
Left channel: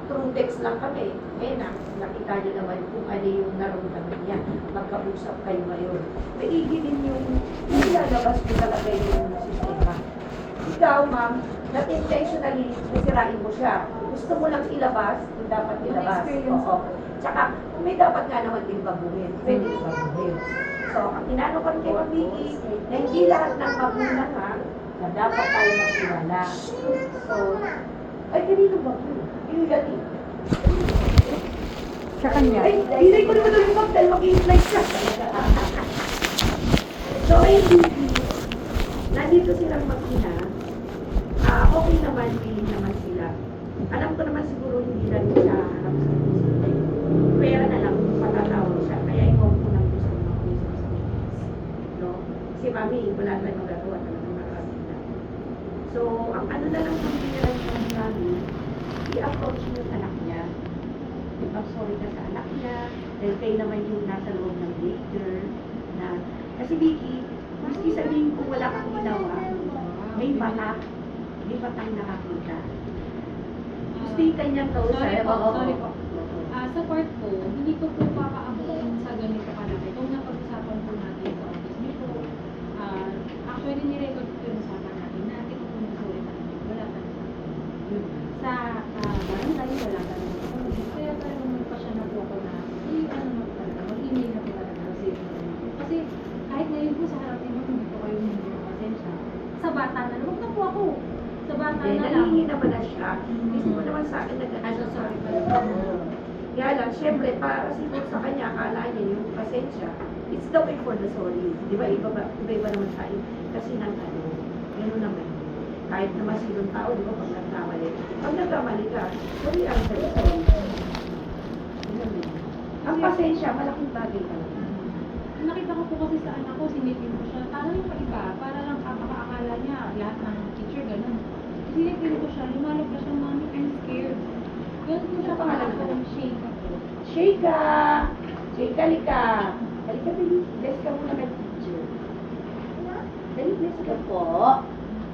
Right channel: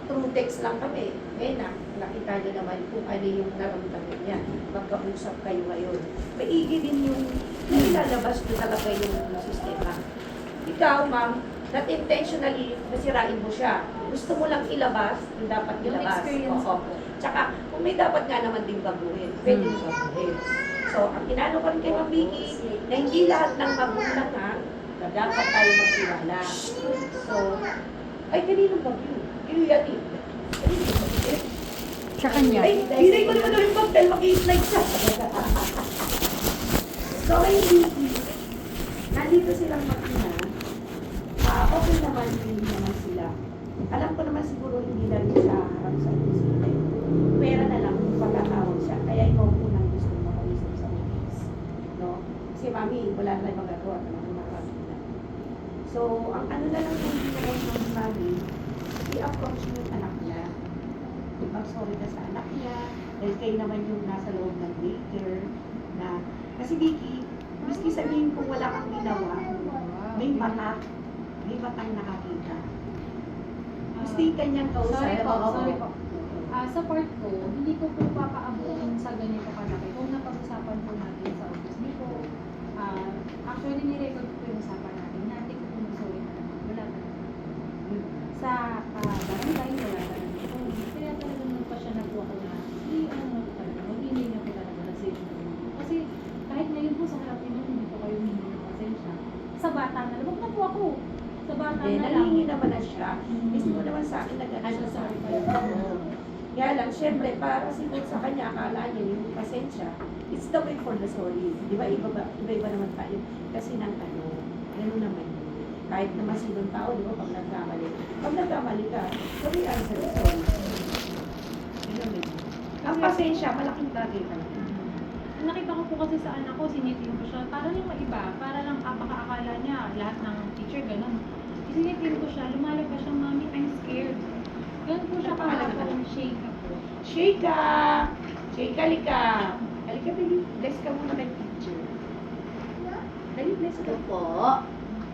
through text lang kami. Ngayon na, nakita nyo naman kung ano yung naramdaman niya. Magkausap kayo ngayon. Maigi din yung nilalabas ko talaga yung sistema. Ikaw, ma'am, not intentionally masirain mo siya. Gusto mo lang ilabas yung dapat Yung ilabas. experience Oo. Tsaka, kung may dapat nga naman din baguhin, pwede din baguhin. So, ang tinanong kami kay Ma'am Vicky, na hindi lahat ng magulang ha, na dapat tayo magkilala. So, ay, kanino ba yun? Yun yan eh. Sa kanya. Ay, hindi ko naman yung bag dahil maki-slide siya. So, ay, hindi. Nandito silang mag-ina. Okay naman, willing naman sila. Alam ko naman siguro hindi lang siya harap sa isip. Pera na lang kung patatawag siya. Kaya ikaw po nang gusto mag-isip sa business. No? Si Mami, wala na yung magagawa talaga marami na. So, ang ano na lang hindi niya lang sa Mami, i-approach mo yung anak niya. Ipag-sorry ka sa anak niya. Dahil kayo naman yung nasa loob ng daycare. Na, kasi Vicky, miski sabihin kung wala kang ginawa, may batak. May batang nakakita. Stay kanyang kausap. Sorry po, Oo. sorry po. Oo. Sa part ko, hindi ko po papaabot sa ganito kalaki. Kung napag-usapan po natin sa office, hindi po, actually nirecord ko yung usapan natin na hindi ko po mag-sorry talaga. Wala talaga. Sa barangay, wala talaga. Kaya talagang nagpa siya na po ako na, ano na po talaga, mag-email na po talaga. Kasi kahit ngayon po sa harap niyo, hindi po kayo hindi ng pasensya. Sa bata na lang, huwag na po ako. Sa bata Eh, na lang. nalihingi naman na siya. Mismo naman sa akin na gano'n. Ano, sorry pala. Kaya lang, syempre, para siguro sa kanya, akala niya yung pasensya, it's the way for the sorry. Di ba, iba naman tayo. Kasi ng ano, gano'n naman. Kahit naman sinong tao, di ba, pag nagkamali. Pag nagkamali ka, sorry, I'm sorry. Yun yun. Ang pasensya, malaking bagay talaga. Nakita ko po kasi sa anak ko, sinipin ko siya. Parang yung iba, para lang akala niya, lahat ng teacher, ganun. Sinipin ko siya, lumalabas siya, Mami, I'm scared. Ganun po siya pangalan ko, shake ako. Sheika! Sheika, lika! Halika, dali. Guys, ka muna kay teacher. Dali, guys, ka po.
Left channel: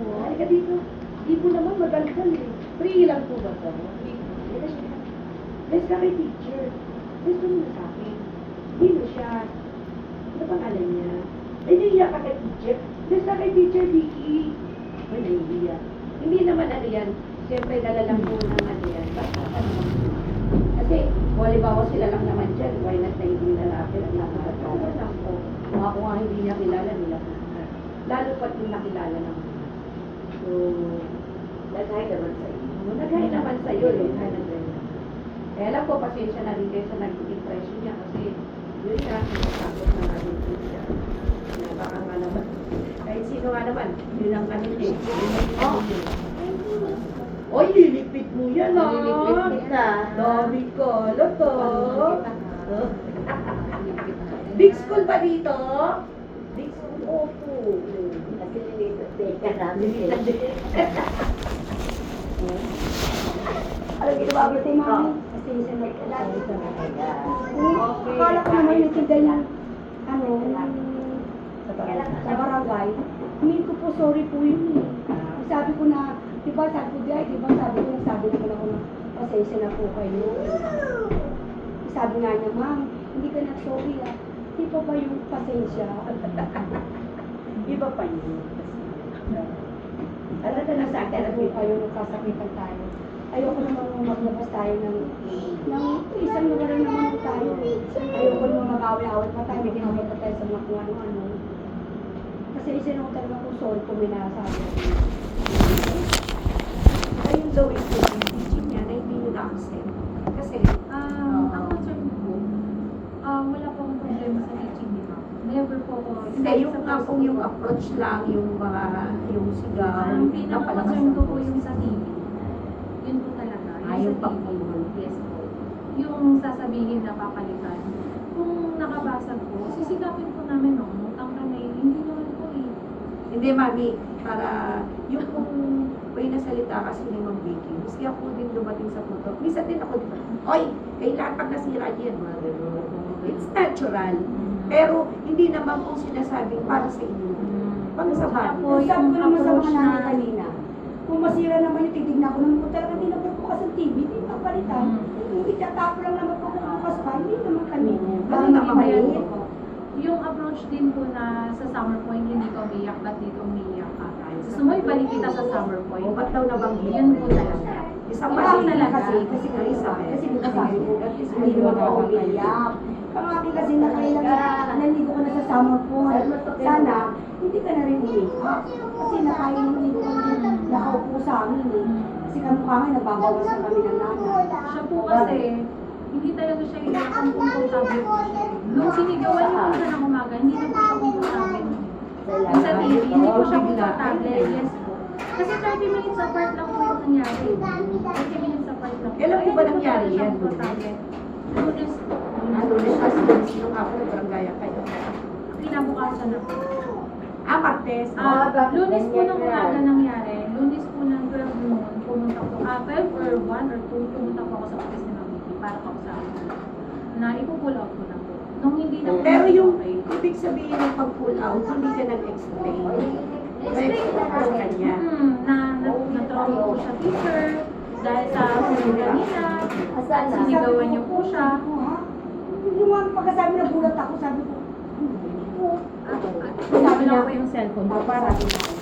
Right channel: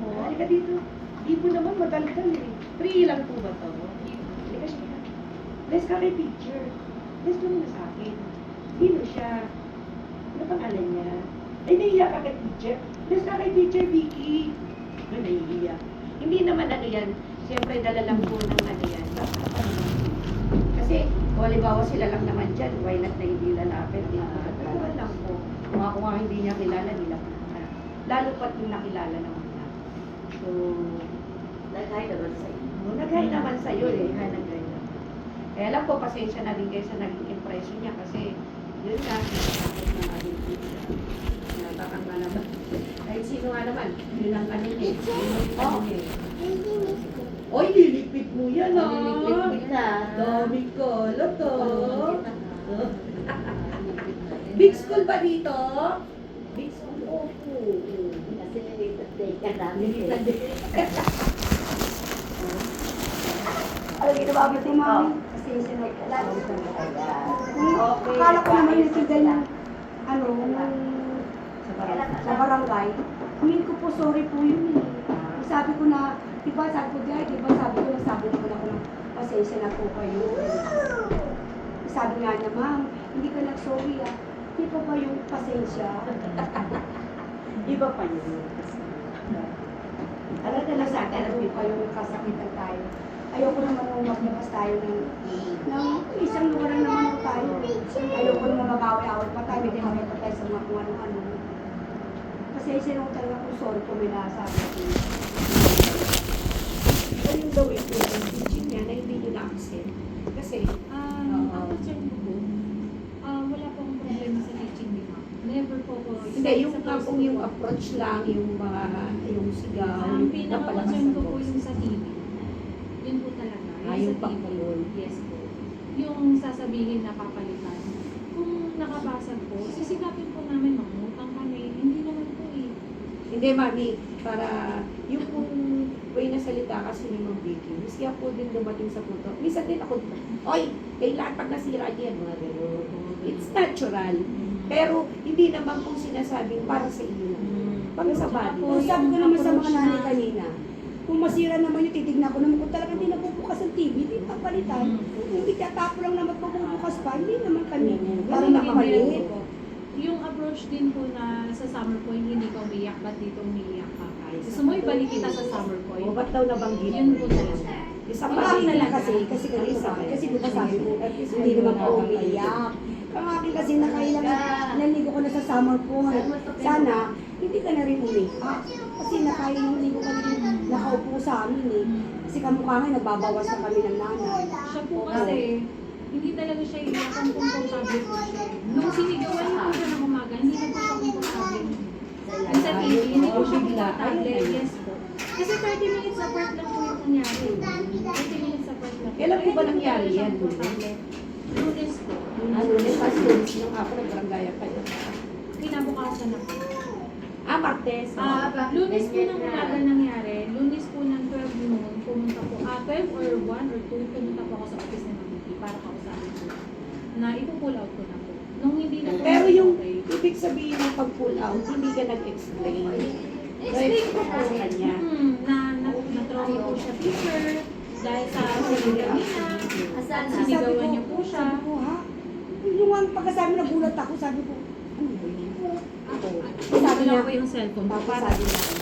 Halika dito. Di po naman madaldal eh. 3 lang po ba ito? Guys, ka kay teacher. Guys, ka muna sa akin. Dino siya. Ano pangalan niya? Eh, nahiya ka kay teacher. Guys, ka kay teacher, Vicky. Ay, nahiya. Hindi naman ano yan. Siyempre, dala lang po ng ano yan. Kasi, kung halimbawa sila lang naman dyan, why not na hindi lalaki ang nakakagala lang po. Kung hindi niya kilala nila. Lalo pat yung nakilala ng mga. So, nagay naman sa iyo. Nagay naman sa iyo eh. Nagay naman. Kaya lang po, pasensya na rin kayo sa naging impression niya kasi yun na, natakot na naging siya. Baka nga naman. Kahit sino nga naman, yun ang ano yun. Oy, nilipit mo yan ah. Nililipit kita. Dami ko, loto. Big school ba dito? Big school, opo. Kasi nilitad ka namin eh. Sabi ko, mami, pasensya na po. Akala ko naman yung tigay ng ano, sa barangay. Humingi ko po, sorry po yun eh. Sabi ko na, diba sabi ko, sabi ko naman ako ng pasensya na po kayo. Sabi nga niya, ma'am, hindi ka nag-sorry ah. Hindi pa ba yung pasensya? Iba pa yun. Ano na lang sa akin, Alam mo kayo, nagkasakitan tayo. Ayoko naman nung maglabas tayo ng isang lugar na naman tayo. Ayoko naman mag-away-away pa tayo, magkakabot pa tayo sa mga kung ano-ano. Kasi isinutan na kung sorry ko minasa. ano yung gawin ko yung teaching niya na hindi nyo na-accept. Kasi, Ang concern ko po, wala po akong problema sa teaching, di ba? Never po ako hindi, yung kung yung approach lang, yung mga, yung sigaw, Ang yung pinaka-concern ko po yung sa TV. Yun po talaga. Yung sa TV. pagpulol. Yes po. Yung sasabihin na papalitan. Kung nakabasag po, sisigapin po namin ng utang kanya yun. Hindi naman po eh. Hindi, mami, para yung may nasalita kasi ni Ma'am Vicky, miski ako din dumating sa punto. Minsan din ako, oy, kailangan pag nasira yan, mga gano'n. It's natural. Pero hindi naman po sinasabing para sa inyo. Para sa body. Kung sabi ko naman sa mga nanay kanina, kung masira naman yung titignan ko naman kung talaga hindi nabubukas ang TV, hindi na palitan. Hindi katapo lang naman pagbubukas pa, hindi naman kami. Wala Hindi naman yan mali. po. Yung approach din po na sa summer point, hindi ka umiyak, ba't dito umiyak ka? Gusto mo ibalik kita sa summer O, point? ba't daw nabanggit? Yun po talaga. Isa Ang pa akin din talaga kasi Carissa, kasi di ba sabi ko, hindi naman ako umiiyak. Ang akin kasi naligo ka na sa summer pool. Sana, hindi ka na rin umiiyak. Kasi nakahiligo ka na rin, nakaupo sa amin eh. Kasi kamukha nga, nagbabawas na kami ng nanay. Siya po kasi, hindi talaga siya iyak ang komportable po siya. Nung sinigawan niyo po siya ng umaga, hindi na po siya komportable. Yung sa TV, hindi po siya komportable. Yes po. Kasi 30 minutes apart lang po yung nangyari. 30 minutes apart lang po. Kailan po ba Kaya hindi po nangyari talaga siya yan? komportable. Lunes po. Ano, kasi yung ako nag-barangay ka. Kinabukasan na po. Martes. Lunes po nung umaga nangyari. Lunes po ng 12 noon, pumunta po. 12 or 1 or 2, pumunta po ako sa office ni Mami para kausapin po. Na ipupull out ko na po. Nung hindi na po Pero yung okay. ibig sabihin ng pag-pull out, hindi ka nag-explain. Explain ko na sa kanya. na-trophy po siya teacher dahil sa sinigawan niya. Sinigawan niyo po siya. Sabi ko, ha? Yung mga pagkasabi na bulat ako, sabi ko, Sabi lang po yung cellphone. sabi ko,